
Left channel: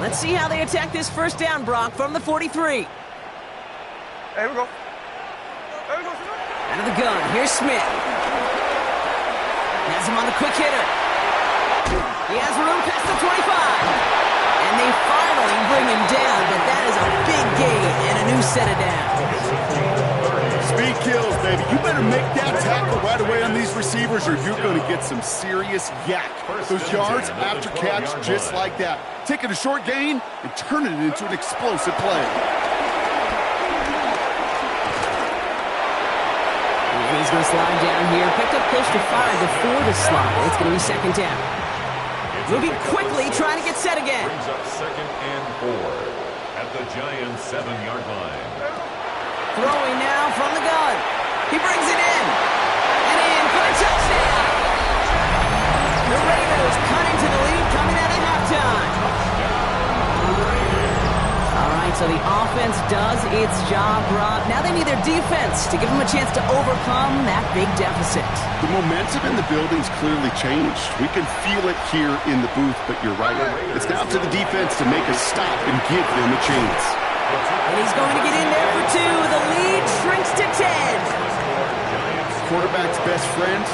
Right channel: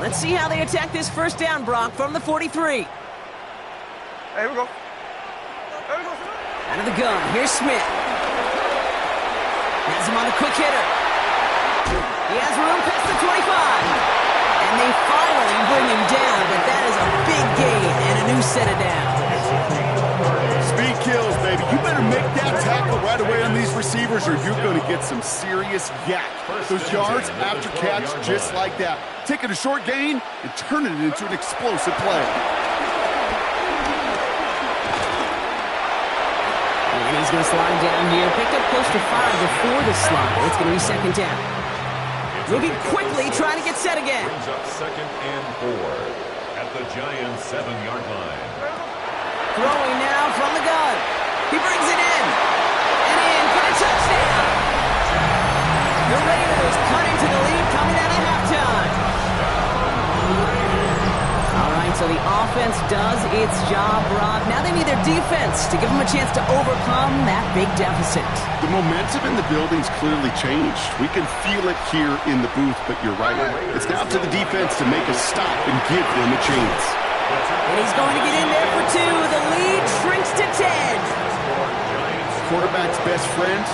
Let's see how they attack this first down, Brock, from the 43. Hey, here we go. Out of the gun, here's Smith. Has him on the quick hitter. He has room past the 25. And they finally bring him down, but that is a big gain and a new set of downs. Speed kills, baby. You better make that tackle right away on these receivers or you're going to get some serious yak. Those yards after catch just like that. Taking a short gain and turning it into an explosive play. And he's going to slide down here. Picked up close to 5 before the slide. It's going to be second down. Moving quickly, trying to get set again. Brings up 2nd and 4 at the Giants' 7-yard line. Throwing now from the gun. He brings it in. And in for the touchdown. The Raiders cutting to the lead coming out of halftime. All right, So the offense does its job, Rob. Now they need their defense to give them a chance to overcome that big deficit. The momentum in the building's clearly changed. We can feel it here in the booth, but you're right. It's now up to the defense to make a stop and give them a chance. And he's going to get in there for 2. The lead shrinks to 10. Quarterback's best friend,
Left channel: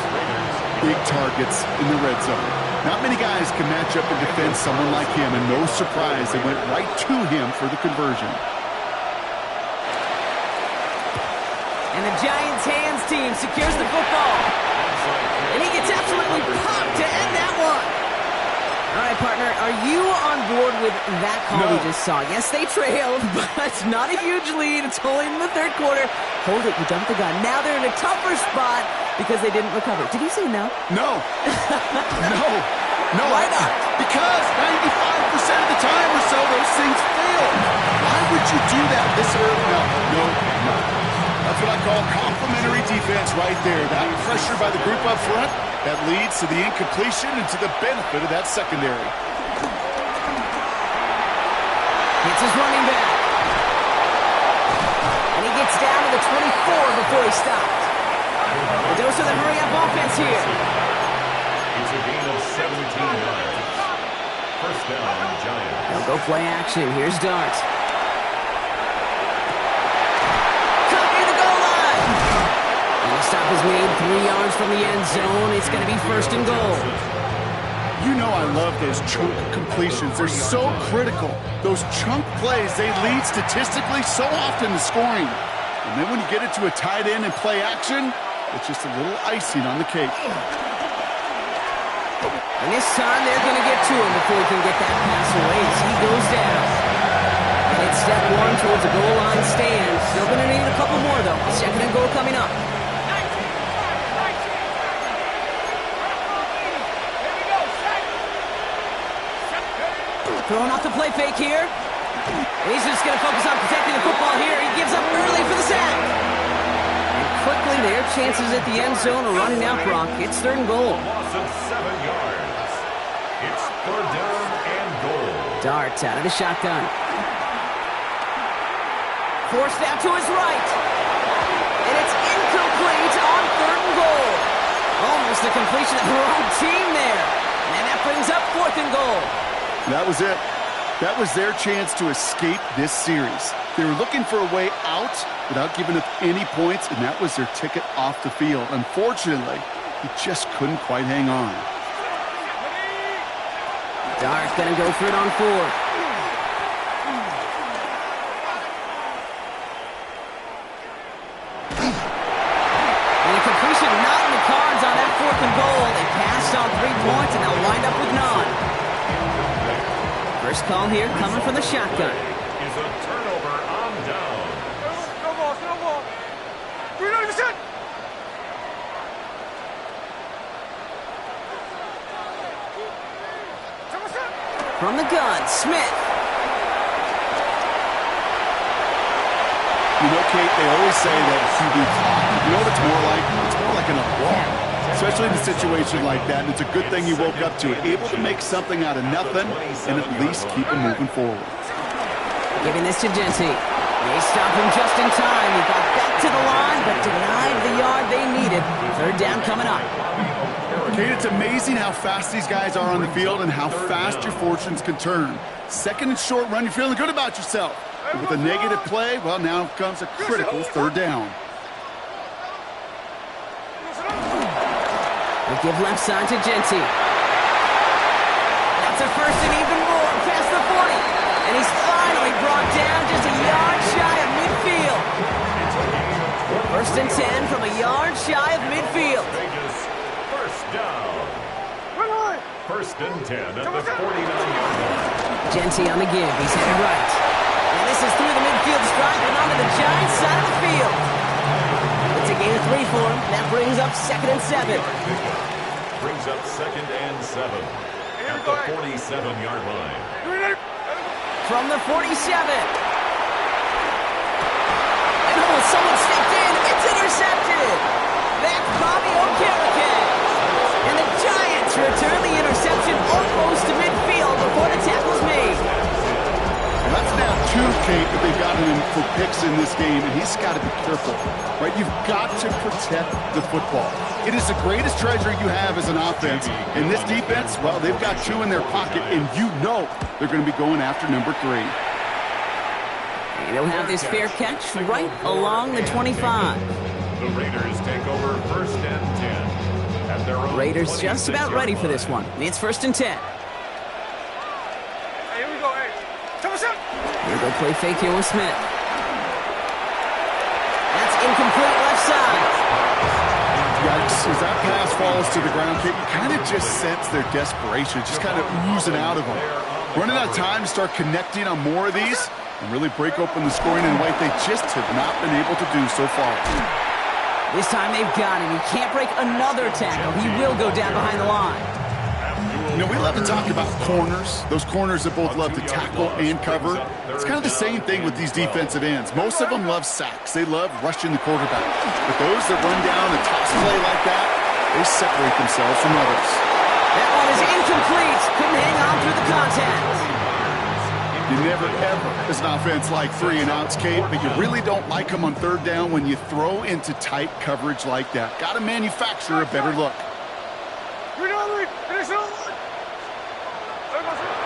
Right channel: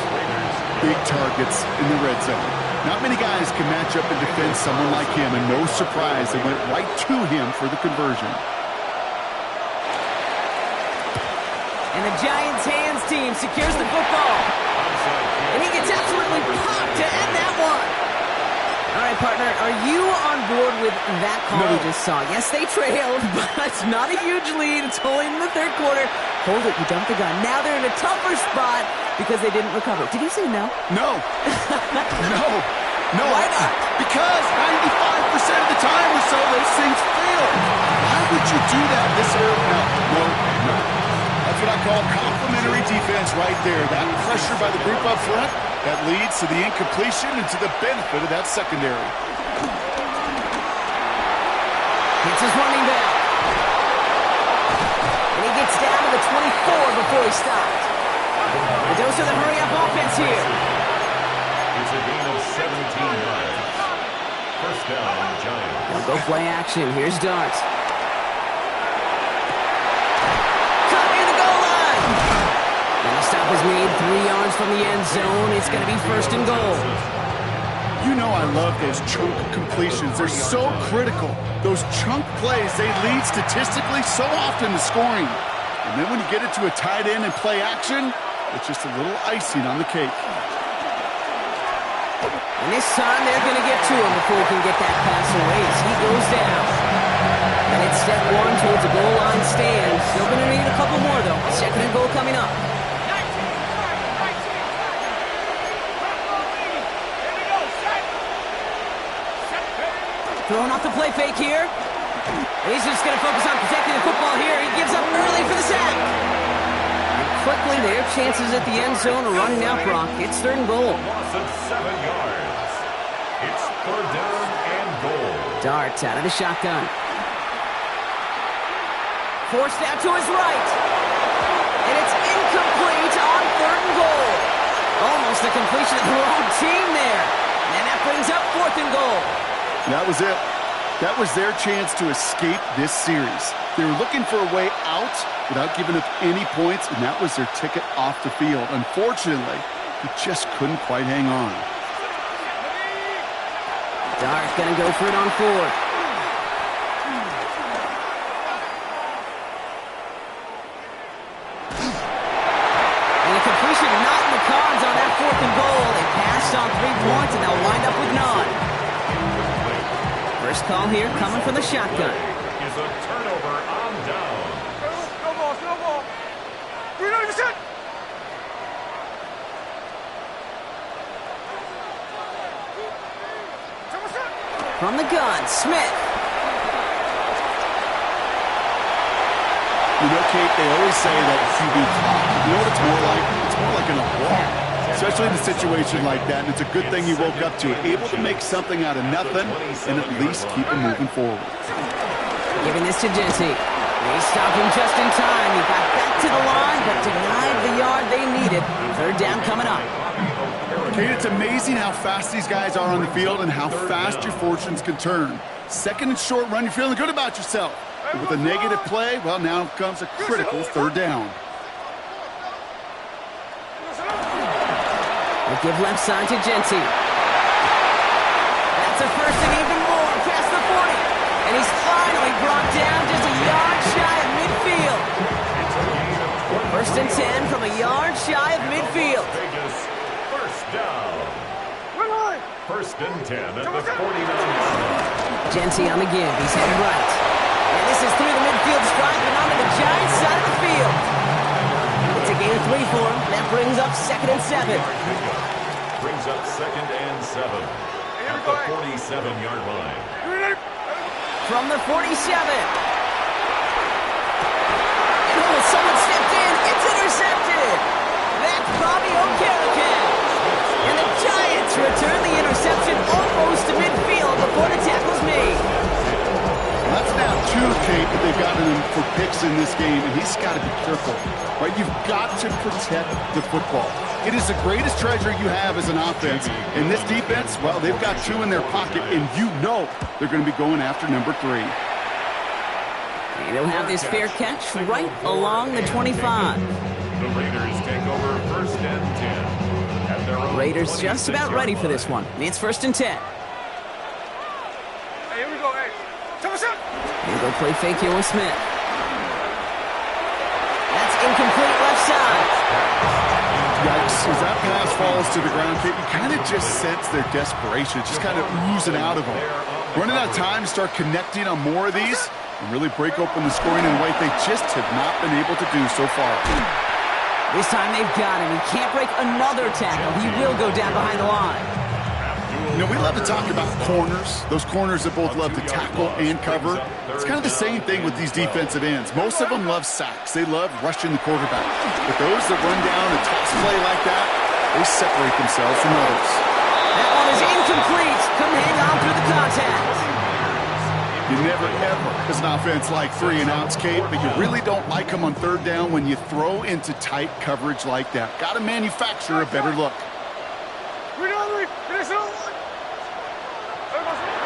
big targets in the red zone. Not many guys can match up and defend someone like him, and no surprise, they went right to him for the conversion. And the Giants' hands team secures the football. And he gets absolutely popped to end that one. All right, partner, are you on board with that call we just saw? Yes, they trailed, but it's not a huge lead. It's only in the third quarter. Hold it, you jumped the gun. Now they're in a tougher spot because they didn't recover. Did you say no? No. No. Why not? Because 95% of the time or so, those things fail. Why would you do that this early? No. That's what I call complimentary defense right there. That pressure by the group up front, that leads to the incompletion and to the benefit of that secondary. It's his running back. And he gets down to the 24 before he stopped. A dose of the hurry-up offense here. It's a gain of 17 yards. First down, Giants. They'll go play action. Here's Dart. Cut near the goal line. And the stop is made 3 yards from the end zone. It's going to be first and goal. You know I love those chunk completions. They're so critical. Those chunk plays, they lead statistically so often to scoring. And then when you get it to a tight end and play action, it's just a little icing on the cake. And this time they're going to get to him before he can get that pass away as he goes down. And it's step 1 towards a goal line stand. Still going to need a couple more, though. Second and goal coming up. Throwing off the play fake here. And he's just going to focus on protecting the football here. He gives up early for the sack. And quickly, their chances at the end zone are running out, Brock. It's third and goal. Loss of 7 yards. It's third down and goal. Dart out of the shotgun. Forced out to his right. And it's incomplete on third and goal. Almost the completion of the wrong team there. And that brings up fourth and goal. That was it. That was their chance to escape this series. They were looking for a way out without giving up any points, and that was their ticket off the field. Unfortunately, he just couldn't quite hang on. Dart going to go for it on fourth. And a completion not in the cards on that fourth and goal. They passed on 3 points, and they'll wind up with none. First call here coming from the shotgun. Is a turnover on down. No ball. 390%. From the gun, Smith. You know, Kate, they always say that QB clock. You know what it's more like? It's more like an alarm. Especially in a situation like that, and it's a good thing you woke up to it. Able to make something out of nothing and at least keep him moving forward. Giving this to Genty. They stop him just in time. He got back to the line, but denied the yard they needed. Third down coming up. Kate, it's amazing how fast these guys are on the field and how fast your fortunes can turn. Second and short run, you're feeling good about yourself. But with a negative play, well, now comes a critical third down. They give left side to Genty. That's a first and even more past the 40. And he's finally brought down just a yard shy of midfield. First and 10 from a yard shy of midfield. Vegas, first down. First and 10 at the 49-yard line. Genty on the give. He's headed right. And this is through the midfield stripe and onto the Giants side of the field. It's a gain of 3 for him. That brings up second and 7. Brings up second and 7 at the 47-yard line. From the 47. And someone stepped in. It's intercepted. That's Bobby Okereke. And the Giants return the interception almost to midfield before the tackle's made. That's now 2 Kate, that they've gotten him for picks in this game, and he's got to be careful, right? You've got to protect the football. It is the greatest treasure you have as an offense. And this defense, well, they've got 2 in their pocket, and you know they're going to be going after number 3. And he'll have this fair catch right along the 25. The Raiders take over 1st and 10. At their own Raiders just about ready for this one. It's 1st and 10. Hey, here we go, hey. Here go play fake here with Smith. That's incomplete left side. Yikes, as that pass falls to the ground, Kate, you kind of just sense their desperation, just kind of oozing out of them. Running out of time to start connecting on more of these and really break open the scoring in a way they just have not been able to do so far. This time they've got him. He can't break another tackle. He will go down behind the line. You know, we love to talk about corners, those corners that both love to tackle and cover. It's kind of the same thing with these defensive ends. Most of them love sacks. They love rushing the quarterback. But those that run down a toss play like that, they separate themselves from others. That one is incomplete. Couldn't hang on through the contact. You never, ever, as an offense, like 3 and outs, Kate, but you really don't like them on 3rd down when you throw into tight coverage like that. Got to manufacture a better look.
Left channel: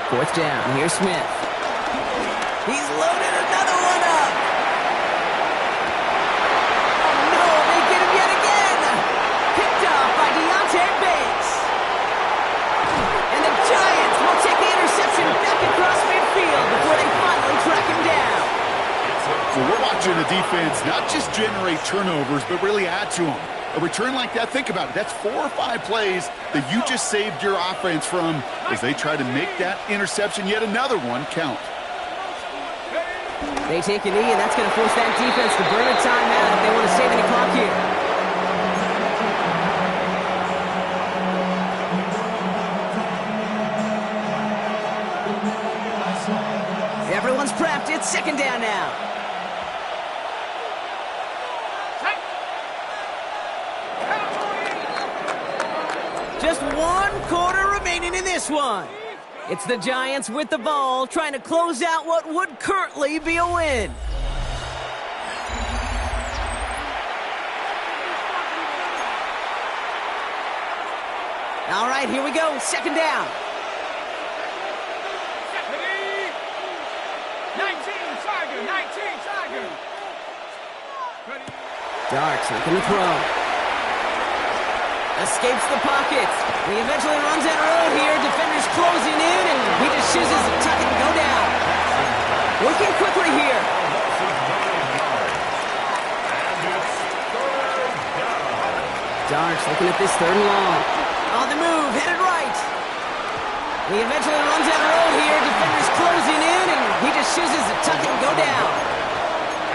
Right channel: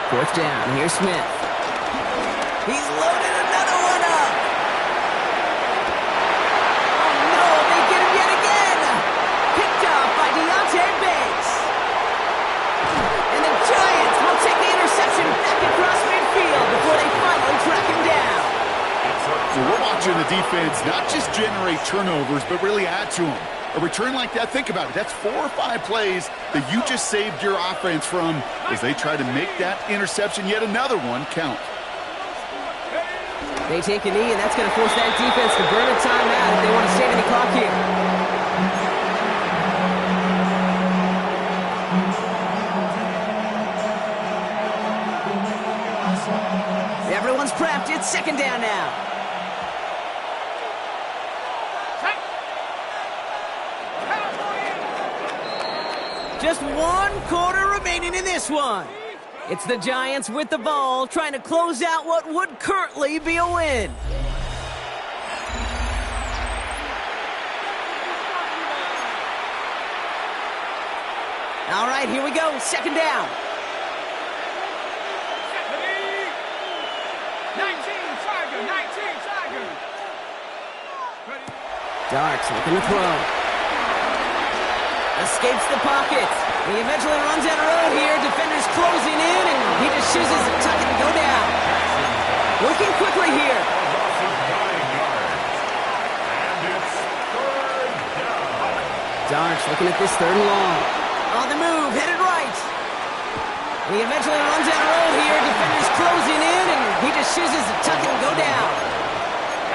4th down. Here's Smith. He's loaded another one up. Oh, no. They get him yet again. Picked off by Deontay Banks. And the Giants will take the interception back across midfield before they finally track him down. So we're watching the defense not just generate turnovers, but really add to them. A return like that, think about it. That's 4 or 5 plays that you just saved your offense from as they try to make that interception, yet another one, count. They take a knee, and that's going to force that defense to burn a timeout if they want to save any clock here. Everyone's prepped. It's 2nd down now. Just 1 quarter remaining in this one. It's the Giants with the ball, trying to close out what would currently be a win. All right, here we go. 2nd down. 19 Tiger. Darks looking to throw. Escapes the pocket. He eventually runs down the road here. Defenders closing in, and he just chooses to tuck it and go down. Working quickly here. Darks looking at this 3rd and long. On the move, headed right. He eventually runs down the road here. Defenders closing in, and he just chooses to tuck it and go down.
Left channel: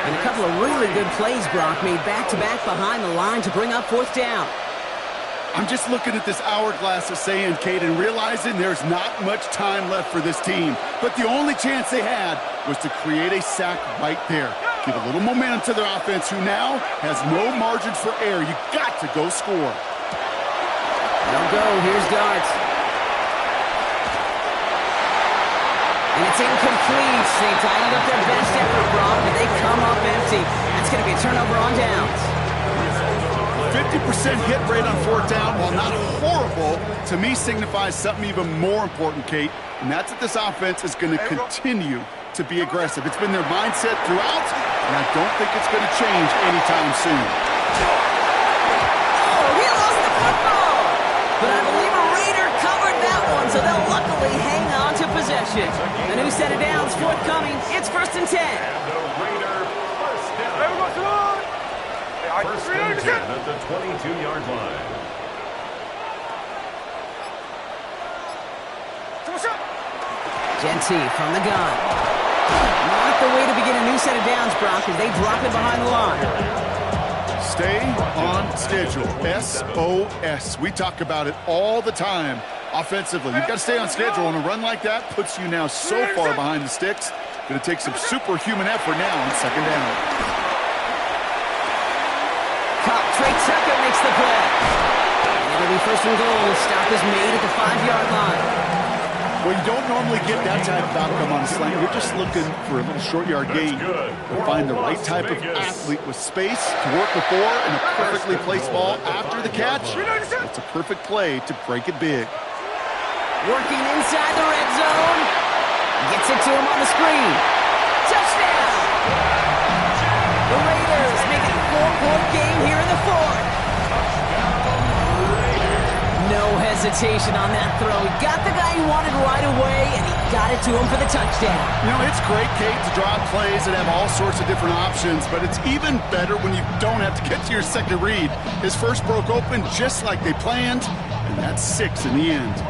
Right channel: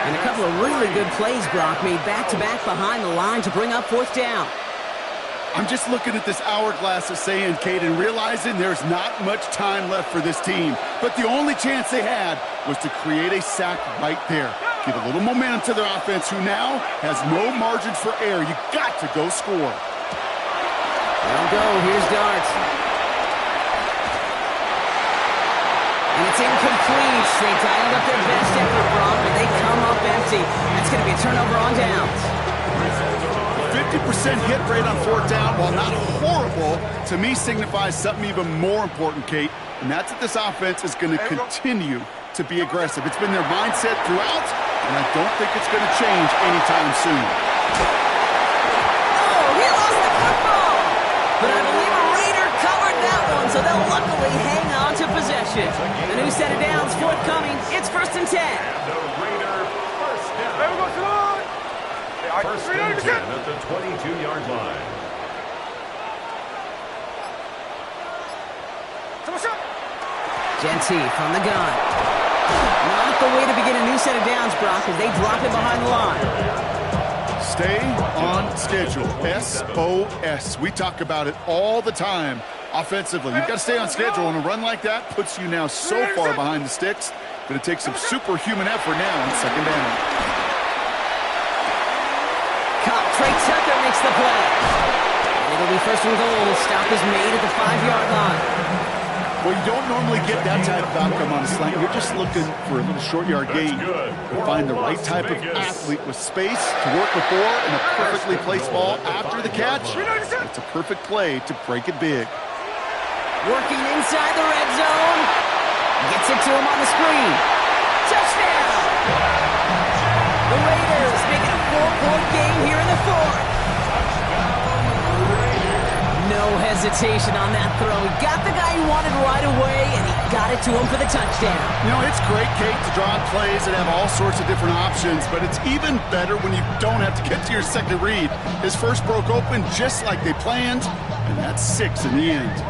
And a couple of really good plays Brock made back-to-back behind the line to bring up 4th down. I'm just looking at this hourglass of sand, Kate, and realizing there's not much time left for this team. But the only chance they had was to create a sack right there. Give a little momentum to their offense, who now has no margin for error. You got to go score. They'll go. Here's Darts. And it's incomplete. They dialed up their best effort, Brock, but they come up empty. That's going to be a turnover on downs. 50% hit rate on 4th down, while not horrible, to me signifies something even more important, Kate, and that's that this offense is going to continue to be aggressive. It's been their mindset throughout, and I don't think it's going to change anytime soon. Oh, he lost the football! But I believe a Raider covered that one, so they'll luckily hang on to possession. A new set of downs forthcoming. It's 1st and 10. And the Raider first down. First and 10 at the 22-yard line. Genty from the gun. Not the way to begin a new set of downs, Brock, as they drop it behind the line. Stay on schedule. SOS. We talk about it all the time offensively. You've got to stay on schedule, and a run like that puts you now so far behind the sticks. Going to take some superhuman effort now on 2nd down. Trey Tucker makes the play. And it'll be 1st and goal. Stop is made at the 5-yard line. Well, you don't normally get that type of outcome on a slant. You're just looking for a little short yard gain. To find the right type of athlete with space to work before and a perfectly placed ball after the catch. It's a perfect play to break it big. Working inside the red zone. Gets it to him on the screen. Touchdown! The Raiders making a 4-point game here in the fourth. No hesitation on that throw. He got the guy he wanted right away, and he got it to him for the touchdown. You know, it's great, Kate, to draw plays and have all sorts of different options, but it's even better when you don't have to get to your second read. His first broke open just like they planned, and that's 6 in the end.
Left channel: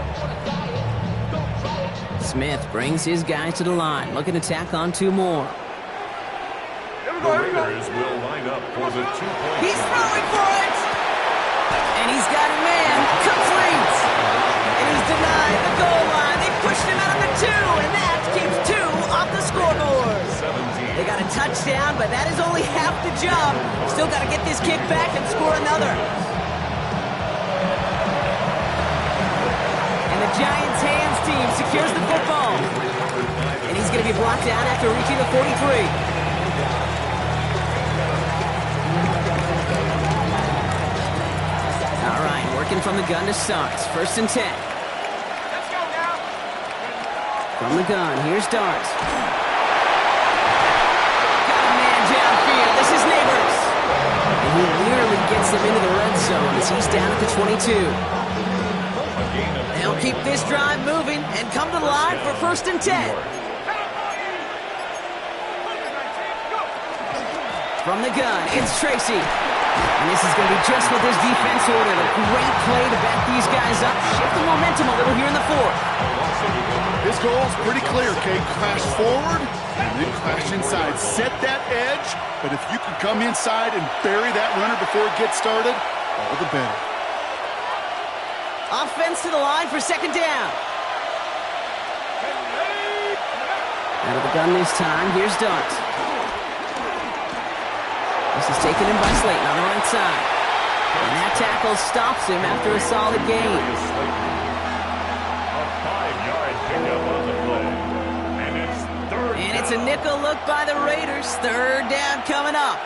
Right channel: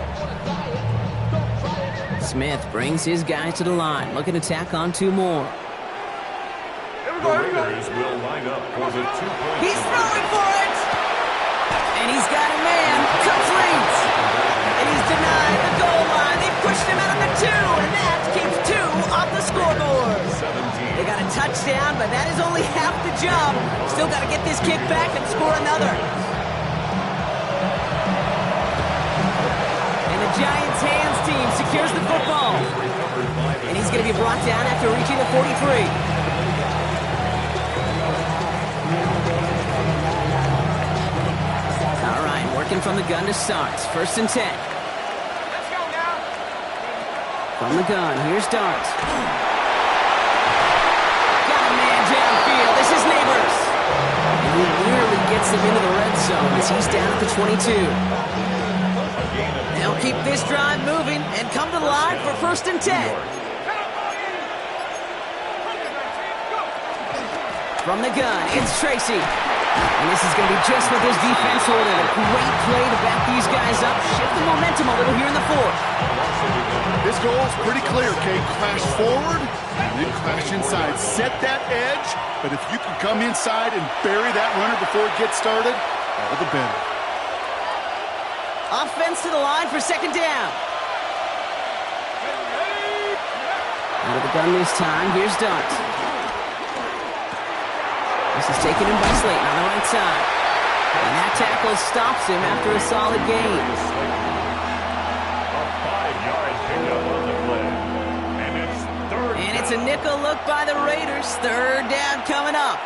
Smith brings his guys to the line, looking to tack on 2 more. The Raiders will line up for the 2-point. He's throwing for it! And he's got a man, complete. And he's denied the goal line. They pushed him out of the 2, and that keeps 2 off the scoreboard. 17. They got a touchdown, but that is only half the job. Still got to get this kick back and score another. And the Giants' hands team secures the football. And he's going to be brought down after reaching the 43. Working from the gun to start. 1st and 10. Let's go now. From the gun, here's Dart. Got a man downfield. This is Neighbors. And he nearly gets them into the red zone as he's down at the 22. They'll keep this drive moving and come to the line for 1st and 10. From the gun, it's Tracy. And this is going to be just what this defense ordered. A great play to back these guys up, shift the momentum a little here in the fourth. This goal is pretty clear, Kate. Crash forward and then crash inside. Set that edge, but if you can come inside and bury that runner before it gets started, all the better. Offense to the line for 2nd down. Out of the gun this time, here's Dart. This is taken in by Slayton on the right side. And that tackle stops him after a solid gain. A 5-yard pickup on the play. And it's 3rd And it's a nickel look by the Raiders. 3rd down coming up.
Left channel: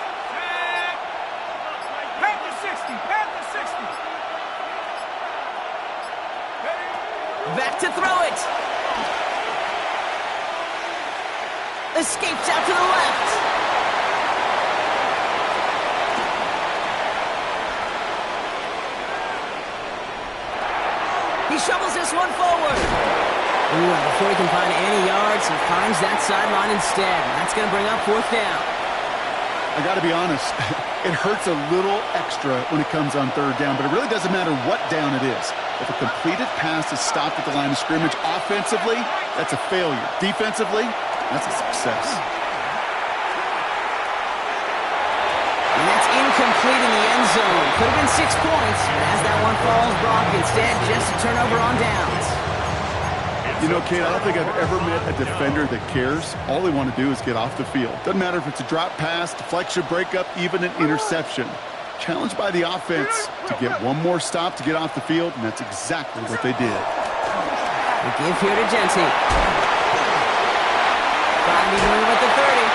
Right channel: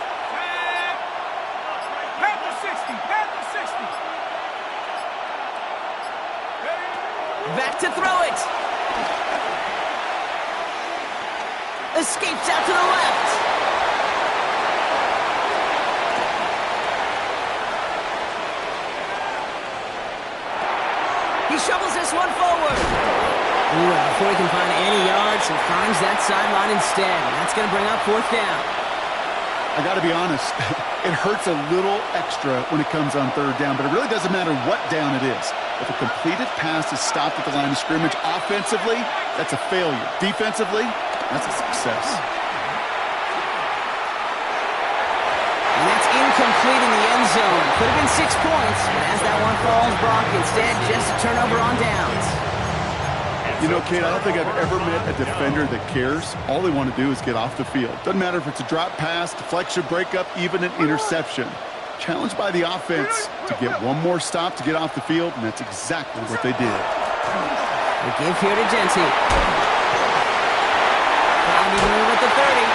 Pat the 60. Pat the 60. Back to throw it. Escapes out to the left. He shovels this one forward. Ooh, and before he can find any yards, he finds that sideline instead. And that's going to bring up 4th down. I got to be honest, it hurts a little extra when it comes on 3rd down, but it really doesn't matter what down it is. If a completed pass is stopped at the line of scrimmage, offensively, that's a failure. Defensively, that's a success. And that's incomplete in the end zone. Could have been 6 points, but as that one falls, Brock, instead just a turnover on downs. You know, Kate, I don't think I've ever met a defender that cares. All they want to do is get off the field. Doesn't matter if it's a drop pass, deflection, breakup, even an interception. Challenged by the offense to get one more stop to get off the field, and that's exactly what they did. The give here to Genty. Finding room at the 30.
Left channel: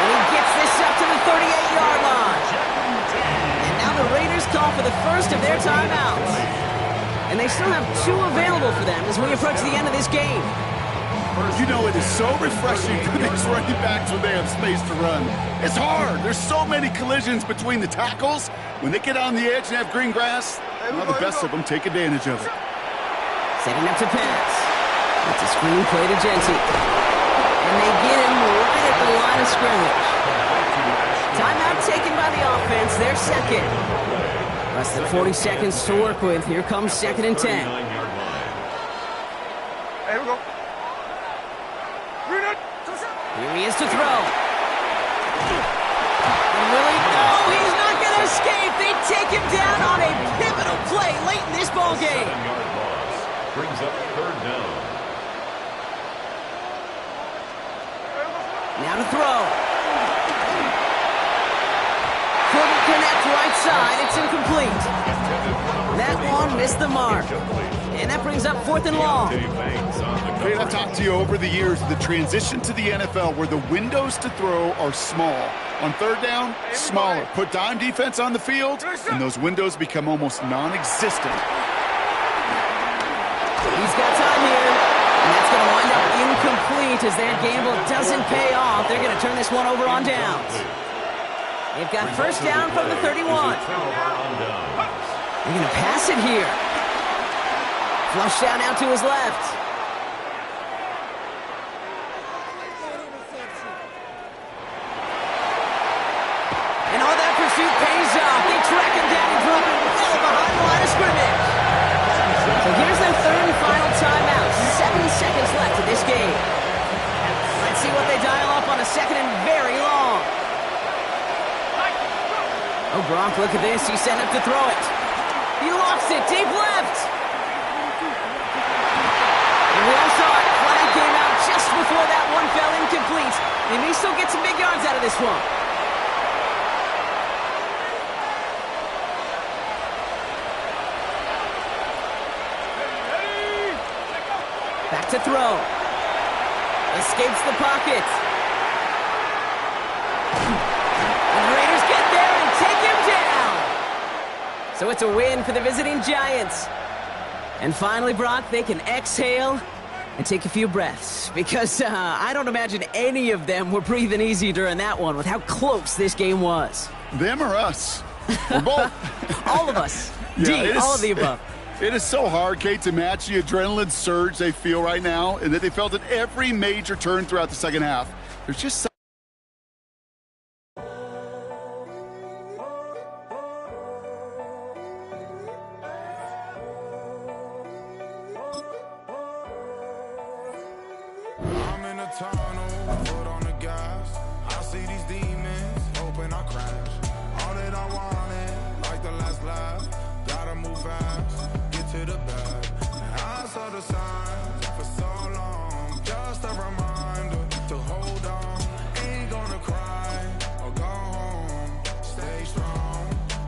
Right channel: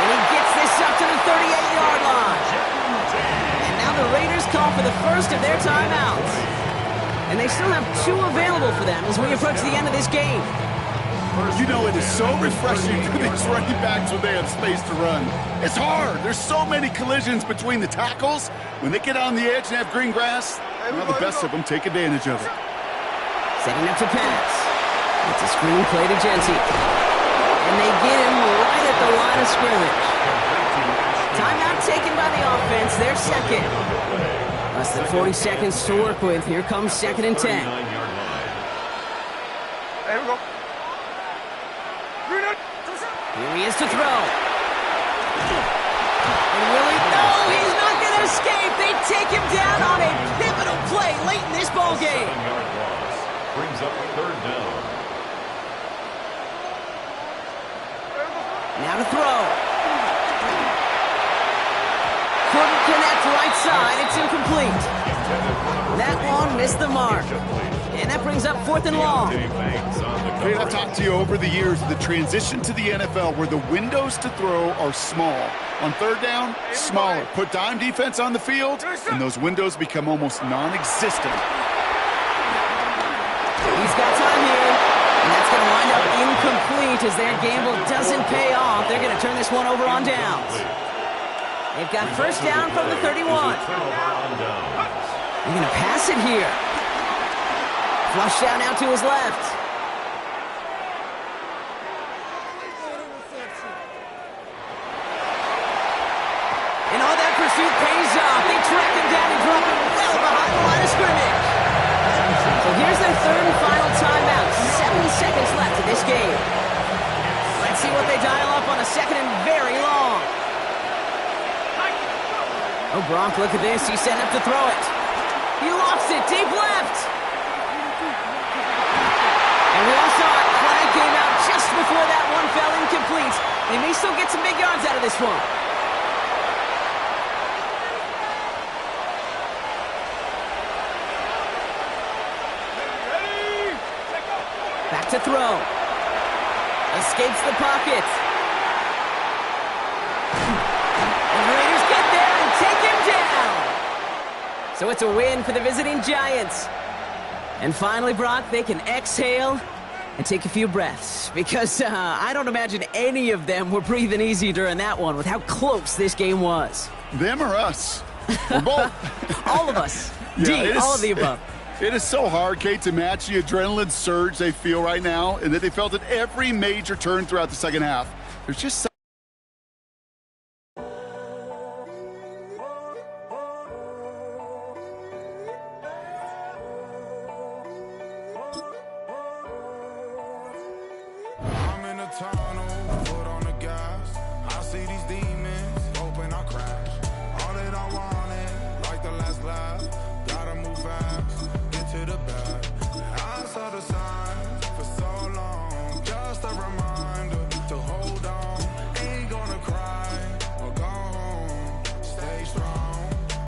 And he gets this up to the 38-yard line. And now the Raiders call for the first of their timeouts. And they still have 2 available for them as we approach the end of this game. You know, it is so refreshing for these running backs when they have space to run. It's hard. There's so many collisions between the tackles. When they get on the edge and have green grass, well, the best of them take advantage of it. Setting up to pass. It's a screen play to Genty. And they get him right at the line of scrimmage. Timeout taken by the offense. They're 2nd. Less than 40 seconds to work with. Here comes 2nd and 10. Hey, here we go. Here he is to throw. And will he? No, he's not going to escape. They take him down on a pivotal play late in this ball game. 7-yard loss brings up 3rd down. Now to throw. Couldn't connect right side. It's incomplete. That one missed the mark. And that brings up 4th and long. Great, I've talked to you over the years, the transition to the NFL where the windows to throw are small. On 3rd down, smaller. Put dime defense on the field, and those windows become almost non-existent. He's got time here. And that's going to wind up incomplete as their gamble doesn't pay off. They're going to turn this one over on downs. They've got 1st down from the 31. They're going to pass it here. Flush down out to his left. And all that pursuit pays off. They track him down and drop him well behind the line of scrimmage. So here's their 3rd and final timeout. 7 seconds left of this game. Let's see what they dial up on a 2nd and very long. Oh, Gronk, look at this. He's set up to throw it. He lofts it deep left. And we all saw it. Flag came out just before that one fell incomplete. They may still get some big yards out of this one. Back to throw. Escapes the pocket. And the Raiders get there and take him down. So it's a win for the visiting Giants. And finally, Brock, they can exhale and take a few breaths. Because I don't imagine any of them were breathing easy during that one with how close this game was. Them or us? We're both. All of us. Yeah, all of the above. It is so hard, Kate, to match the adrenaline surge they feel right now and that they felt at every major turn throughout the second half. There's just I'm in a tunnel, foot on the gas. I see these demons, hoping I crash. All that I wanted, like the last laugh. Gotta move fast, get to the bag. And I saw the signs for so long, just a reminder.